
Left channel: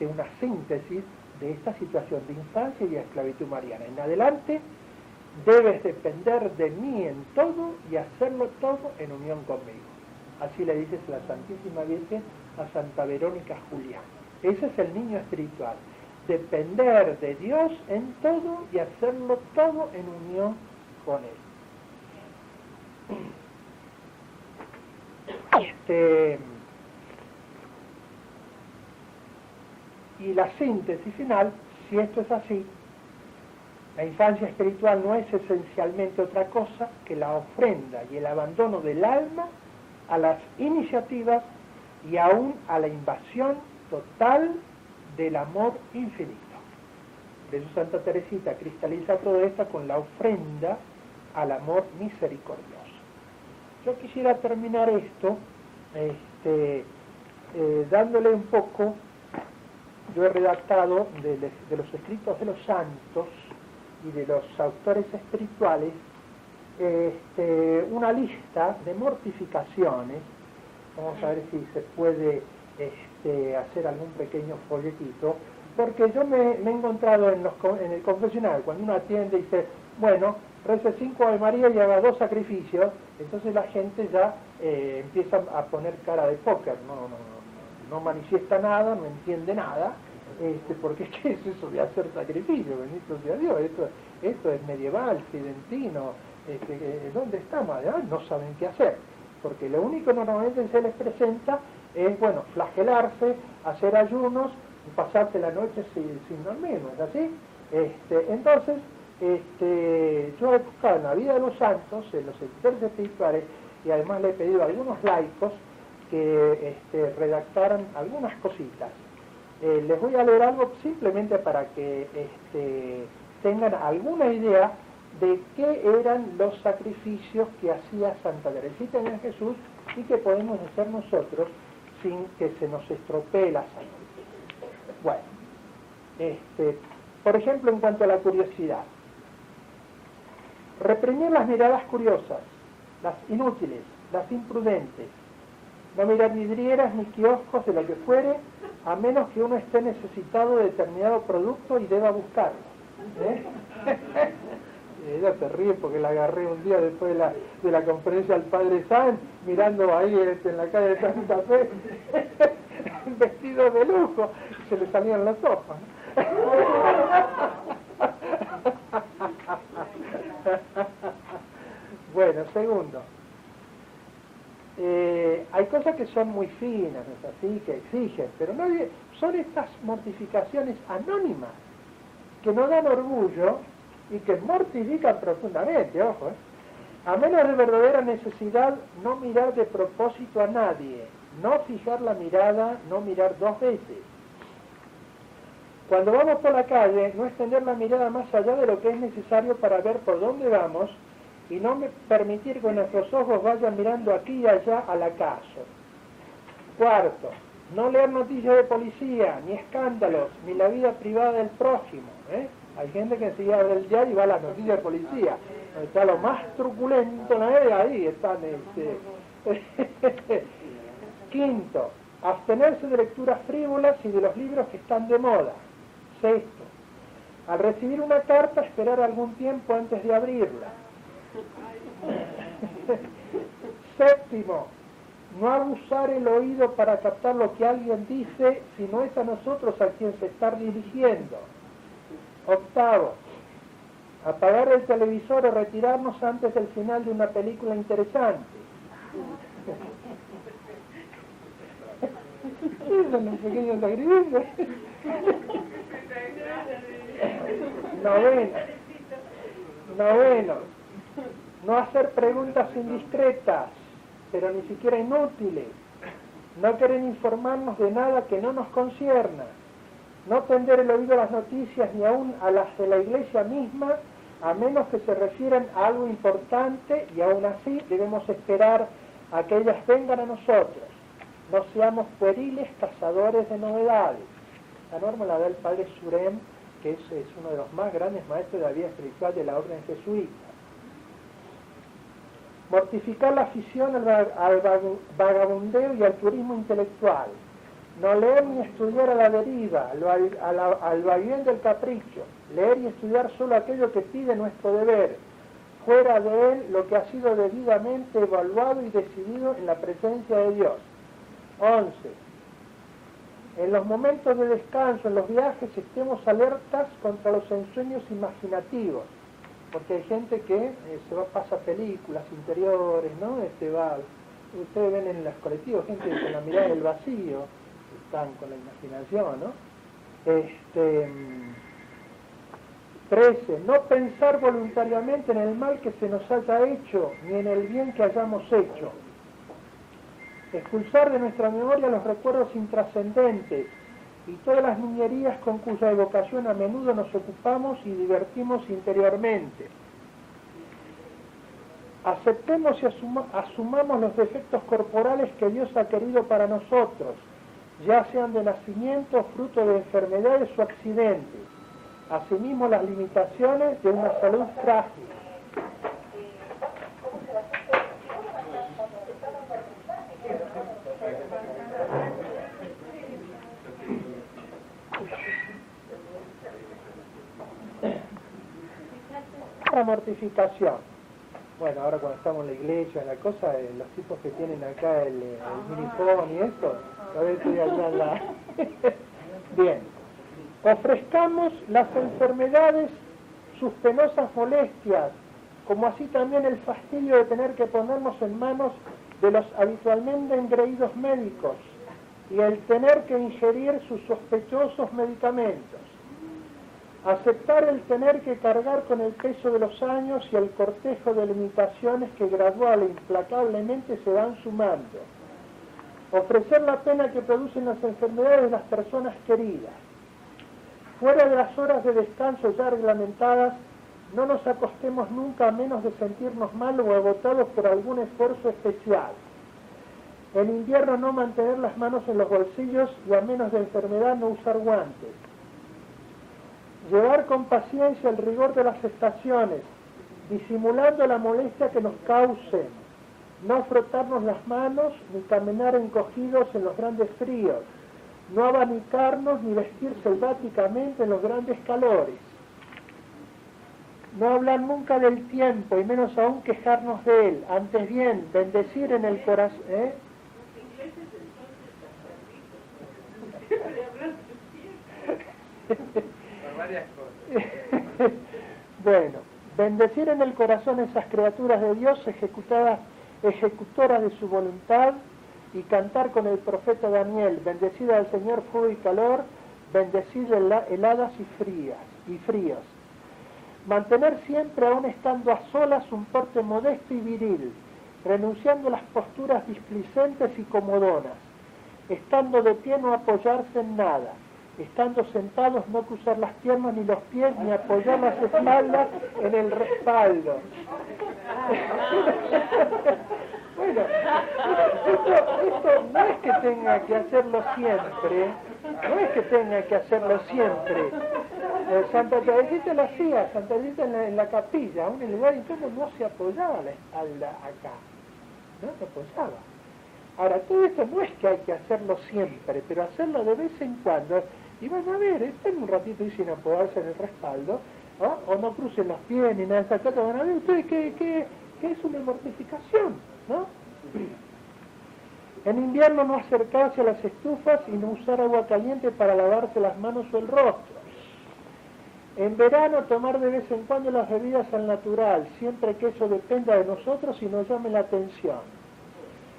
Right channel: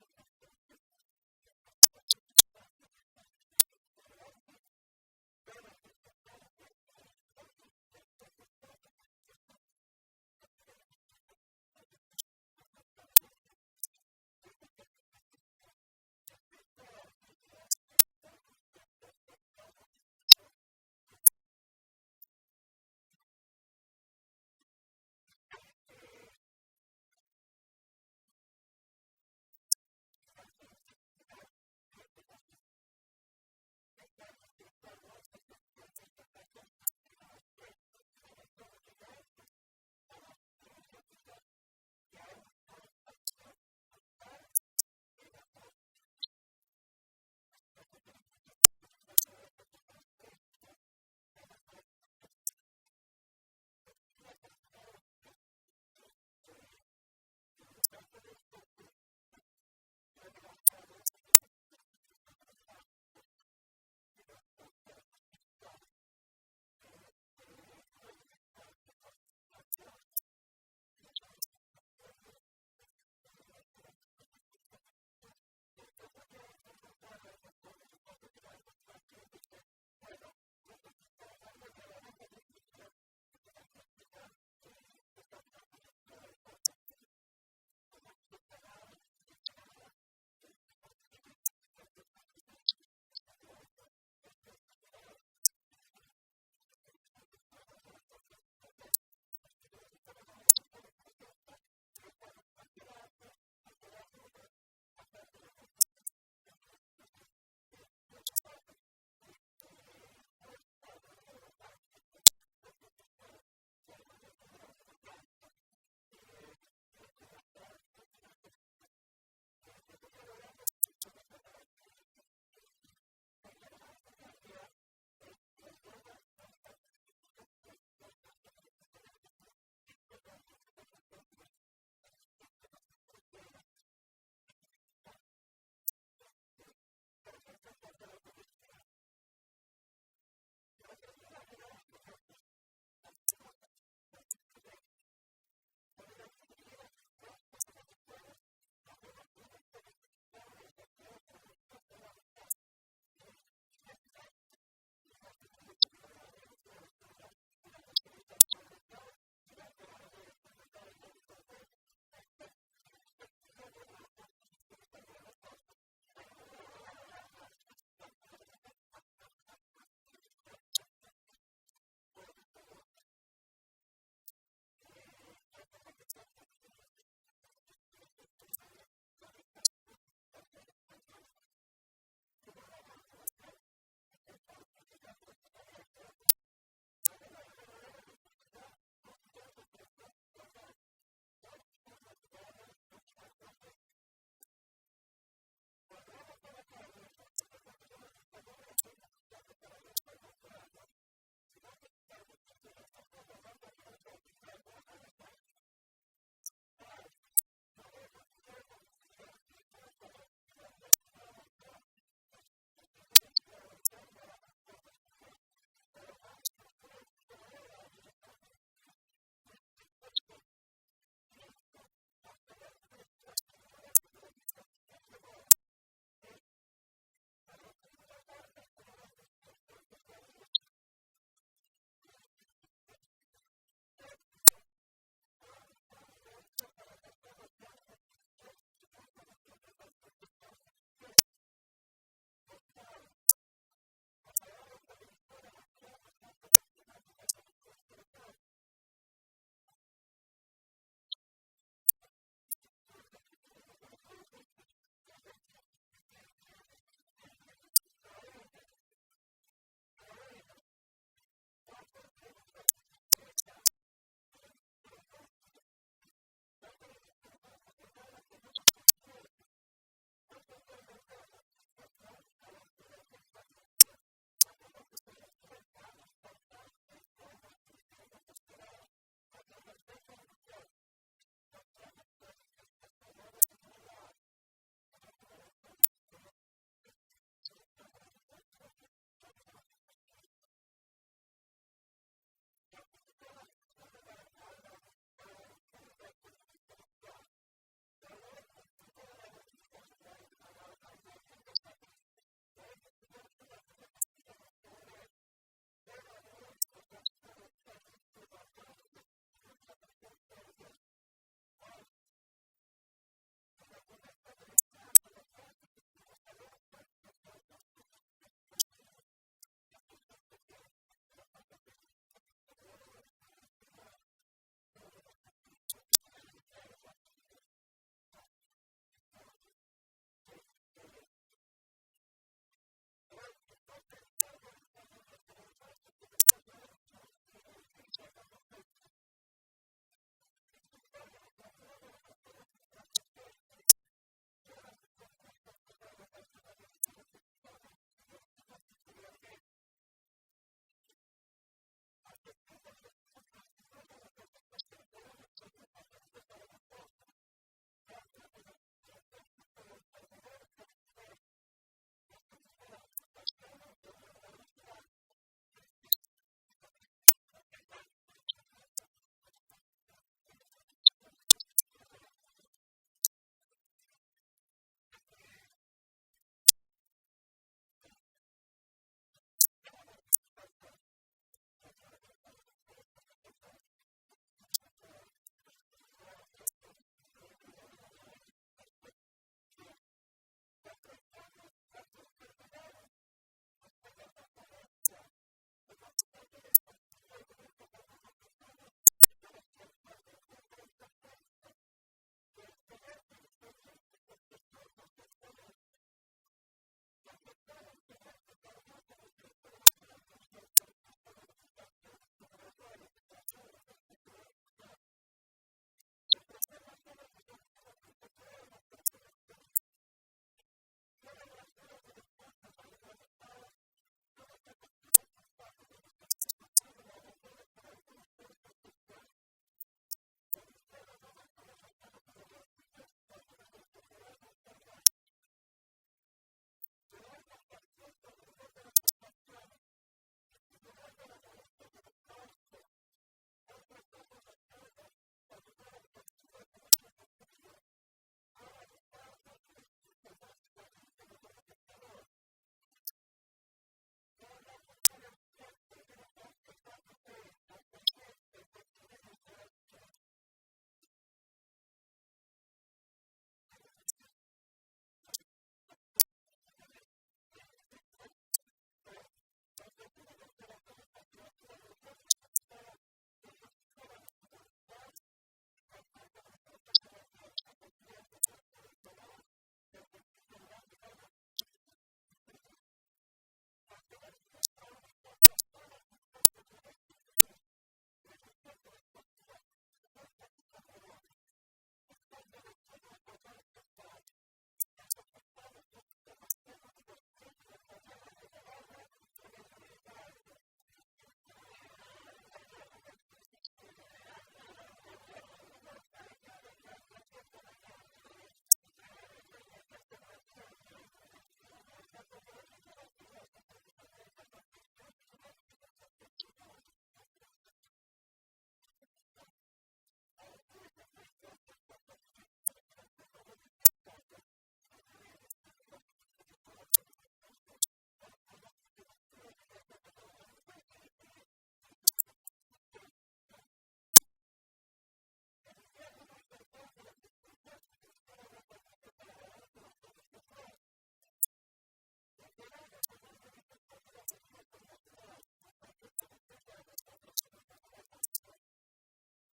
una síntesis de esta situación de infancia y de esclavitud mariana. En adelante, debes depender de mí en todo y hacerlo todo en unión conmigo. Así le dices la Santísima Virgen a Santa Verónica Giuliani. Ese es el niño espiritual. Depender de Dios en todo y hacerlo todo en unión con Él. Y la síntesis final, si esto es así, la infancia espiritual no es esencialmente otra cosa que la ofrenda y el abandono del alma a las iniciativas y aún a la invasión total del amor infinito. Por eso Santa Teresita cristaliza todo esto con la ofrenda al amor misericordioso. Yo quisiera terminar esto dándole un poco, yo he redactado de los escritos de los santos y de los autores espirituales una lista de mortificaciones. Vamos a ver si se puede hacer algún pequeño folletito, porque yo me he encontrado en el confesionario, cuando uno atiende y dice, bueno, reza 5 Ave María y haga 2 sacrificios, entonces la gente ya empieza a poner cara de póker, no manifiesta nada, no entiende nada, porque ¿qué es eso de hacer sacrificio? Bendito sea Dios, esto es medieval, tridentino, ¿dónde estamos? No saben qué hacer, porque lo único normalmente que se les presenta es, flagelarse, hacer ayunos, pasarse la noche sin dormir, ¿no es así? Entonces, yo he buscado en la vida de los santos, en los escritores espirituales, y además le he pedido a algunos laicos que redactaran algunas cositas. Les voy a leer algo simplemente para que tengan alguna idea de qué eran los sacrificios que hacía Santa Teresita de Jesús y que podemos hacer nosotros sin que se nos estropee la salud. Bueno, por ejemplo, en cuanto a la curiosidad, reprimir las miradas curiosas, las inútiles, las imprudentes, no mirar vidrieras ni kioscos de lo que fuere, a menos que uno esté necesitado de determinado producto y deba buscarlo. Ella se ríe porque la agarré un día después de la conferencia del Padre San, mirando ahí en la calle de Santa Fe, vestido de lujo, y se le salían los ojos. Bueno, segundo, hay cosas que son muy finas, ¿no es así?, que exigen, pero son estas mortificaciones anónimas que no dan orgullo y que mortifican profundamente, ojo, a menos de verdadera necesidad, no mirar de propósito a nadie, no fijar la mirada, no mirar dos veces. Cuando vamos por la calle, no extender la mirada más allá de lo que es necesario para ver por dónde vamos y no permitir que nuestros ojos vayan mirando aquí y allá al acaso. Cuarto, no leer noticias de policía, ni escándalos, ni la vida privada del prójimo. Hay gente que se abre el diario y va a las noticias de policía. Está lo más truculento, ¿no? Ahí están. Quinto, abstenerse de lecturas frívolas y de los libros que están de moda. Sexto, al recibir una carta, esperar algún tiempo antes de abrirla. Séptimo, no abusar el oído para captar lo que alguien dice, si no es a nosotros a quien se está dirigiendo. Octavo, apagar el televisor o retirarnos antes del final de una película interesante. Esos son los pequeños sacrificios. Noveno, no hacer preguntas indiscretas, pero ni siquiera inútiles. No querer informarnos de nada que no nos concierna. No tender el oído a las noticias ni aún a las de la iglesia misma, a menos que se refieran a algo importante, y aún así debemos esperar a que ellas vengan a nosotros. No seamos pueriles cazadores de novedades. La norma la da el padre Surem, que es uno de los más grandes maestros de la vida espiritual de la orden jesuita. Mortificar la afición al vagabundeo y al turismo intelectual. No leer ni estudiar a la deriva, al vaivén del capricho. Leer y estudiar solo aquello que pide nuestro deber. Fuera de él lo que ha sido debidamente evaluado y decidido en la presencia de Dios. 11. En los momentos de descanso, en los viajes, estemos alertas contra los ensueños imaginativos. Porque hay gente que pasa películas interiores, ¿no? Ustedes ven en los colectivos gente con la mirada del vacío, están con la imaginación, ¿no? 13. No pensar voluntariamente en el mal que se nos haya hecho, ni en el bien que hayamos hecho. Expulsar de nuestra memoria los recuerdos intrascendentes y todas las niñerías con cuya evocación a menudo nos ocupamos y divertimos interiormente. Aceptemos y asumamos los defectos corporales que Dios ha querido para nosotros, ya sean de nacimiento, fruto de enfermedades o accidentes. Asimismo las limitaciones de una salud frágil. La mortificación. Bueno, ahora cuando estamos en la iglesia, la cosa, los tipos que tienen acá el minifón y esto, a ver si allá la... Bien. Ofrezcamos las enfermedades, sus penosas molestias, como así también el fastidio de tener que ponernos en manos de los habitualmente engreídos médicos y el tener que ingerir sus sospechosos medicamentos. Aceptar el tener que cargar con el peso de los años y el cortejo de limitaciones que gradual e implacablemente se van sumando. Ofrecer la pena que producen las enfermedades de las personas queridas. Fuera de las horas de descanso ya reglamentadas, no nos acostemos nunca a menos de sentirnos mal o agotados por algún esfuerzo especial. En invierno no mantener las manos en los bolsillos y a menos de enfermedad no usar guantes. Llevar con paciencia el rigor de las estaciones, disimulando la molestia que nos causen. No frotarnos las manos ni caminar encogidos en los grandes fríos. No abanicarnos ni vestir selváticamente en los grandes calores. No hablar nunca del tiempo y menos aún quejarnos de él. Antes bien, bendecir en el corazón. Bueno, bendecir en el corazón esas criaturas de Dios ejecutoras de su voluntad, y cantar con el profeta Daniel: bendecida al Señor fuego y calor, bendecida heladas y fríos. Mantener siempre, aun estando a solas, un porte modesto y viril, renunciando a las posturas displicentes y comodonas. Estando de pie no apoyarse en nada. Estando sentados no cruzar las piernas ni los pies, ni apoyar las espaldas en el respaldo. Bueno, esto no es que tenga que hacerlo siempre, Santa Teresita lo hacía, Santa Teresita en la capilla, aún en el lugar incómodo no se apoyaba la espalda acá, no se apoyaba. Ahora, todo esto no es que hay que hacerlo siempre, pero hacerlo de vez en cuando. Y van a ver, estén un ratito y sin apoyarse en el respaldo, ¿no? O no crucen los pies ni nada de esas cosas, van a ver ustedes que es una mortificación, ¿no? En invierno no acercarse a las estufas y no usar agua caliente para lavarse las manos o el rostro. En verano tomar de vez en cuando las bebidas al natural, siempre que eso dependa de nosotros y nos llame la atención.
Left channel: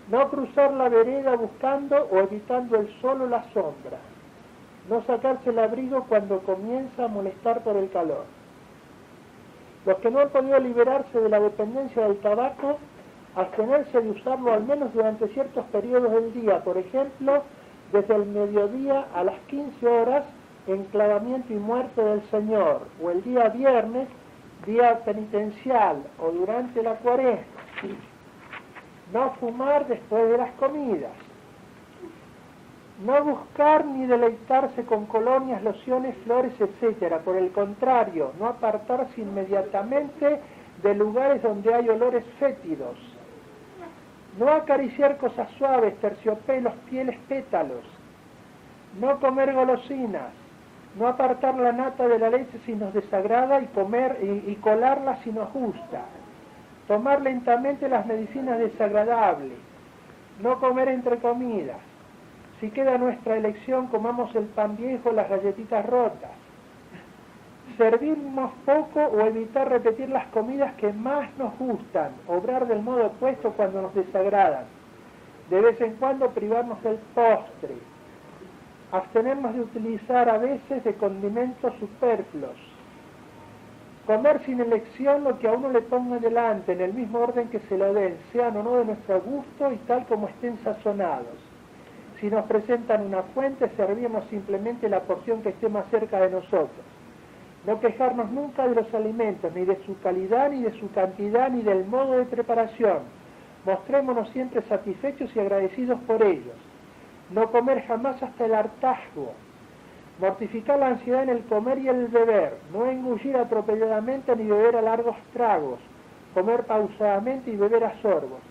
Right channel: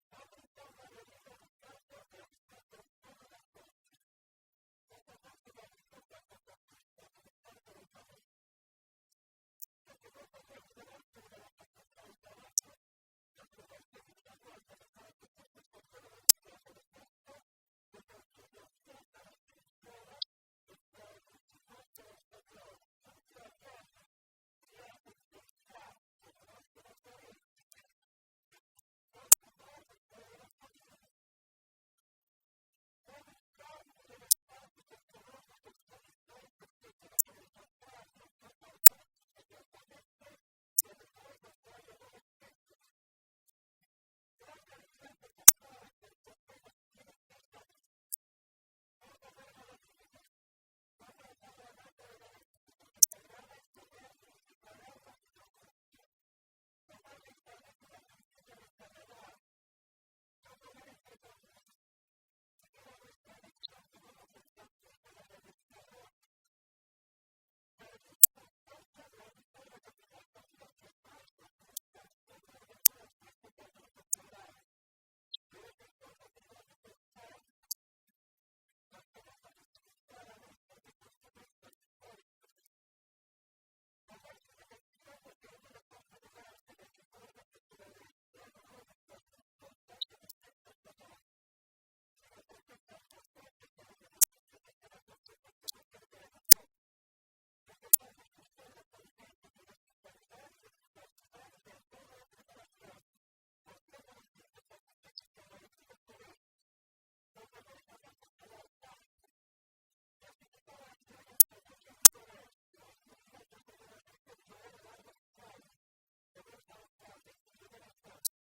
No cruzar la vereda buscando o evitando el sol o la sombra. No sacarse el abrigo cuando comienza a molestar por el calor. Los que no han podido liberarse de la dependencia del tabaco, abstenerse de usarlo al menos durante ciertos periodos del día, por ejemplo, desde el mediodía a las 15 horas, enclavamiento y muerte del Señor, o el día viernes, día penitencial, o durante la cuaresma. No fumar después de las comidas. No buscar ni deleitarse con colonias, lociones, flores, etc. Por el contrario, no apartarse inmediatamente de lugares donde hay olores fétidos. No acariciar cosas suaves, terciopelos, pieles, pétalos. No comer golosinas. No apartar la nata de la leche si nos desagrada y colarla si nos gusta. Tomar lentamente las medicinas desagradables. No comer entre comidas. Si queda nuestra elección, comamos el pan viejo, las galletitas rotas. Servirnos poco o evitar repetir las comidas que más nos gustan. Obrar del modo opuesto cuando nos desagradan. De vez en cuando privarnos del postre. Abstenernos de utilizar a veces de condimentos superfluos. Comer sin elección lo que a uno le ponga delante, en el mismo orden que se lo den, sean o no de nuestro gusto y tal como estén sazonados. Si nos presentan una fuente, servirnos simplemente la porción que esté más cerca de nosotros. No quejarnos nunca de los alimentos, ni de su calidad, ni de su cantidad, ni del modo de preparación. Mostrémonos siempre satisfechos y agradecidos por ellos. No comer jamás hasta el hartazgo. Mortificar la ansiedad en el comer y el beber. No engullir atropelladamente ni beber a largos tragos. Comer pausadamente y beber a sorbos.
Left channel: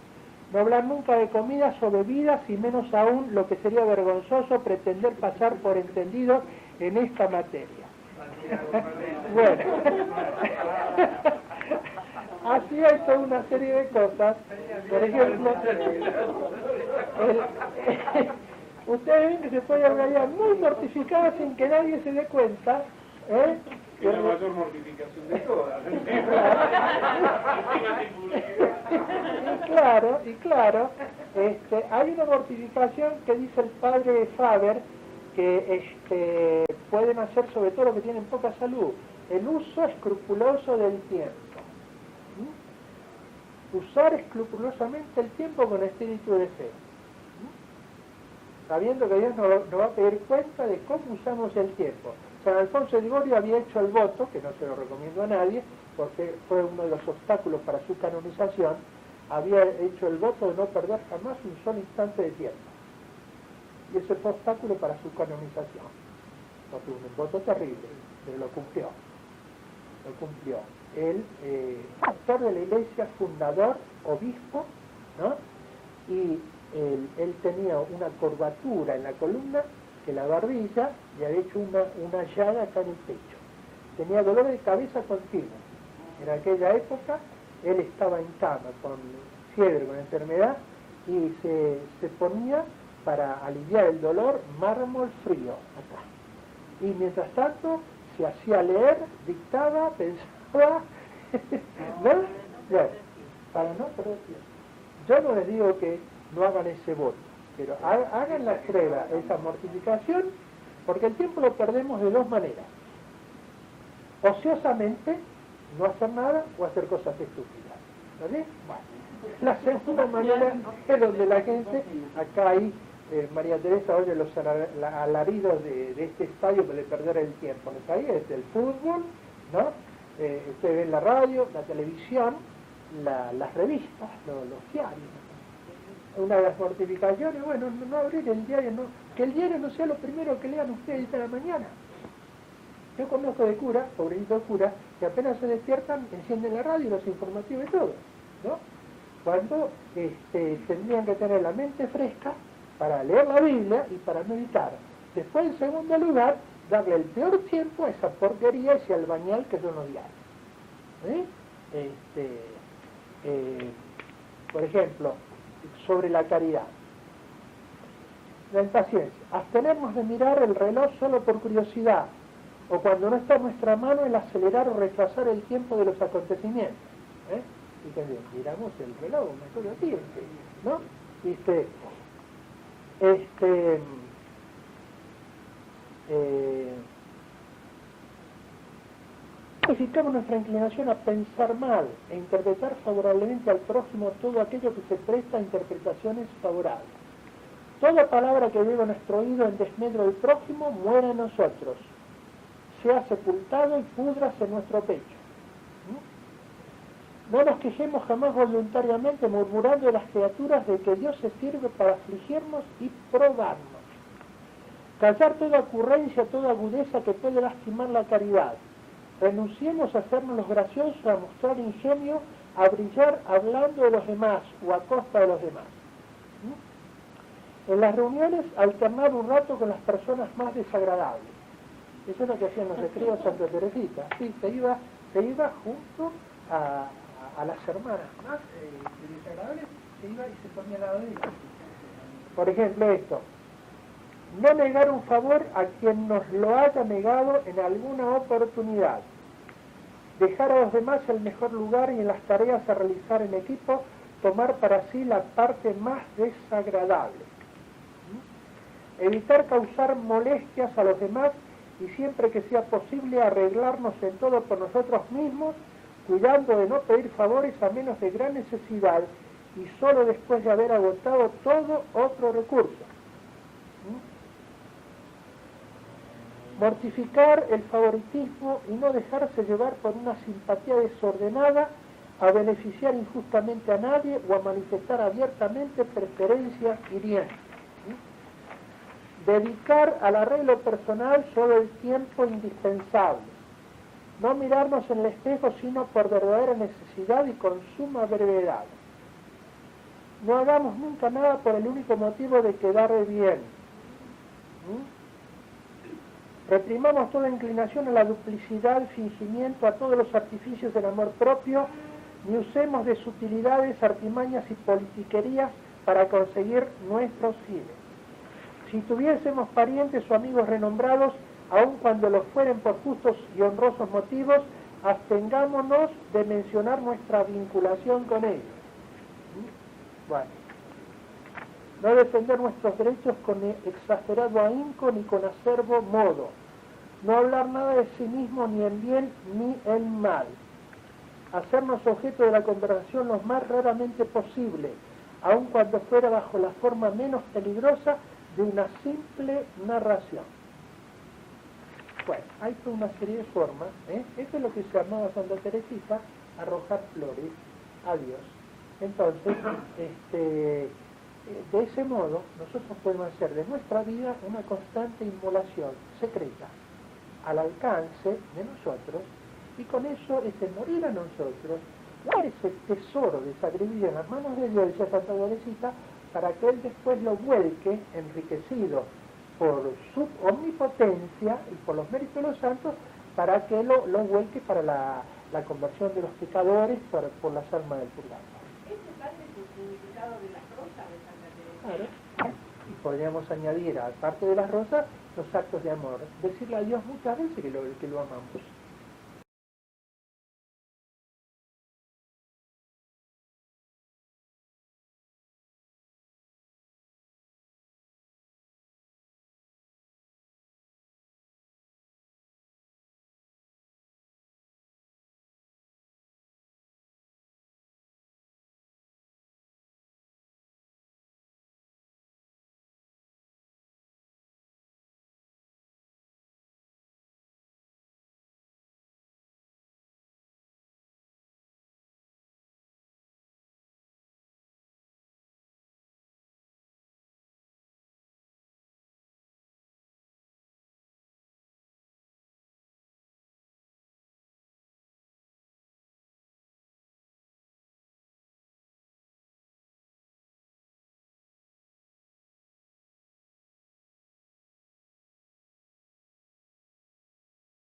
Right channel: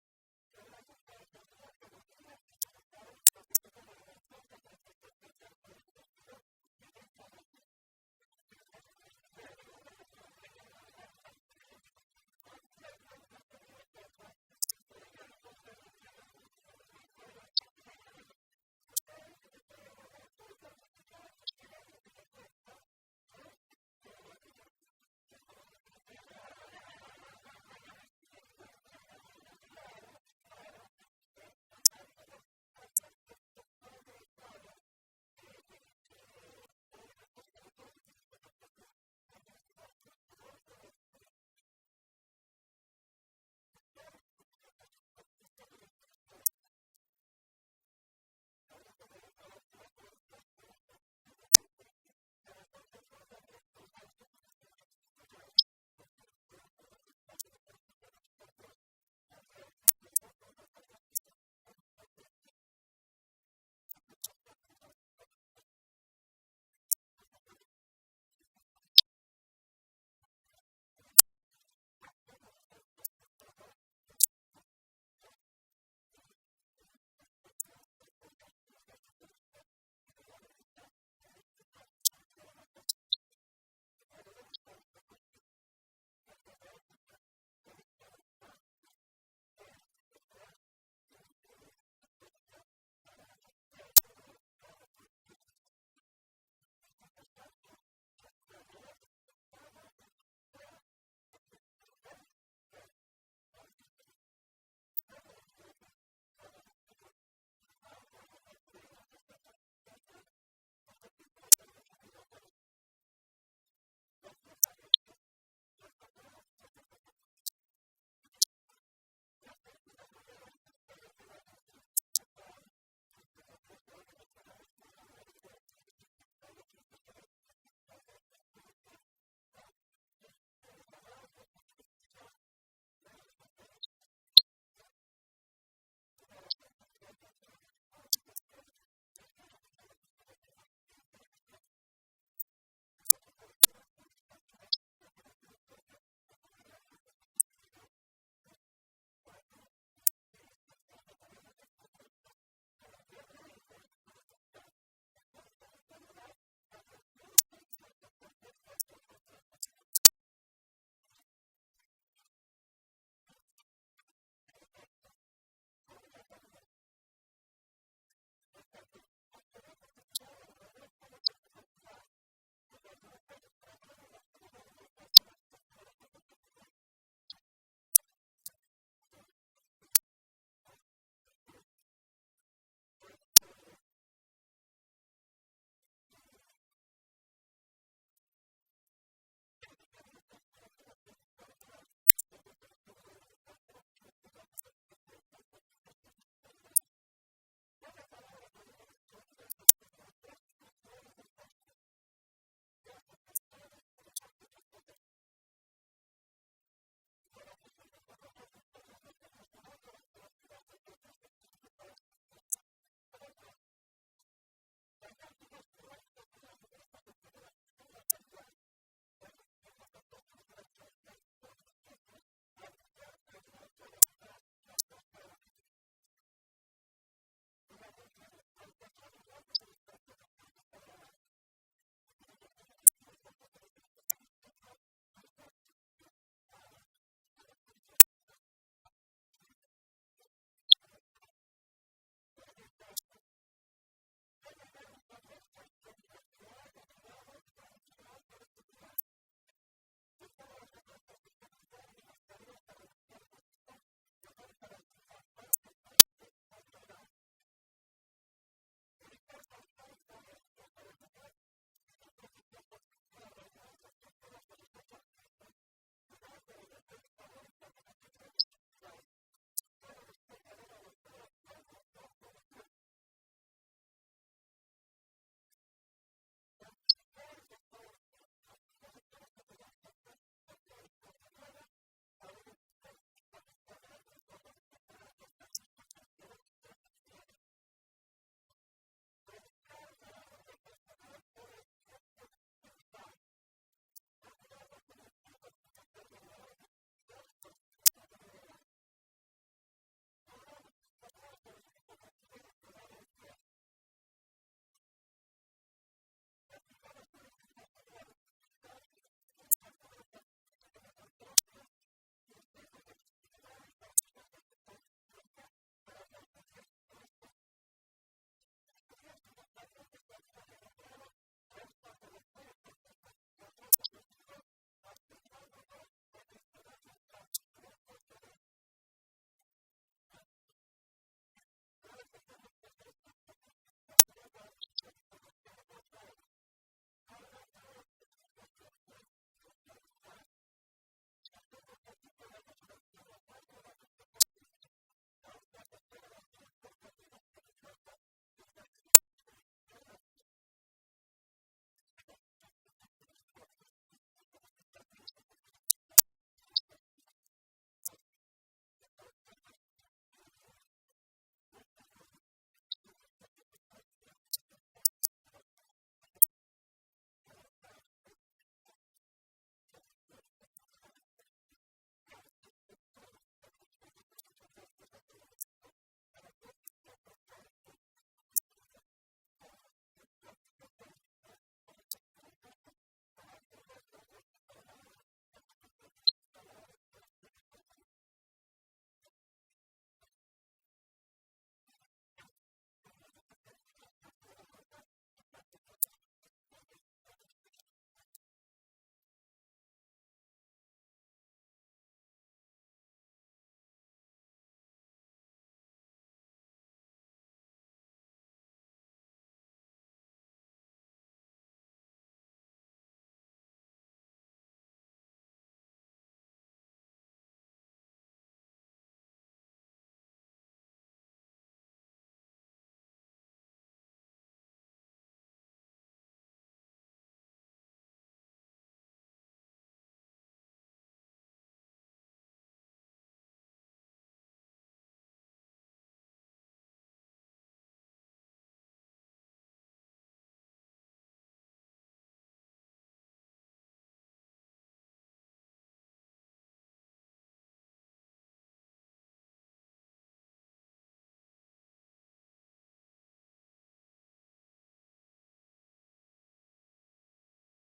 No hablar nunca de comidas o bebidas y menos aún, lo que sería vergonzoso, pretender pasar por entendido en esta materia. Bueno, así hay toda una serie de cosas. Por ejemplo, ustedes ven que se puede hablar muy mortificada sin que nadie se dé cuenta, ¿eh? Es la mayor mortificación de todas. Y claro, hay una mortificación que dice el padre Faber que pueden hacer sobre todo los que tienen poca salud, el uso escrupuloso del tiempo. Usar escrupulosamente el tiempo con espíritu de fe. sabiendo que Dios nos va a pedir cuenta de cómo usamos el tiempo. San Alfonso de Ligorio había hecho el voto, que no se lo recomiendo a nadie, porque fue uno de los obstáculos para su canonización, había hecho el voto de no perder jamás un solo instante de tiempo. Y ese fue obstáculo para su canonización. Porque un voto terrible, pero lo cumplió. Lo cumplió. El pastor de la iglesia, fundador, obispo, ¿no? Y él tenía una curvatura en la columna, que la barbilla le había hecho una llaga acá en el pecho. Tenía dolor de cabeza continuo. En aquella época él estaba en cama con fiebre, con enfermedad, y se ponía para aliviar el dolor mármol frío acá. Y mientras tanto se hacía leer, dictaba, pensaba, ¿no? Bueno, para no perder tiempo. Yo no les digo que no hagan ese voto, pero hagan la prueba, esa mortificación, porque el tiempo lo perdemos de dos maneras. Ociosamente, no hacer nada o hacer cosas estúpidas. ¿Vale? Bueno, la segunda manera es donde la gente, acá hay, María Teresa oye los alaridos de este estadio de perder el tiempo. ¿No? Ahí es el fútbol, ¿no? Usted ve en la radio, la televisión, las revistas, los diarios. Una de las mortificaciones, bueno, no abrir el diario, no, que el diario no sea lo primero que lean ustedes a la mañana. Yo conozco de curas, pobrecitos curas, que apenas se despiertan, encienden la radio, los informativos y todo, ¿no? Cuando tendrían que tener la mente fresca para leer la Biblia y para meditar. Después, en segundo lugar, darle el peor tiempo a esa porquería, ese albañal que son los diarios. Por ejemplo, sobre la caridad. La impaciencia. Abstenernos de mirar el reloj solo por curiosidad, o cuando no está en nuestra mano el acelerar o retrasar el tiempo de los acontecimientos. Fíjense, miramos el reloj, mejor así, ¿no? Modificamos nuestra inclinación a pensar mal e interpretar favorablemente al prójimo todo aquello que se presta a interpretaciones favorables. Toda palabra que llegue a nuestro oído en desmedro del prójimo muere en nosotros, sea sepultado y púdrase en nuestro pecho. No nos quejemos jamás voluntariamente murmurando de las criaturas de que Dios se sirve para afligirnos y probarnos. Callar toda ocurrencia, toda agudeza que puede lastimar la caridad. Renunciemos a hacernos los graciosos, a mostrar ingenio, a brillar hablando de los demás o a costa de los demás. En las reuniones, alternar un rato con las personas más desagradables. Eso es lo que hacían los recreos Santa Teresita. Sí, se iba junto a las hermanas más desagradables, se iba y se ponía al lado de ellas. Por ejemplo, esto. No negar un favor a quien nos lo haya negado en alguna oportunidad. Dejar a los demás el mejor lugar y en las tareas a realizar en equipo, tomar para sí la parte más desagradable. Evitar causar molestias a los demás y siempre que sea posible arreglarnos en todo por nosotros mismos, cuidando de no pedir favores a menos de gran necesidad y solo después de haber agotado todo otro recurso. Mortificar el favoritismo y no dejarse llevar por una simpatía desordenada a beneficiar injustamente a nadie o a manifestar abiertamente preferencias hirientes. Dedicar al arreglo personal solo el tiempo indispensable. No mirarnos en el espejo sino por verdadera necesidad y con suma brevedad. No hagamos nunca nada por el único motivo de quedar bien. Reprimamos toda inclinación a la duplicidad, fingimiento, a todos los artificios del amor propio, ni usemos de sutilidades, artimañas y politiquerías para conseguir nuestros fines. Si tuviésemos parientes o amigos renombrados, aun cuando lo fueren por justos y honrosos motivos, abstengámonos de mencionar nuestra vinculación con ellos. Bueno, no defender nuestros derechos con exagerado ahínco ni con acerbo modo. No hablar nada de sí mismo ni en bien ni en mal. Hacernos objeto de la conversación lo más raramente posible, aun cuando fuera bajo la forma menos peligrosa de una simple narración. Bueno, hay toda una serie de formas, ¿eh? Esto es lo que se llamaba Santa Teresita arrojar flores a Dios. Entonces, de ese modo, nosotros podemos hacer de nuestra vida una constante inmolación secreta al alcance de nosotros, y con eso morir a nosotros, dar ese tesoro de sacrificio en las manos de Dios, decía Santa Teresita, para que Él después lo vuelque, enriquecido por su omnipotencia y por los méritos de los santos, para que lo vuelque para la conversión de los pecadores, por las almas del purgatorio. Ese padre es el significado de las rosas de Santa Teresa. Claro. Y podríamos añadir, aparte de las rosas, los actos de amor. Decirle a Dios muchas veces que lo amamos.